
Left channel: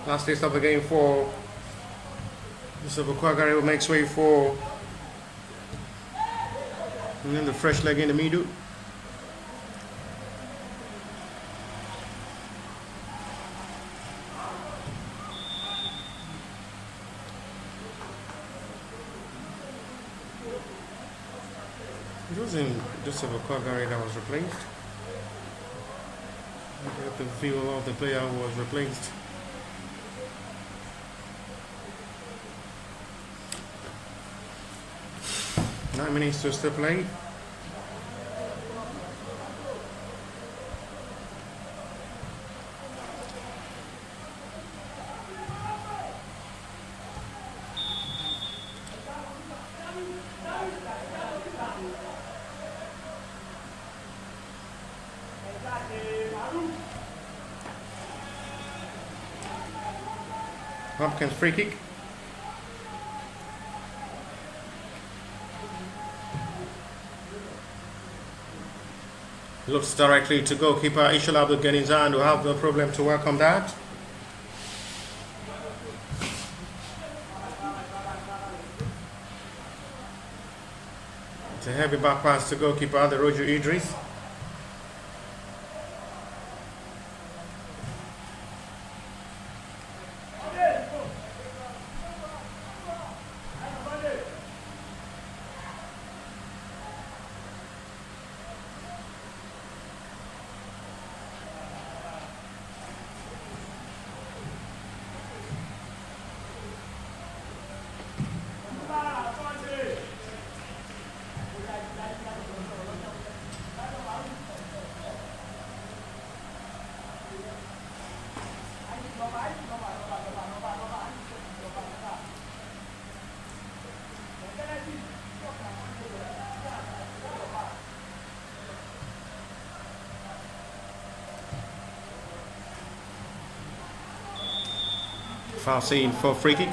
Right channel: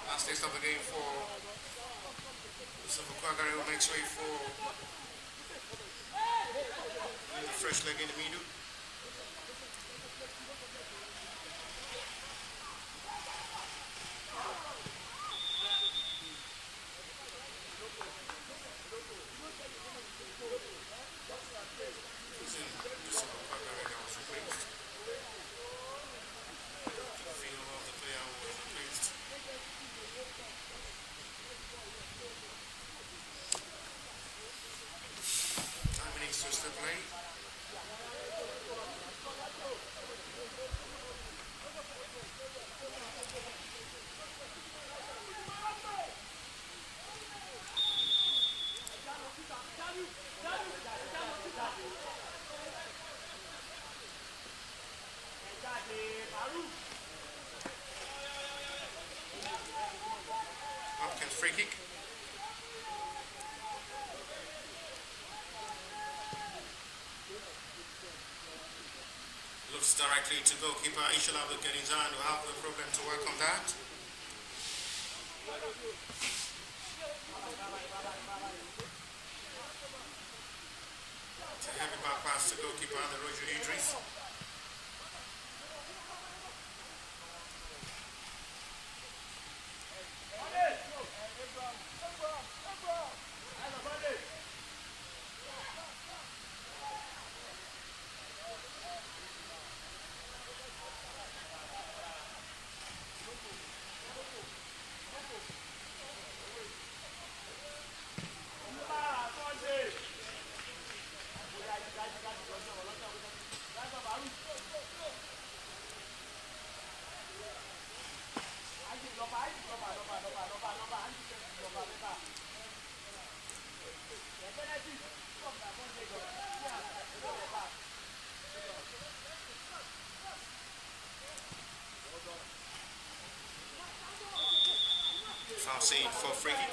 Last taste of the game for Yusuf Okwagari, who makes way for, and then the fresh leg in the middle. It wasn't just a Okwagari that was replaced. The view of the player who was replaced. Nine minutes to still play. Webkem's free kick. Looks directly to goalkeeper Ishal Abdul Genizan, who have no problem to welcome that. It's a heavy back pass to goalkeeper Roger Idris. Foul scene for free kick.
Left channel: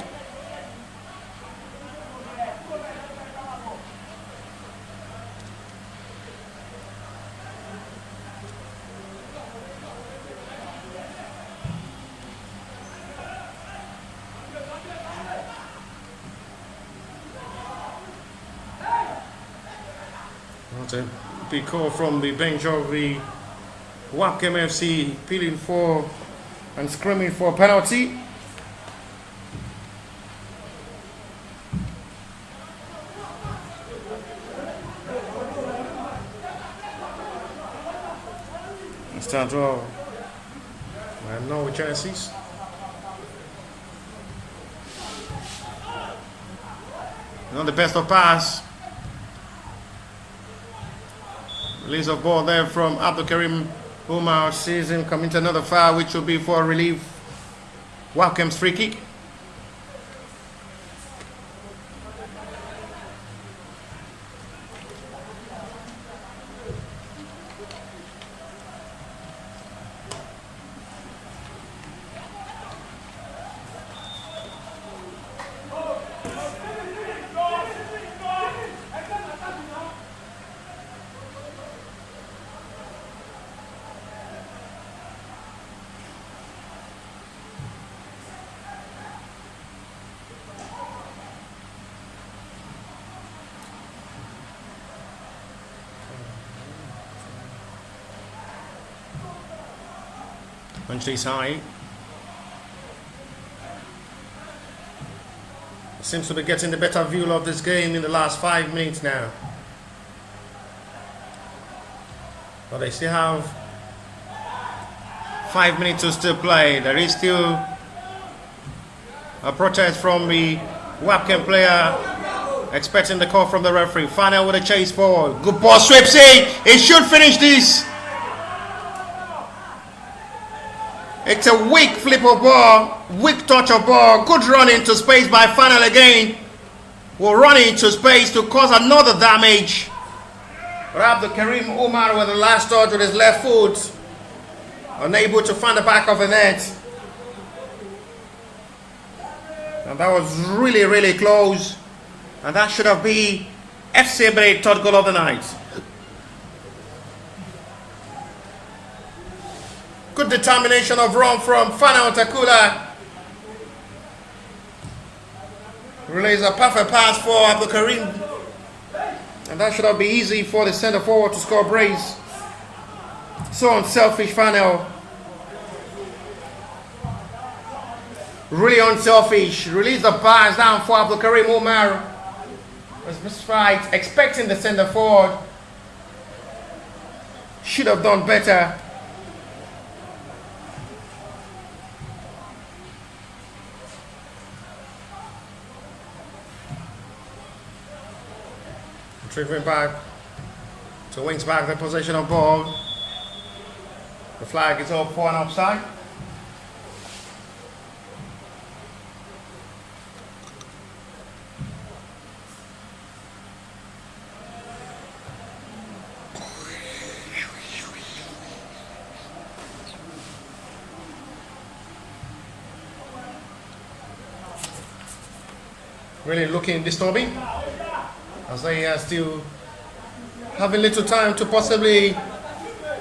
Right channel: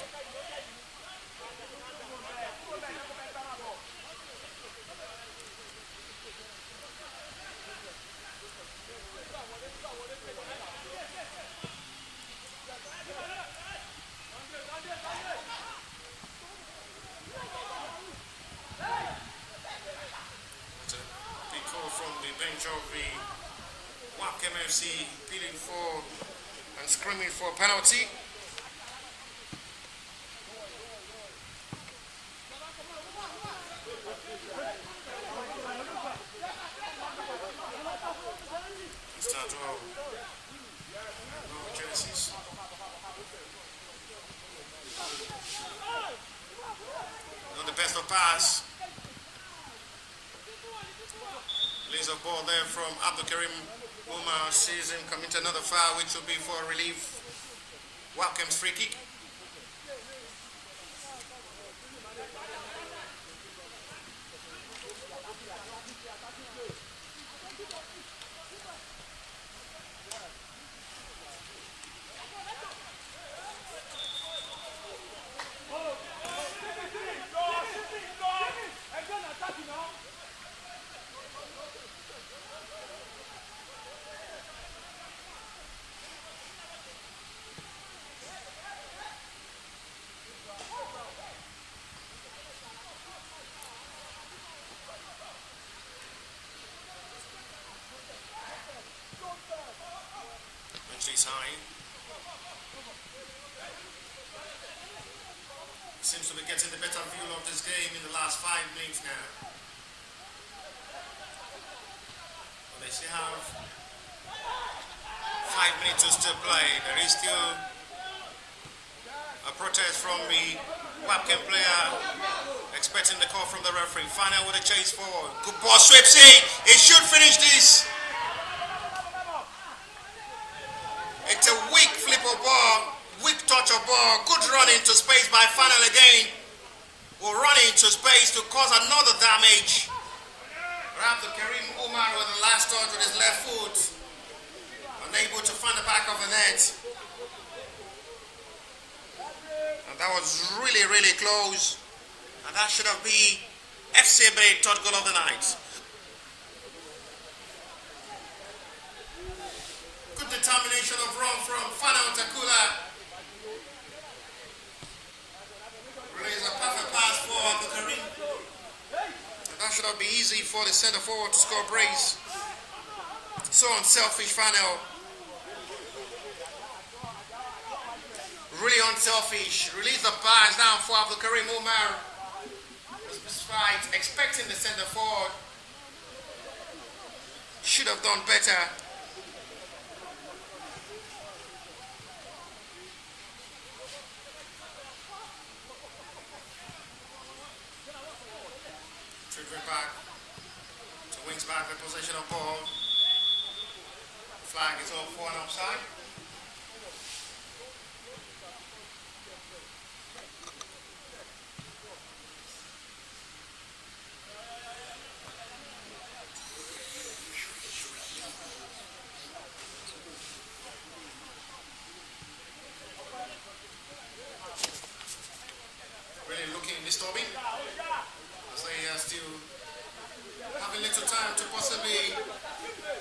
That's a big call from the bench of the Webkem FC, appealing for and screaming for a penalty. Stands well. I have no chances. Not the best of pass. Release of ball there from Abdul Karim Umar. Sees him coming to another foul, which will be for relief. Webkem's free kick. Punches high. Seems to be getting the better view of this game in the last 5 minutes now. But they still have 5 minutes to still play. There is still a protest from the Webkem player, expecting the call from the referee. Final with a chase forward. Good ball, Swipsy. He should finish this. It's a weak flip of ball, weak touch of ball, good run into space by Final again. Will run into space to cause another damage. Abdul Karim Umar with the last touch with his left foot, unable to find the back of the net. And that was really, really close. And that should have been FC Ebedei third goal of the night. Good determination of run from Fana Otakula. Relays a perfect pass for Abdul Karim. And that should have been easy for the centre forward to score brace. So unselfish Fana. Really unselfish. Release the pass down for Abdul Karim Umar. Was right, expecting the centre forward. Should have done better. Tripping back to wings back the possession of ball. The flag is up for an offside. Really looking disturbing, as they are still having little time to possibly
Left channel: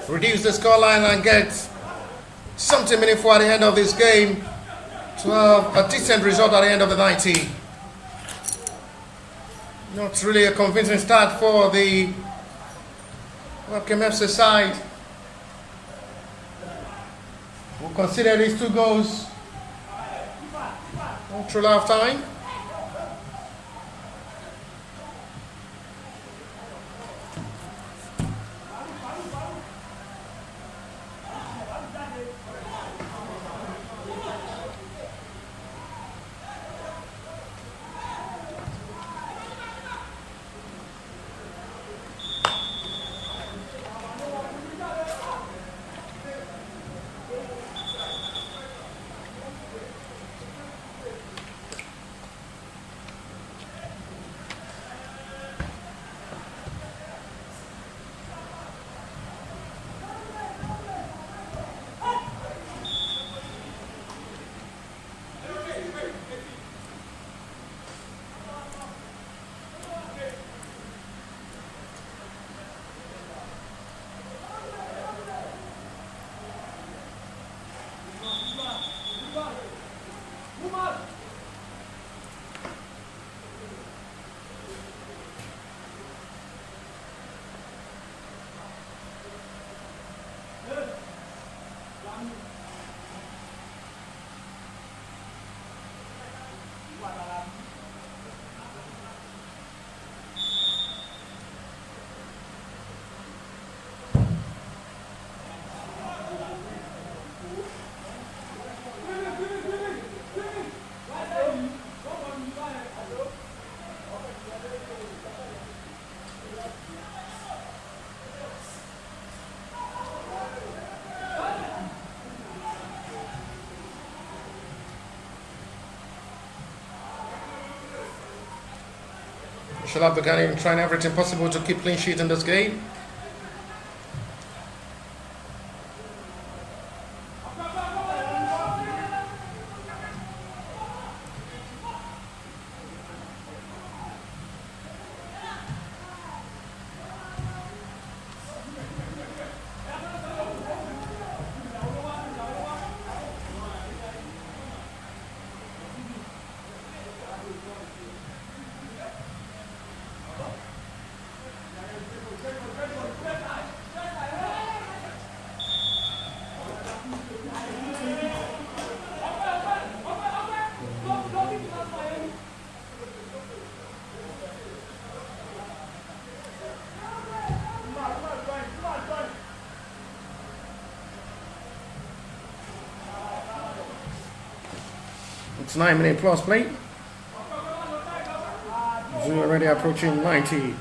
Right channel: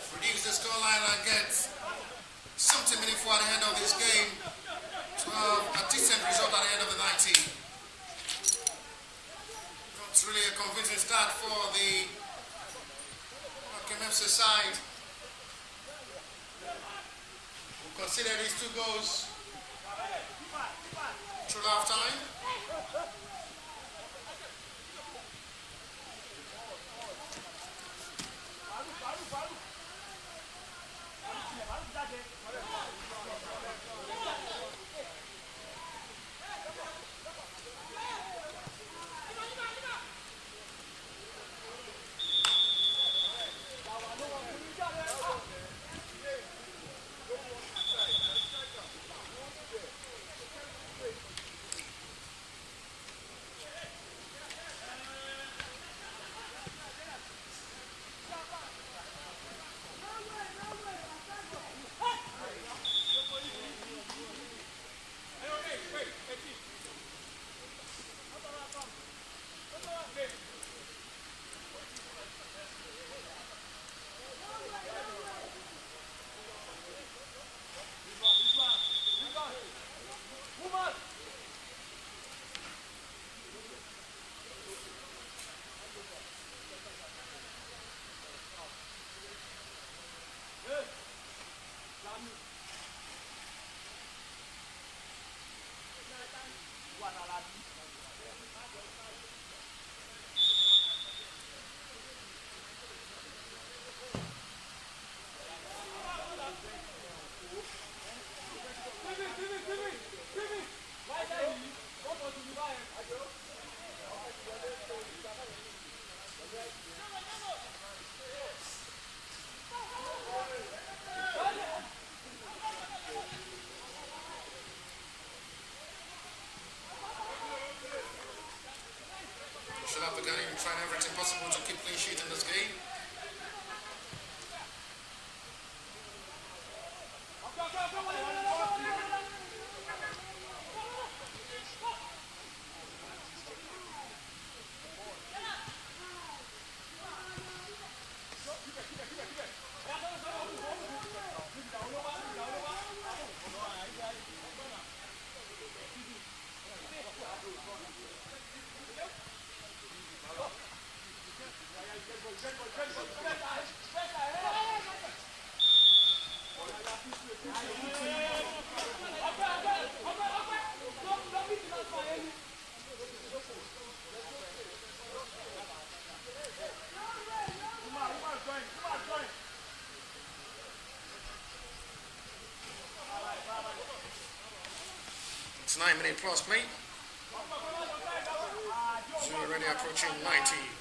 reduce the scoreline and get something meaningful at the end of this game to have a decent result at the end of the 90. Not really a convincing start for the Webkem FC side. We'll consider these 2 goals through half time. Should have begun trying everything possible to keep clean sheet in this game. It's 9-minute plus play. We're already approaching 90.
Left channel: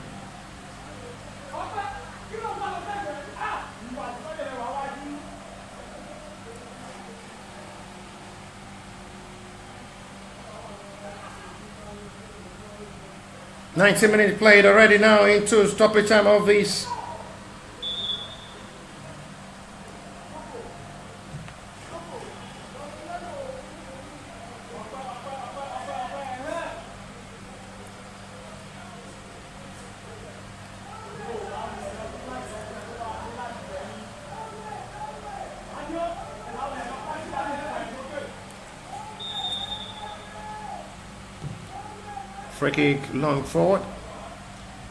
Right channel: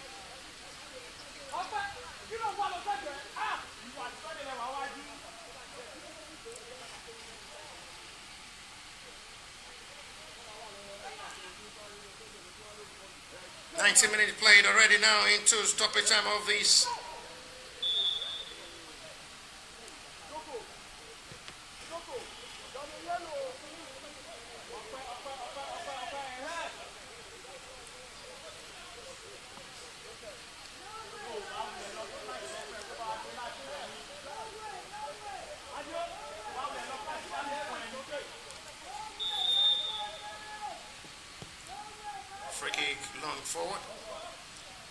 Minutes played already now into stoppage time of this. Free kick long forward.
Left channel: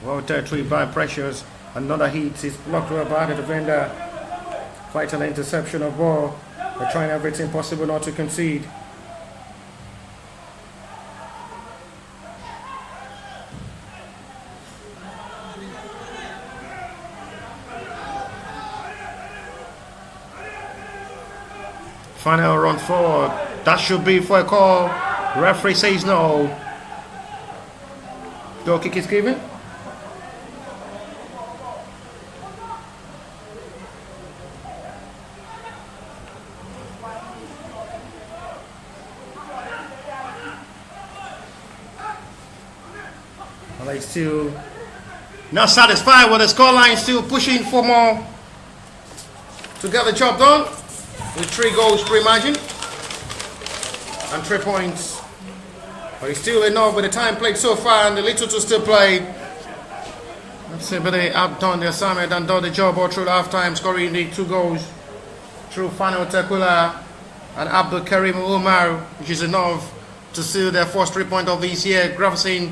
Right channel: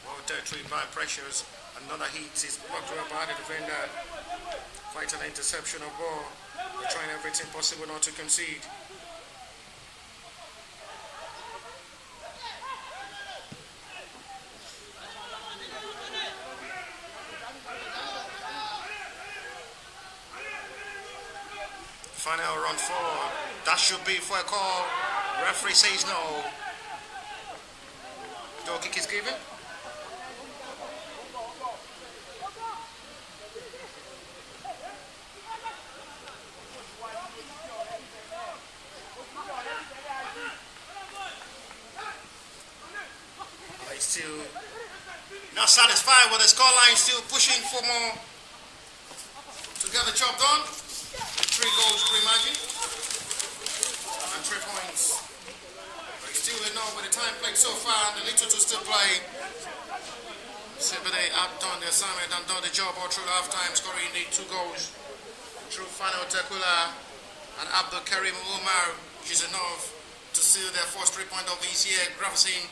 Well territory by pressures. Another heat is blocked well by the defender. Quite an interception of ball. They're trying everything possible not to concede. Final run forward. That should be for a call. Referee says no. Goal kick is given. Well, they still not satisfied with the scoreline, still pushing for more to get the job done. With 3 goals pre-margin and 3 points. But it's still enough with the time played so far and the little to still play. Ebedei have done the assignment and done the job all through half-time, scoring the 2 goals through Fano Tekula and Abdul Karim Umar, which is enough to seal their first 3 points of this year. Graversen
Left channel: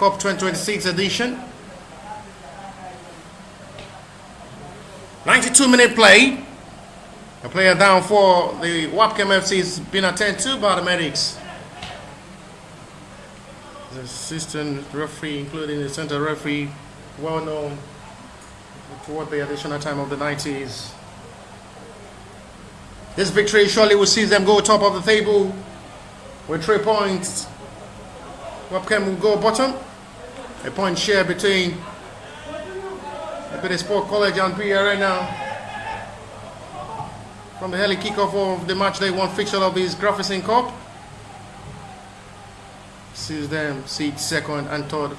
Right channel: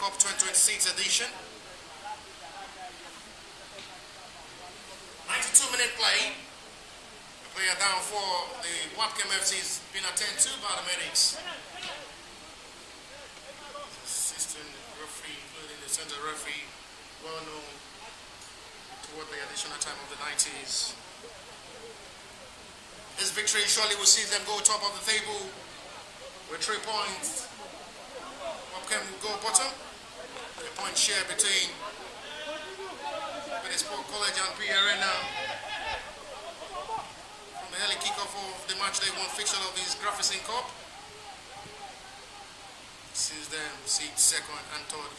Cup 2026 edition. 92-minute play. A player down for the Webkem FC has been attended to by the medics. The assistant referee, including the center referee, well known toward the additional time of the 90s. This victory surely will see them go top of the table with 3 points. Webkem will go bottom. A point share between Ebedei Sport College and PE Arena. From the early kickoff of the match day 1 fixture of this Graversen Cup. Sees them seat second and third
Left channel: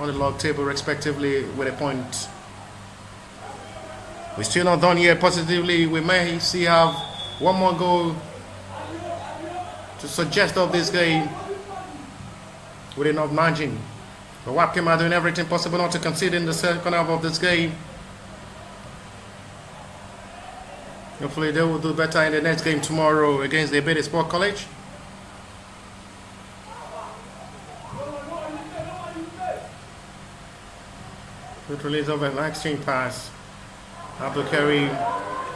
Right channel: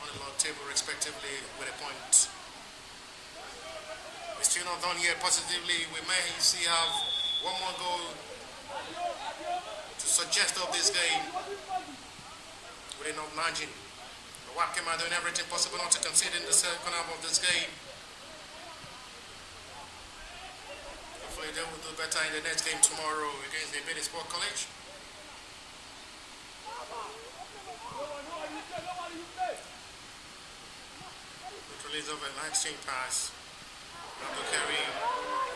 on the log table respectively with a point. We're still not done yet positively. We may have one more goal to suggest of this game with enough margin. The Webkem are doing everything possible not to concede in the second half of this game. Hopefully they will do better in the next game tomorrow against the Ebedei Sport College. Good release of an exchange pass. Abdul Karim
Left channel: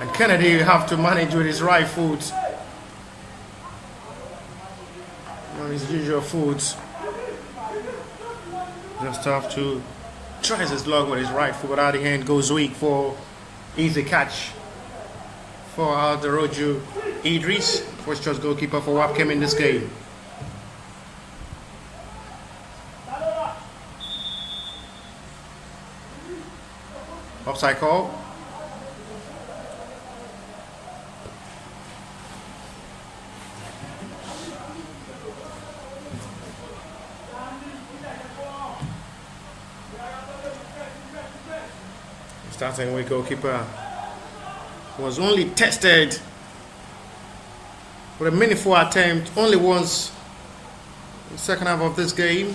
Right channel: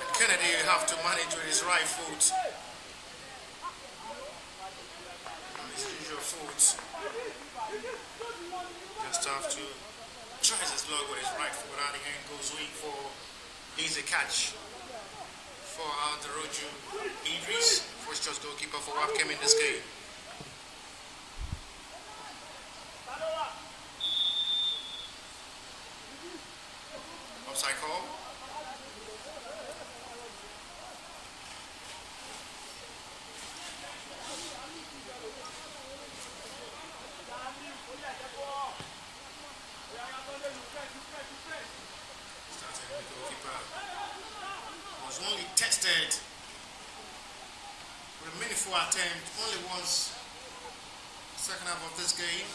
and Kennedy have to manage with his right foot. On his usual foot. Just have to try his luck with his right foot, but out the hand goes weak for easy catch for Alderoju Idris, first choice goalkeeper for Webkem in this game. Offside call. Starting with goalkeeper was only tested with a meaningful attempt only once in the second half of this game.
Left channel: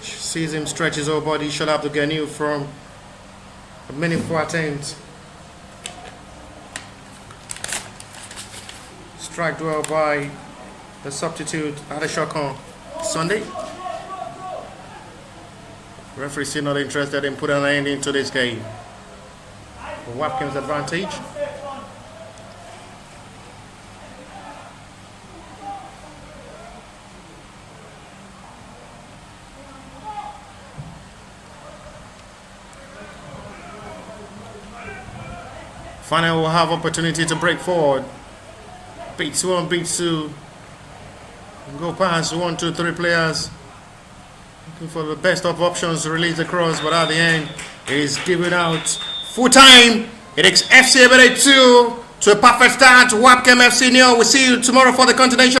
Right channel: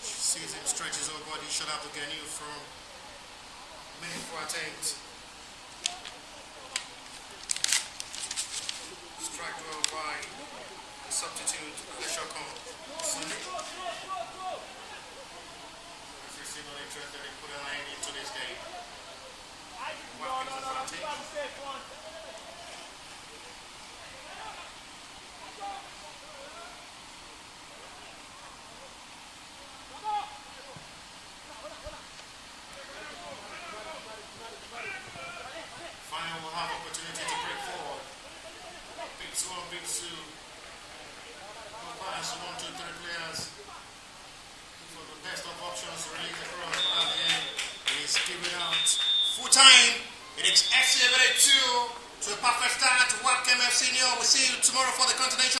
Sees him stretch his whole body, shut up to Ganu from a meaningful attempt. Struck well by the substitute Adeshokon Sunday. Referee still not interested in putting an end into this game. For Webkem's advantage. Finally, we'll have opportunity to break forward. Beats 1, beats 2. Go past 1, 2, 3 players. Looking for the best of options to release the cross, but at the end, it is given out. Full time. It takes FC Ebedei 2 to a perfect start. Webkem FC 0. We'll see you tomorrow for the continuation.